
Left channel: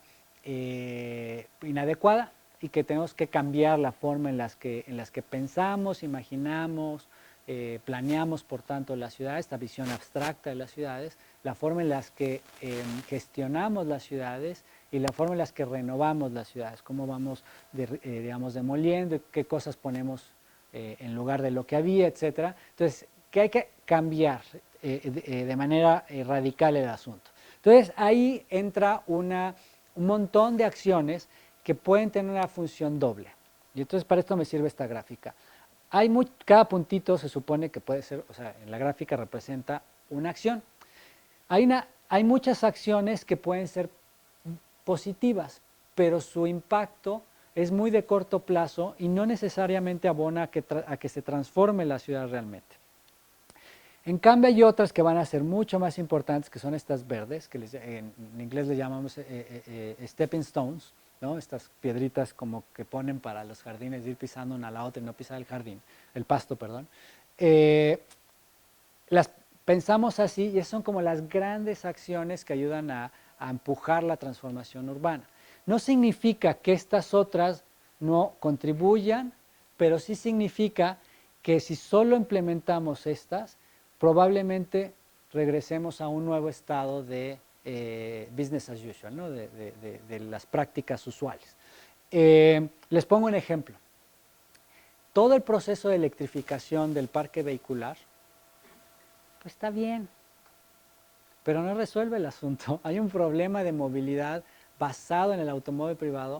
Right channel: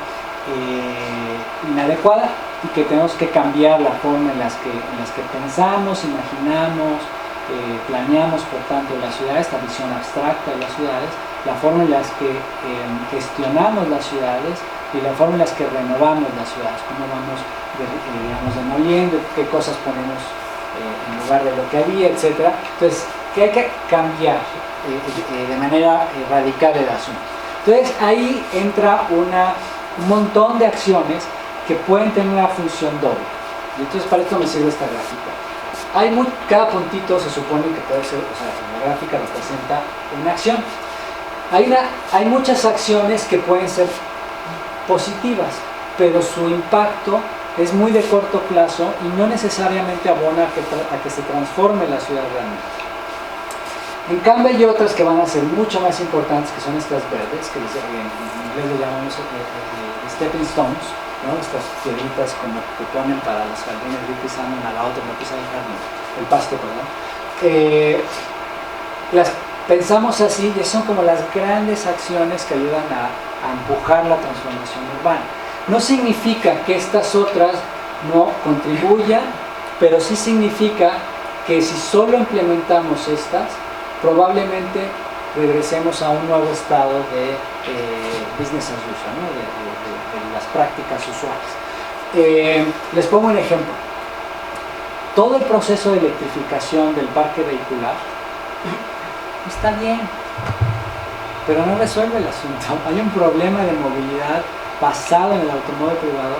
inadecuada, y que tenemos que cambiar la forma en las que pensamos, imaginamos, planeamos, por tanto, las ciudades, esta visión abstracta de las ciudades, la forma en las que gestionamos las ciudades y la forma en las que renovamos las ciudades, cómo vamos, digamos, demoliendo, qué cosas ponemos en lugar de lo que había, etc. Entonces, que hay que cambiar de manera radical el asunto. Entonces, ahí entra un montón de acciones que pueden tener una función doble. Y entonces, para esto me sirve esta gráfica. Cada puntito se supone que puede ser, o sea, la gráfica representa una acción. Hay muchas acciones que pueden ser positivas, pero su impacto es muy de corto plazo y no necesariamente abona a que se transforme la ciudad realmente. En cambio, hay otras que van a ser mucho más importantes, que son estas verdes, que en inglés le llamamos stepping stones, ¿no? Estas piedritas como que ponen para los jardines, ir pisando una a la otra, no pisar el jardín, el pasto, perdón. Las pensamos así, y son como las grandes acciones que ayudan a empujar la transformación urbana. No significa que estas otras no contribuyan, pero sí significa que si solo implementamos estas, probablemente regresemos a un nuevo estado de business as usual, ¿no? de las prácticas usuales. Les pongo un ejemplo. Todo el proceso de electrificación del parque vehicular está bien, pero no resuelve el asunto. Hay un problema de movilidad basado en el automóvil privado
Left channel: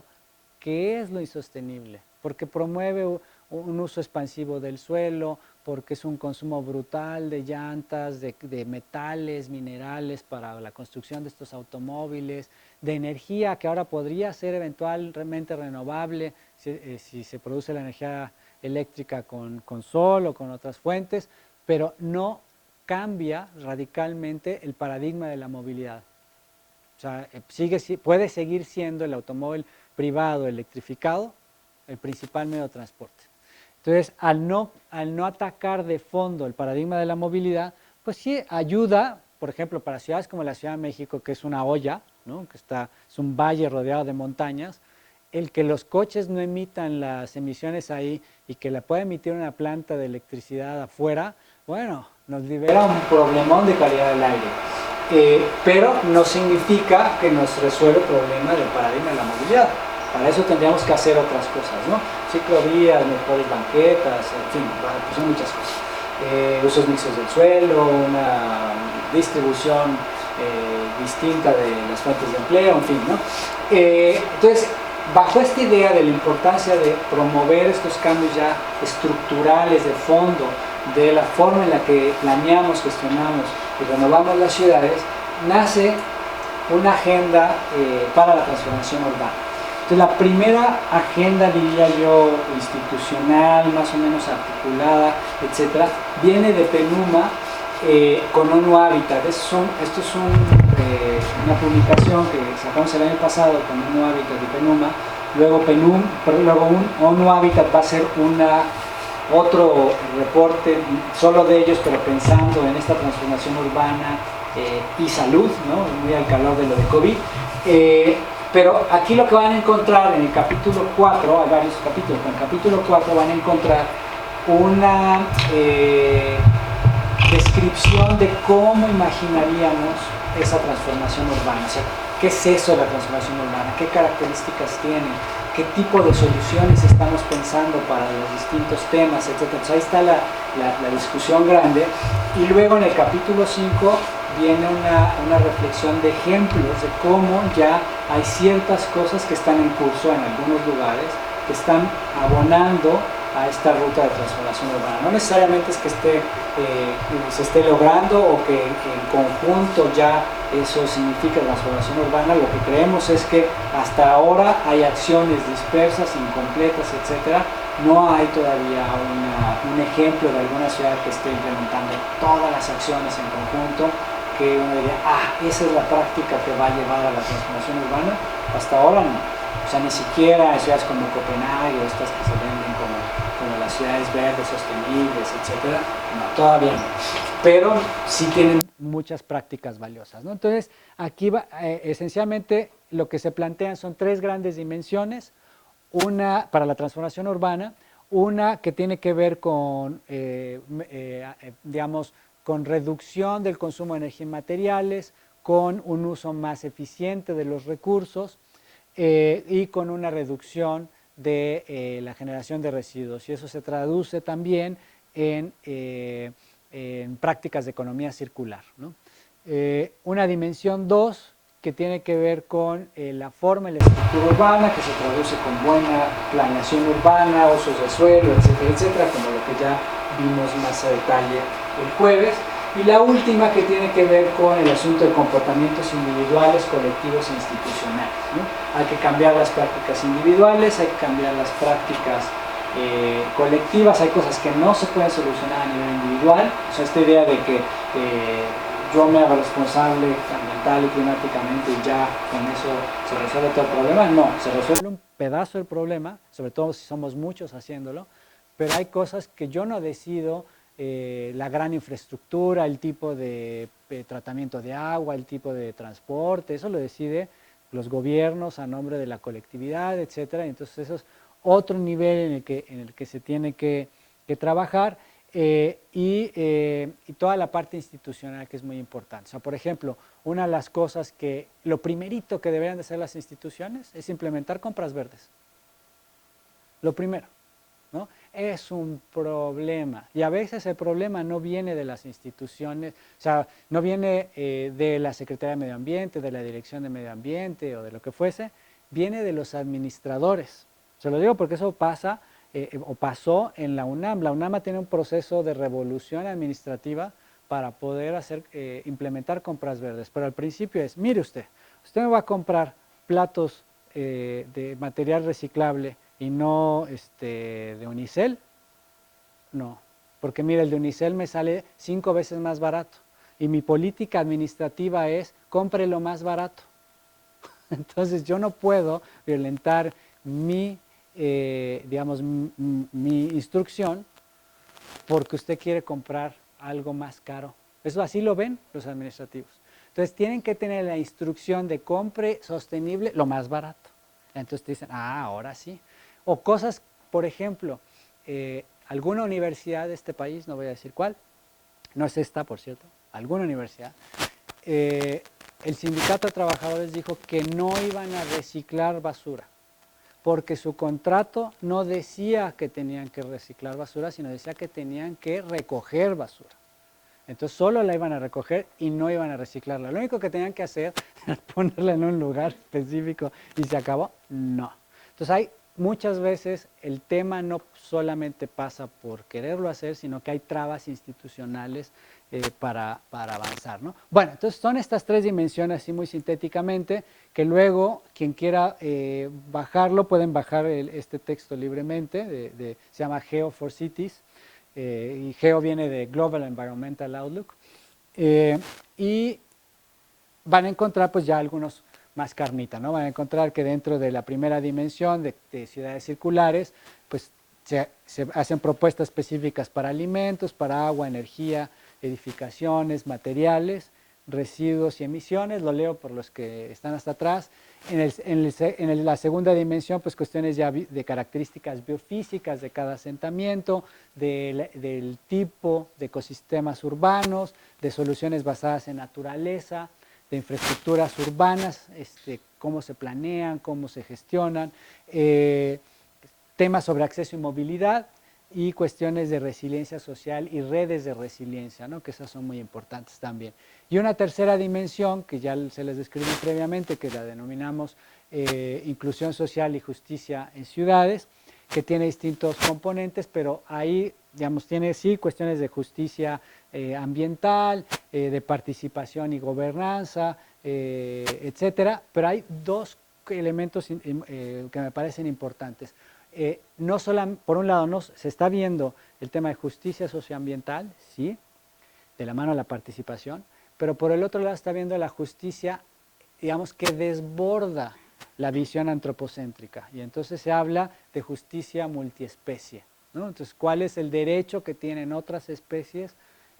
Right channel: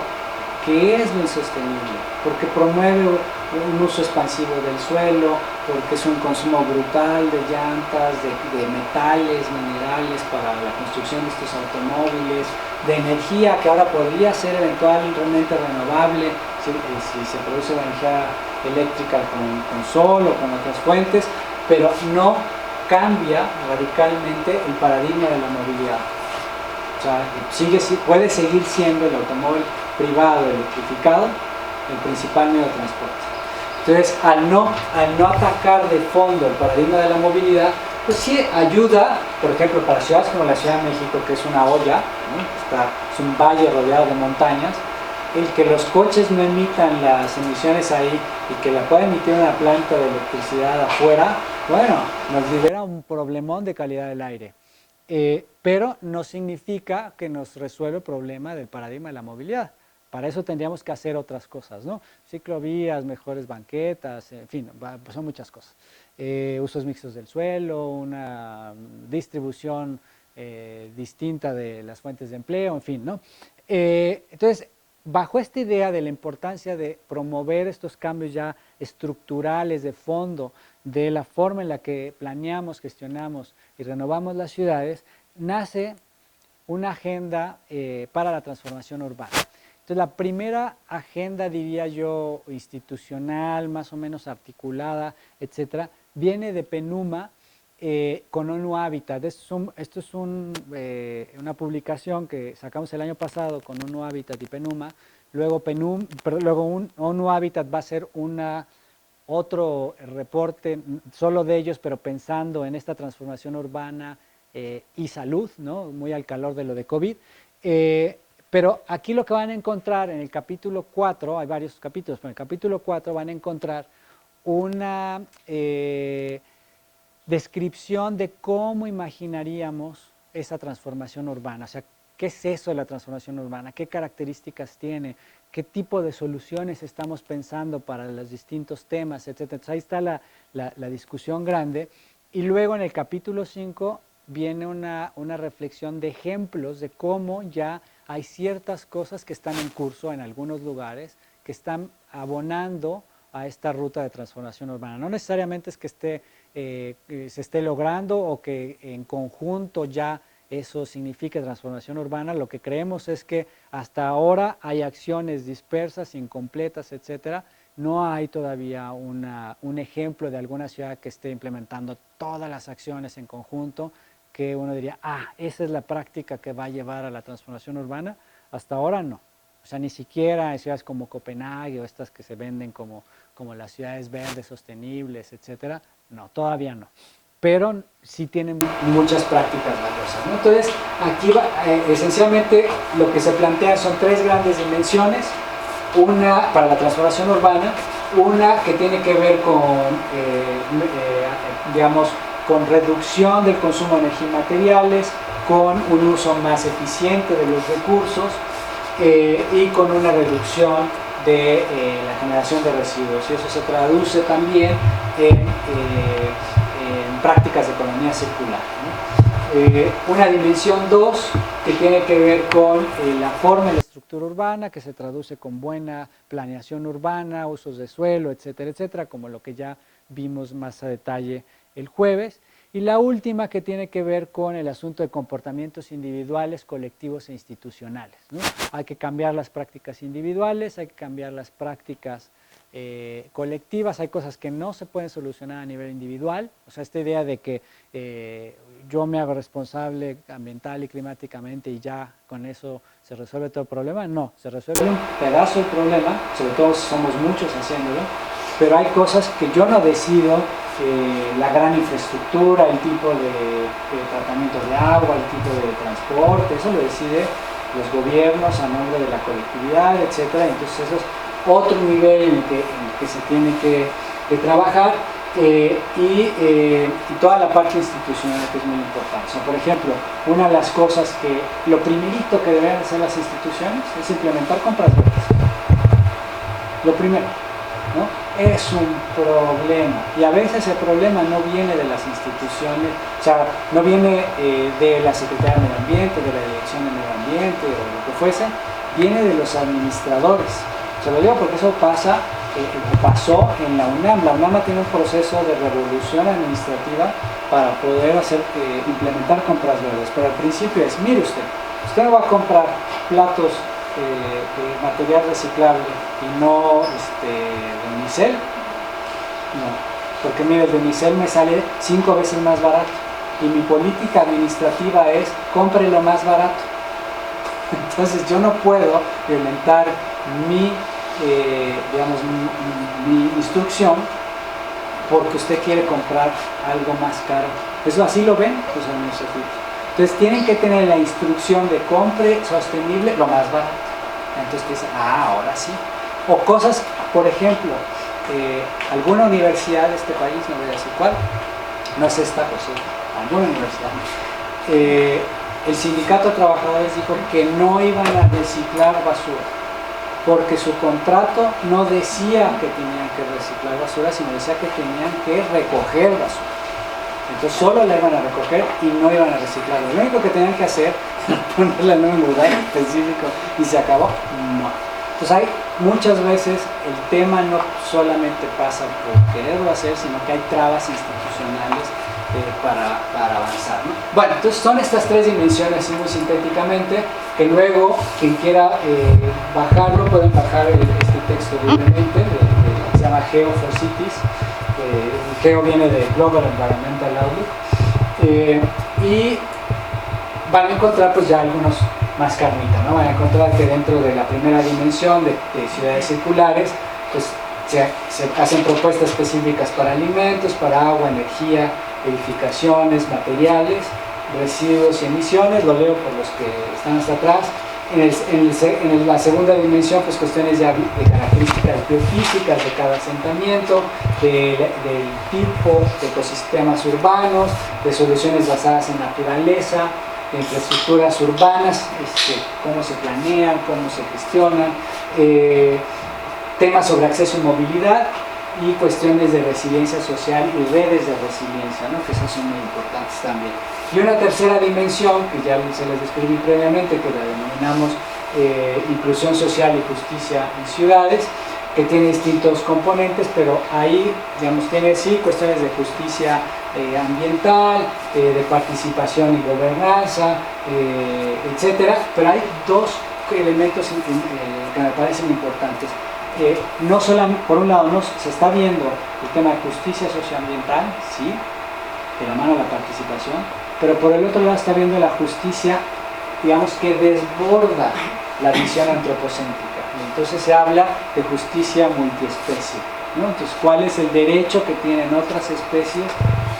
que es lo insostenible, porque promueve un uso expansivo del suelo, porque es un consumo brutal de llantas, de metales, minerales para la construcción de estos automóviles, de energía que ahora podría ser eventualmente renovable si se produce la energía eléctrica con sol o con otras fuentes, pero no cambia radicalmente el paradigma de la movilidad. O sea, puede seguir siendo el automóvil privado electrificado el principal medio de transporte. Entonces, al no atacar de fondo el paradigma de la movilidad, pues sí ayuda, por ejemplo, para ciudades como la Ciudad de México, que es una olla, ¿no? Es un valle rodeado de montañas, el que los coches no emitan las emisiones ahí y que la pueda emitir una planta de electricidad afuera, bueno, nos libera un problemón de calidad del aire. Pero no significa que nos resuelva el problema del paradigma de la movilidad. Para eso tendríamos que hacer otras cosas, ¿no? Ciclovías, mejores banquetas, en fin, pues son muchas cosas. Usos mixtos del suelo, una distribución distinta de las fuentes de empleo, en fin, ¿no? Entonces, bajo esta idea de la importancia de promover estos cambios ya estructurales de fondo, de la forma en la que planeamos, gestionamos y renovamos las ciudades, nace una agenda para la transformación urbana. Entonces, la primera agenda, diría yo, institucional, más o menos articulada, etcétera, viene de PENUMA con ONU Habitat. Esto es una publicación que sacamos el año pasado con ONU Habitat y PENUMA. Luego ONU Habitat va a hacer otro reporte solo de ellos, pero pensando en esta transformación urbana y salud, ¿no? Muy al calor de lo de COVID. Pero aquí lo que van a encontrar en el capítulo 4, hay varios capítulos, pero en el capítulo 4 van a encontrar una descripción de cómo imaginaríamos esa transformación urbana. O sea, ¿qué es eso de la transformación urbana? ¿Qué características tiene? ¿Qué tipo de soluciones estamos pensando para los distintos temas, etcétera? Entonces ahí está la discusión grande. Y luego en el capítulo 5 viene una reflexión de ejemplos de cómo ya hay ciertas cosas que están en curso en algunos lugares, que están abonando a esta ruta de transformación urbana. No necesariamente es que se esté logrando o que en conjunto ya eso significa transformación urbana. Lo que creemos es que hasta ahora hay acciones dispersas, incompletas, etcétera. No hay todavía un ejemplo de alguna ciudad que esté implementando todas las acciones en conjunto, que uno diría, esa es la práctica que va a llevar a la transformación urbana. Hasta ahora no. O sea, ni siquiera ciudades como Copenhague o estas que se venden como las ciudades verdes, sostenibles, etcétera, no, todavía no. Pero sí tienen muchas prácticas valiosas, ¿no? Entonces, aquí esencialmente lo que se plantea son tres grandes dimensiones. Una para la transformación urbana, una que tiene que ver con, digamos, con reducción del consumo de energía y materiales, con un uso más eficiente de los recursos y con una reducción de la generación de residuos. Y eso se traduce también en prácticas de economía circular, ¿no? Una dimensión 2 que tiene que ver con la forma y la estructura urbana, que se traduce con buena planeación urbana, usos de suelo, etcétera, etcétera, como lo que ya vimos más a detalle el jueves. Y la última que tiene que ver con el asunto de comportamientos individuales, colectivos e institucionales, ¿no? Hay que cambiar las prácticas individuales, hay que cambiar las prácticas colectivas, hay cosas que no se pueden solucionar a nivel individual. O sea, esta idea de que yo me hago responsable ambiental y climáticamente y ya con eso se resuelve todo el problema, no, se resuelve un pedazo del problema, sobre todo si somos muchos haciéndolo, pero hay cosas que yo no decido. La gran infraestructura, el tipo de tratamiento de agua, el tipo de transporte, eso lo decide los gobiernos a nombre de la colectividad, etcétera. Entonces eso es otro nivel en el que se tiene que trabajar y toda la parte institucional, que es muy importante. O sea, por ejemplo, una de las cosas que lo primerito que deben hacer las instituciones es implementar compras verdes. Lo primero, ¿no? Es un problema, y a veces el problema no viene de las instituciones, o sea, no viene de la Secretaría de Medio Ambiente, de la Dirección de Medio Ambiente o lo que fuese, viene de los administradores. Se lo digo porque eso pasó en la UNAM. La UNAM tiene un proceso de revolución administrativa para poder implementar compras verdes, pero al principio es, mire usted no va a comprar platos de material reciclable y no de unicel, no, porque mire, el de unicel me sale 5 veces más barato y mi política administrativa es compre lo más barato. Entonces yo no puedo violentar mi instrucción porque usted quiere comprar algo más caro. ¿Eso así lo ven los administrativos? Entonces tienen que tener la instrucción de compre sostenible lo más barato. Entonces te dicen, ahora sí. O cosas, por ejemplo, alguna universidad de este país, no voy a decir cuál, no es esta, pues sí, alguna universidad, el sindicato de trabajadores dijo que no iban a reciclar basura, porque su contrato no decía que tenían que reciclar basura, sino decía que tenían que recoger basura. Entonces solo la iban a recoger y no iban a reciclarla. Lo único que tenían que hacer era ponerla en un lugar específico y se acabó. No. Entonces hay muchas veces el tema no solamente pasa por quererlo hacer, sino que hay trabas institucionales para avanzar, ¿no? Bueno, entonces son estas tres dimensiones, así muy sintéticamente, que luego quien quiera bajarlo, pueden bajar este texto libremente, que se llama Geo for Cities. Geo viene de Global Environmental Outlook, y van a encontrar pues ya algunos más carnita, ¿no? Van a encontrar que dentro de la primera dimensión de ciudades circulares pues se hacen propuestas específicas para alimentos, para agua, energía, edificaciones, materiales, residuos y emisiones, lo leo por los que están hasta atrás. En la segunda dimensión, pues cuestiones de características geofísicas de cada asentamiento, del tipo de ecosistemas urbanos, de soluciones basadas en naturaleza, de infraestructuras urbanas, cómo se planean, cómo se gestionan, temas sobre acceso y movilidad, y cuestiones de resiliencia social y redes de resiliencia, ¿no? Que esas son muy importantes también. Y una tercera dimensión, que ya se les describí previamente, que la denominamos inclusión social y justicia en ciudades, que tiene distintos componentes, pero ahí, digamos, tiene sí cuestiones de justicia ambiental, de participación y gobernanza, etcétera, pero hay dos elementos que me parecen importantes. No solamente, por un lado, se está viendo el tema de justicia socioambiental, sí, de la mano de la participación, pero por el otro lado está viendo la justicia, digamos, que desborda la visión antropocéntrica. Y entonces se habla de justicia multiespecie, ¿no? Entonces, ¿cuál es el derecho que tienen otras especies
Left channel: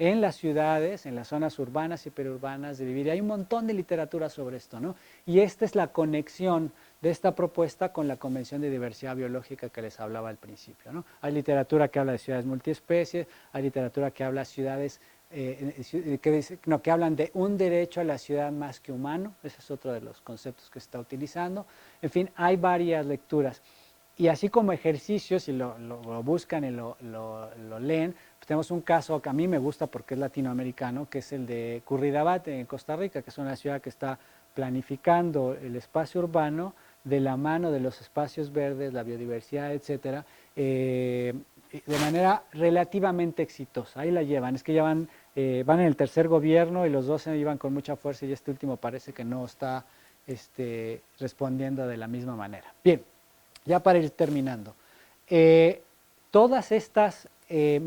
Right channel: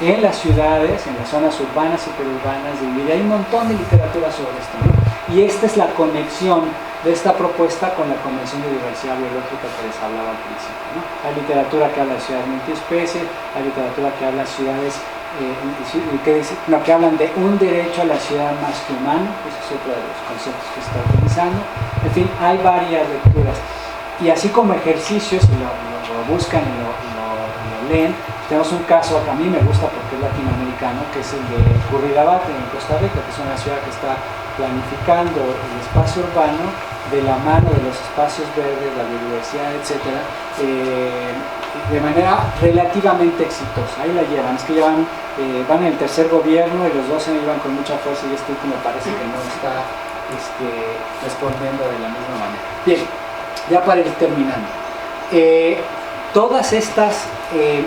en las ciudades, en las zonas urbanas y perurbanas de vivir? Hay un montón de literatura sobre esto, ¿no? Y esta es la conexión de esta propuesta con la Convención de Diversidad Biológica que les hablaba al principio, ¿no? Hay literatura que habla de ciudades multiespecies, hay literatura que habla de ciudades que hablan de un derecho a la ciudad más que humano, ese es otro de los conceptos que se está utilizando. En fin, hay varias lecturas. Y así como ejercicios, si lo buscan y lo leen, tenemos un caso que a mí me gusta porque es latinoamericano, que es el de Curridabat en Costa Rica, que es una ciudad que está planificando el espacio urbano de la mano de los espacios verdes, la biodiversidad, etcétera, de manera relativamente exitosa. Ahí la llevan, es que van en el tercer gobierno y los dos se iban con mucha fuerza y este último parece que no está respondiendo de la misma manera. Bien, ya para ir terminando. Todas estas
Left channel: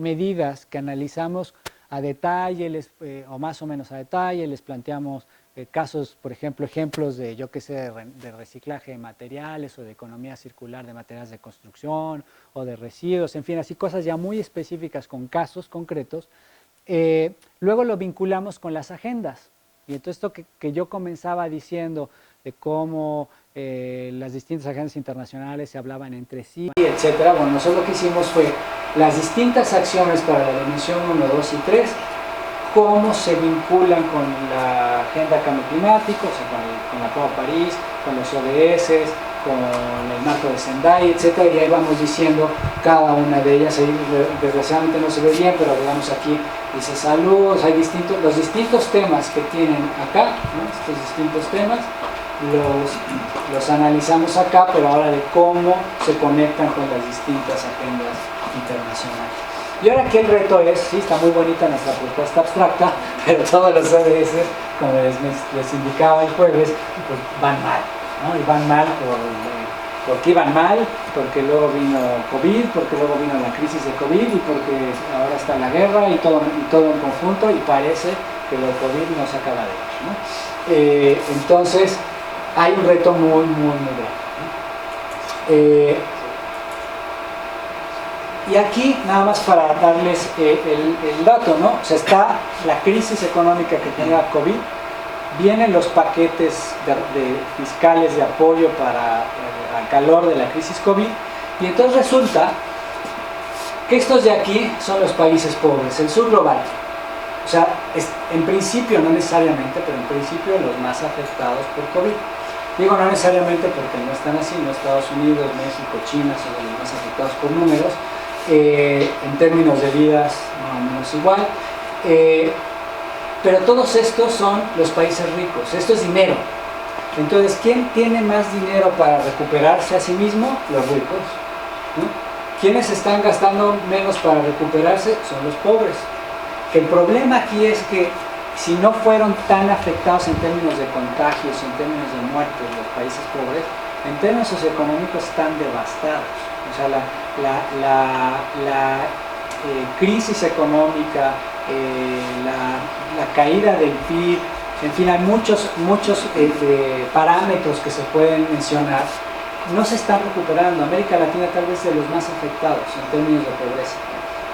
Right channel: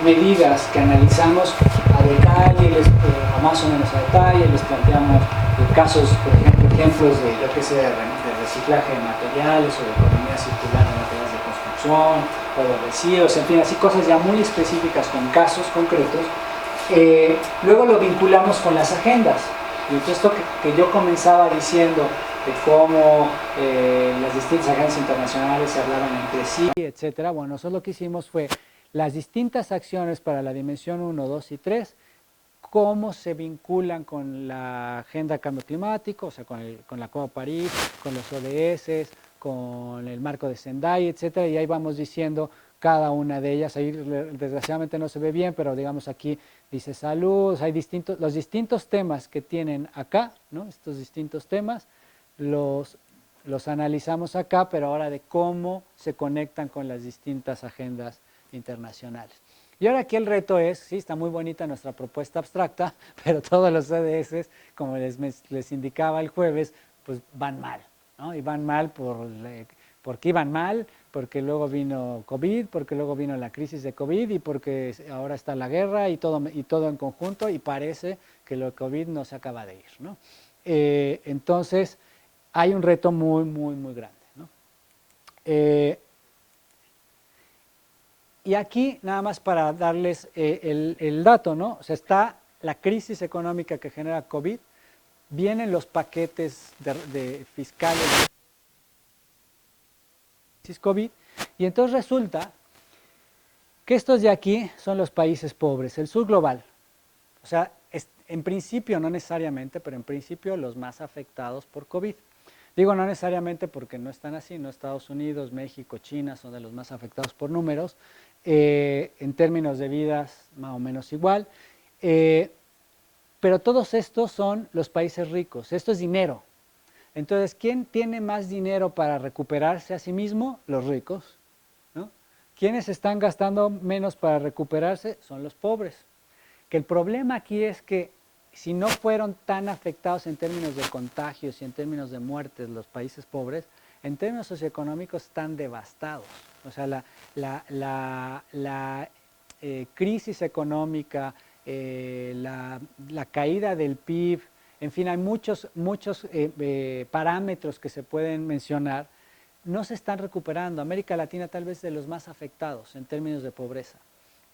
medidas que analizamos a detalle, más o menos a detalle, les planteamos casos, por ejemplo, ejemplos de reciclaje de materiales o de economía circular de materiales de construcción o de residuos, en fin, así cosas ya muy específicas con casos concretos. Luego lo vinculamos con las agendas. Y entonces esto que yo comenzaba diciendo de cómo las distintas agendas internacionales se hablaban entre sí, etcétera. Bueno, nosotros lo que hicimos fue las distintas acciones para la dimensión 1, 2 y 3, cómo se vinculan con la agenda cambio climático, o sea, con la Acuerdo de París, con los ODS, con el marco de Sendai, etcétera, y ahí vamos diciendo cada una de ellas. Ahí desgraciadamente no se ve bien, pero digamos aquí dice salud, hay los distintos temas que tienen acá, ¿no? Estos distintos temas los analizamos acá, pero ahora de cómo se conectan con las distintas agendas internacionales. Y ahora aquí el reto es, sí, está muy bonita nuestra propuesta abstracta, pero todos los ODS, como les indicaba el jueves, pues van mal, ¿no? Y van mal porque iban mal, porque luego vino COVID, porque luego vino la crisis de COVID y porque ahora está la guerra y todo en conjunto, y parece que lo COVID nos acaba de ir, ¿no? Entonces, hay un reto muy, muy, muy grande. Y aquí, nada más para darles el dato, ¿no? O sea, está la crisis económica que genera COVID, vienen los paquetes de fiscales de apoyo para al calor de la crisis COVID, y entonces resulta que estos de aquí son los países pobres, el sur global. O sea, en principio, no necesariamente, pero en principio los más afectados por COVID. Digo no necesariamente porque no están así, no Estados Unidos, México, China son los más afectados por números, en términos de vidas más o menos igual, pero todos estos son los países ricos, esto es dinero. Entonces, ¿quién tiene más dinero para recuperarse a sí mismo? Los ricos, ¿no? ¿Quiénes están gastando menos para recuperarse? Son los pobres. Que el problema aquí es que si no fueron tan afectados en términos de contagios, en términos de muertes, los países pobres, en términos socioeconómicos están devastados. O sea, la crisis económica, la caída del PIB, en fin, hay muchos parámetros que se pueden mencionar, no se están recuperando. América Latina tal vez es de los más afectados en términos de pobreza.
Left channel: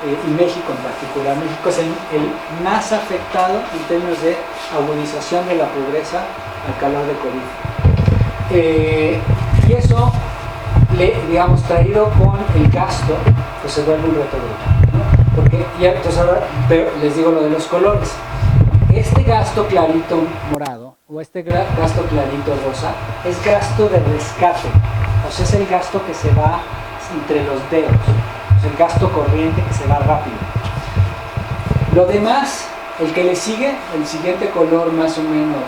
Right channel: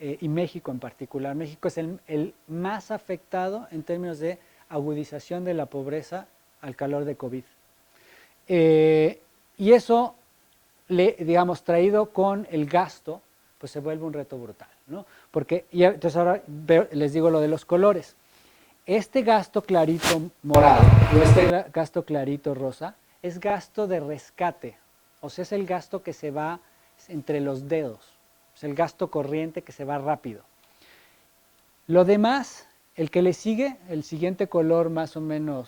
y México en particular. México es el más afectado en términos de agudización de la pobreza al calor de COVID. Y eso, digamos, traído con el gasto, pues se vuelve un reto brutal, ¿no? Porque, y entonces ahora les digo lo de los colores. Este gasto clarito morado o este gasto clarito rosa es gasto de rescate, o sea, es el gasto que se va entre los dedos, es el gasto corriente que se va rápido. Lo demás, el que le sigue, el siguiente color más o menos,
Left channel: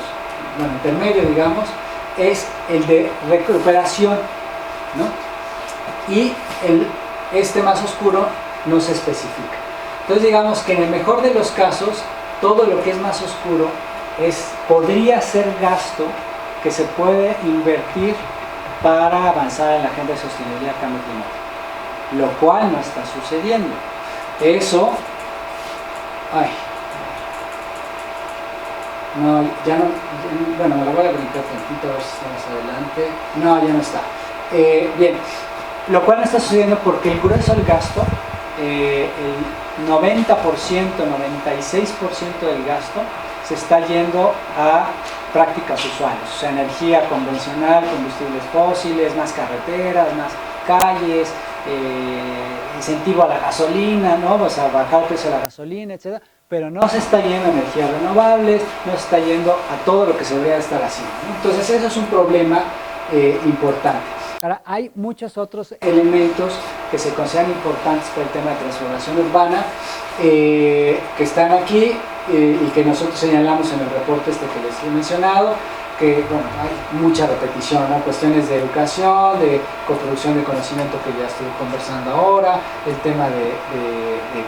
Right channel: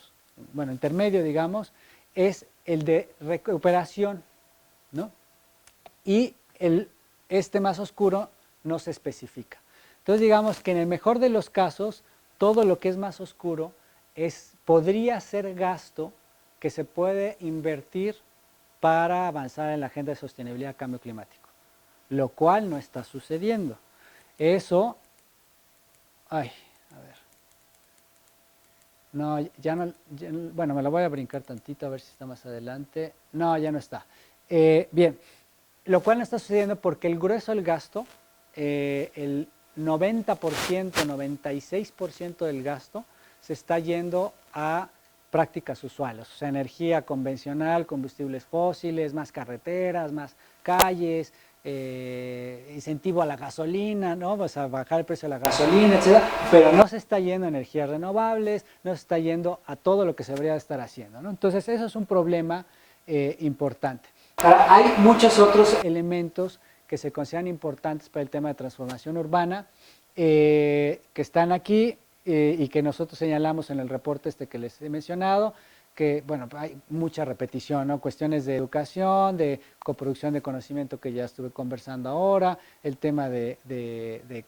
bueno, intermedio digamos, es el de recuperación, ¿no? Y este más oscuro no se especifica. Entonces digamos que en el mejor de los casos, todo lo que es más oscuro podría ser gasto que se puede invertir para avanzar en la agenda de sostenibilidad y cambio climático, lo cual no está sucediendo. Eso, no, ya no, bueno, me la voy a brincar tantito a ver si está más adelante. No, ya no está. Bien, lo cual no está sucediendo porque el grueso del gasto, el 90%, 96% del gasto se está yendo a prácticas usuales, o sea, energía convencional, combustibles fósiles, más carreteras, más calles, incentivo a la gasolina, ¿no? O sea, bajar el precio de la gasolina, etc. Pero no se está yendo a energías renovables, no se está yendo a todo lo que se debería estar haciendo, ¿no? Entonces, eso es un problema importante. Ahora, hay muchos otros elementos que se consideran importantes para el tema de transformación urbana, que están aquí y que nosotros señalamos en el reporte que les he mencionado, que bueno, hay mucha repetición, ¿no? Cuestiones de educación, de coproducción de conocimiento que ya estoy conversando ahora, el tema de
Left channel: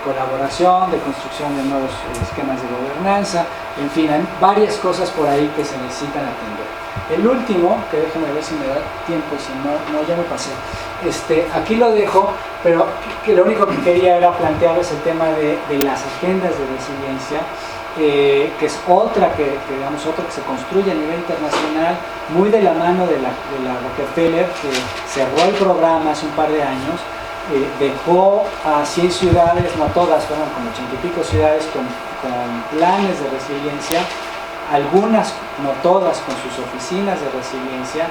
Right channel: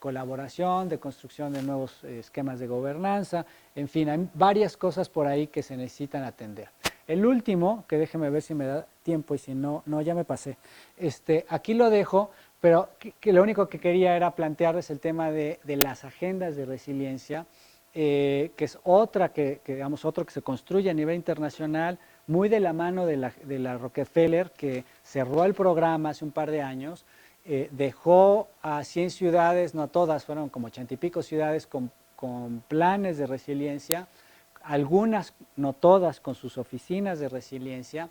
colaboración, de construcción de nuevos esquemas de gobernanza, en fin, hay varias cosas por ahí que se necesitan atender. El último, que déjenme ver si me da tiempo, si no ya me pasé, aquí lo dejo, pero que lo único que quería era plantearles el tema de las agendas de resiliencia, que es otra que se construye a nivel internacional, muy de la mano de la Rockefeller, que cerró el programa hace un par de años, dejó a 100 ciudades, no todas, fueron como 80 y pico ciudades con planes de resiliencia, algunas, no todas, con sus oficinas de resiliencia,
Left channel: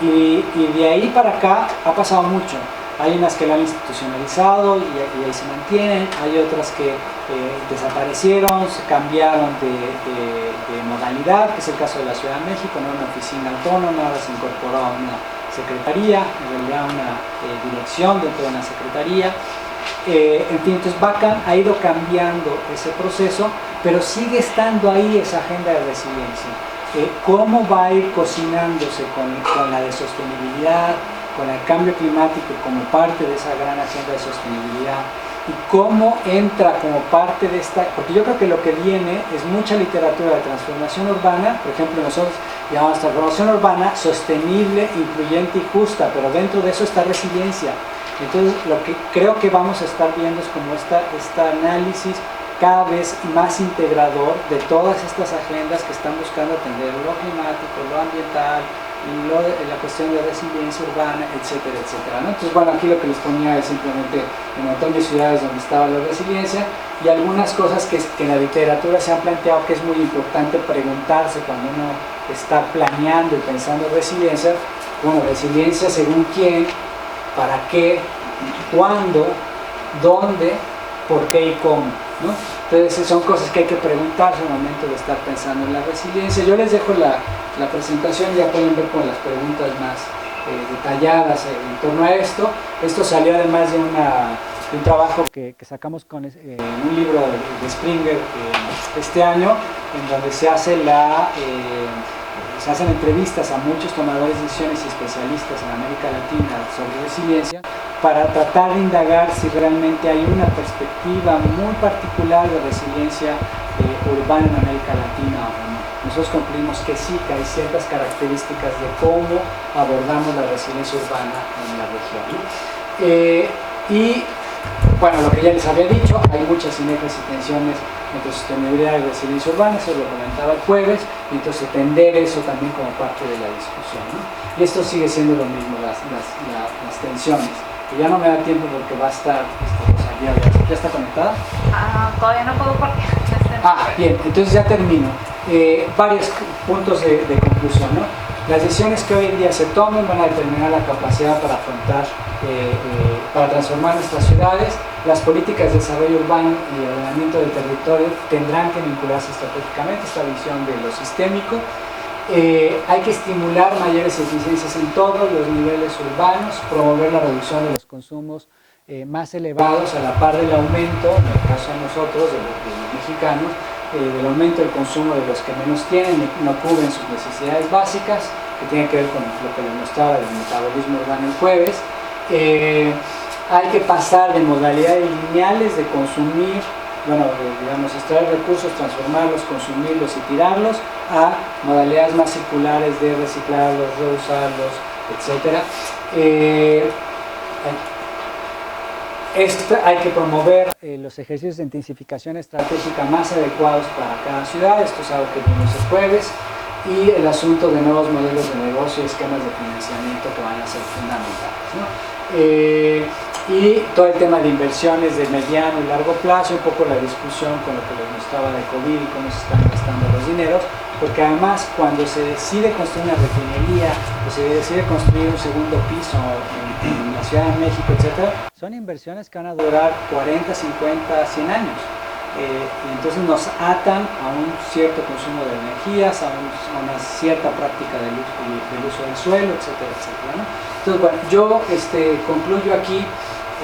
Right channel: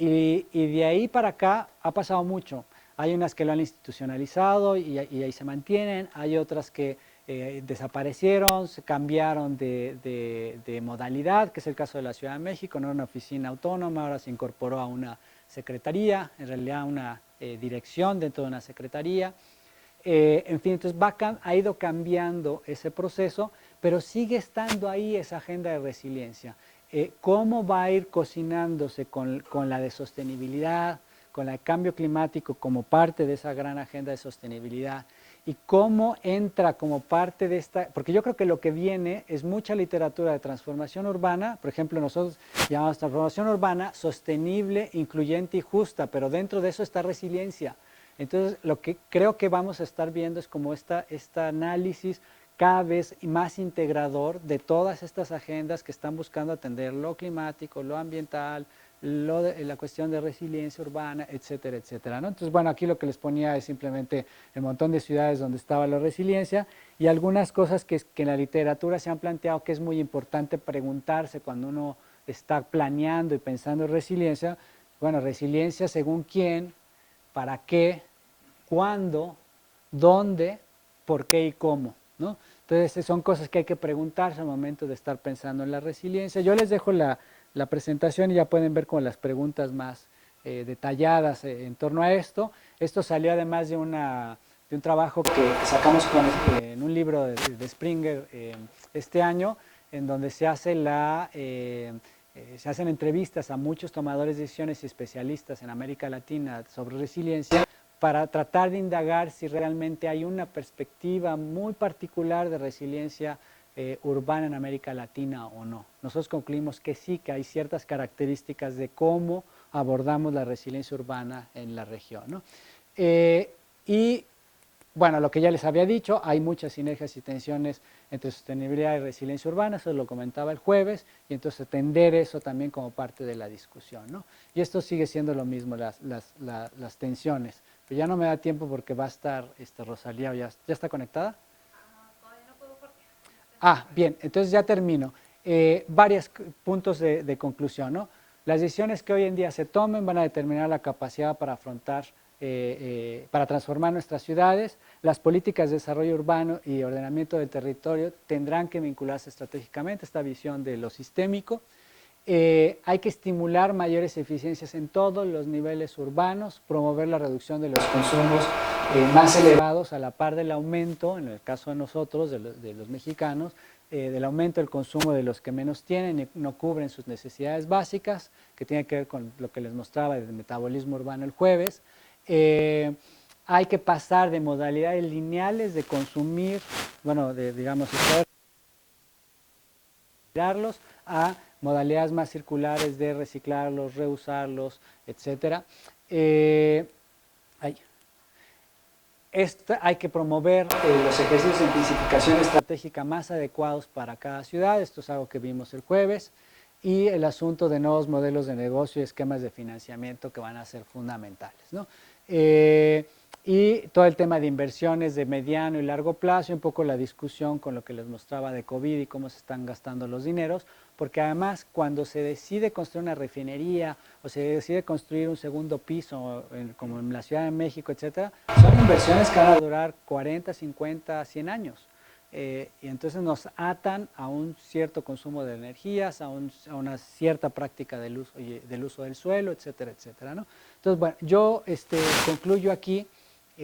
y de ahí para acá ha pasado mucho. Hay unas que la han institucionalizado y ahí se mantienen, hay otras que desaparecieron, se cambiaron de modalidad, que es el caso de la Ciudad de México, no una oficina autónoma, ahora se incorporó a una secretaría, en realidad una dirección dentro de una secretaría. En fin, entonces Bacan ha ido cambiando ese proceso, pero sigue estando ahí esa agenda de resiliencia. ¿Cómo va a ir cocinándose con la de sostenibilidad, con el cambio climático como parte de esa gran agenda de sostenibilidad? Y cómo entra como parte de esta, porque yo creo que lo que viene es mucha literatura de transformación urbana, por ejemplo nosotros llamamos transformación urbana sostenible, incluyente y justa, pero dentro de eso está resiliencia. Entonces lo que creo que vamos a estar viendo es como este análisis cada vez más integrador de todas estas agendas que están buscando atender lo climático, lo ambiental, la cuestión de resiliencia urbana, etcétera, etcétera, ¿no? Entonces, bueno, aquí lo que les ponía es simplemente un montón de ciudades donde estaba la resiliencia y algunas cosas que en la literatura se han planteado que es muy importante preguntarse cuando uno está planeando y pensando en resiliencia. Bueno, resiliencia según quién, para qué, cuándo, dónde, por qué y cómo, ¿no? Entonces son cosas que hay que preguntarse al momento de estar pensando en la resiliencia. Yo les dejo la presentación, ya pueden ver con las preguntas más detalladas en torno a esto. Esto salió además de un trabajo que sacamos en un libro de Springer este año, en donde se hacen entrevistas a muchos tomadores de decisiones y especialistas en América Latina sobre resiliencia, para tratar de indagar si realmente hay una perspectiva muy particular de resiliencia urbana en América Latina o no. Nosotros concluimos que sí, que hay ciertas características de cómo abordamos la resiliencia urbana en la región, ¿no? Y bueno, lo que ya les había dicho, hay muchas sinergias y tensiones entre sostenibilidad y resiliencia urbana, eso lo comentaba el jueves, y entonces entender eso también como parte de la discusión, ¿no? Y esto sigue siendo lo mismo, las tensiones. Y ya no me da tiempo porque va a estar esta cosa ¿Ya está conectada? Todavía no puedo porque Bien, entonces ya termino. Varios puntos de conclusión, ¿no? Las decisiones que hoy en día se tomen van a determinar la capacidad para afrontar, para transformar nuestras ciudades. Las políticas de desarrollo urbano y ordenamiento del territorio tendrán que vincularse estratégicamente a esta visión de lo sistémico. Hay que estimular mayores eficiencias en todos los niveles urbanos, promover la reducción de los consumos más elevados a la par del aumento, en el caso de nosotros, de los mexicanos, del aumento del consumo de los que menos tienen y no cubren sus necesidades básicas, que tienen que ver con lo que les mostraba del metabolismo urbano el jueves. Hay que pasar de modalidades lineales de consumir, digamos, extraer recursos, transformarlos, consumirlos y tirarlos, a modalidades más circulares de reciclarlos, reusarlos, etc. Hay que promover los ejercicios de intensificación estratégica más adecuados para cada ciudad. Esto es algo que vimos el jueves. Y el asunto de nuevos modelos de negocio y esquemas de financiamiento que van a ser fundamentales, ¿no? Y todo el tema de inversiones de mediano y largo plazo, un poco la discusión con lo que les mostraba de COVID y cómo se están gastando los dineros, porque además cuando se decide construir una refinería o se decide construir un segundo piso en la Ciudad de México, etc., son inversiones que van a durar 40, 50, 100 años. Y entonces nos atan a un cierto consumo de energías, a una cierta práctica del uso del suelo, etcétera, etcétera, ¿no? Entonces, bueno, yo concluyo aquí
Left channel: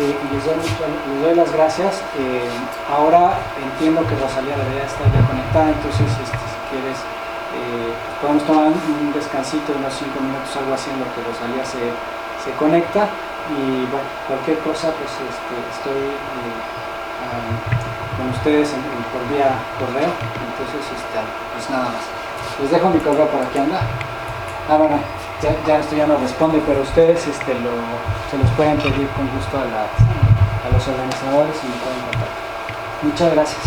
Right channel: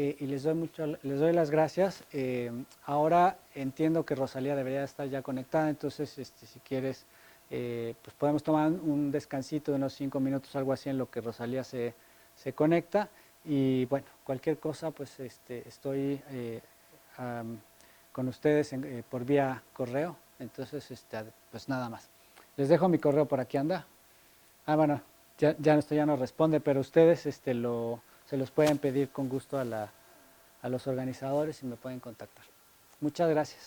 y les doy las gracias. Ahora entiendo que Rosalía debería estar ya conectada, entonces si quieres podemos tomar un descansito de unos 5 minutos, algo así, en lo que Rosalía se conecta. Y bueno, cualquier cosa, pues estoy con ustedes por vía correo, entonces pues nada más. Les dejo mi correo por aquí, anda. Bueno, ya esto ya no responde, pero ustedes se los pueden pedir con gusto a los organizadores y me pueden contactar. Muchas gracias.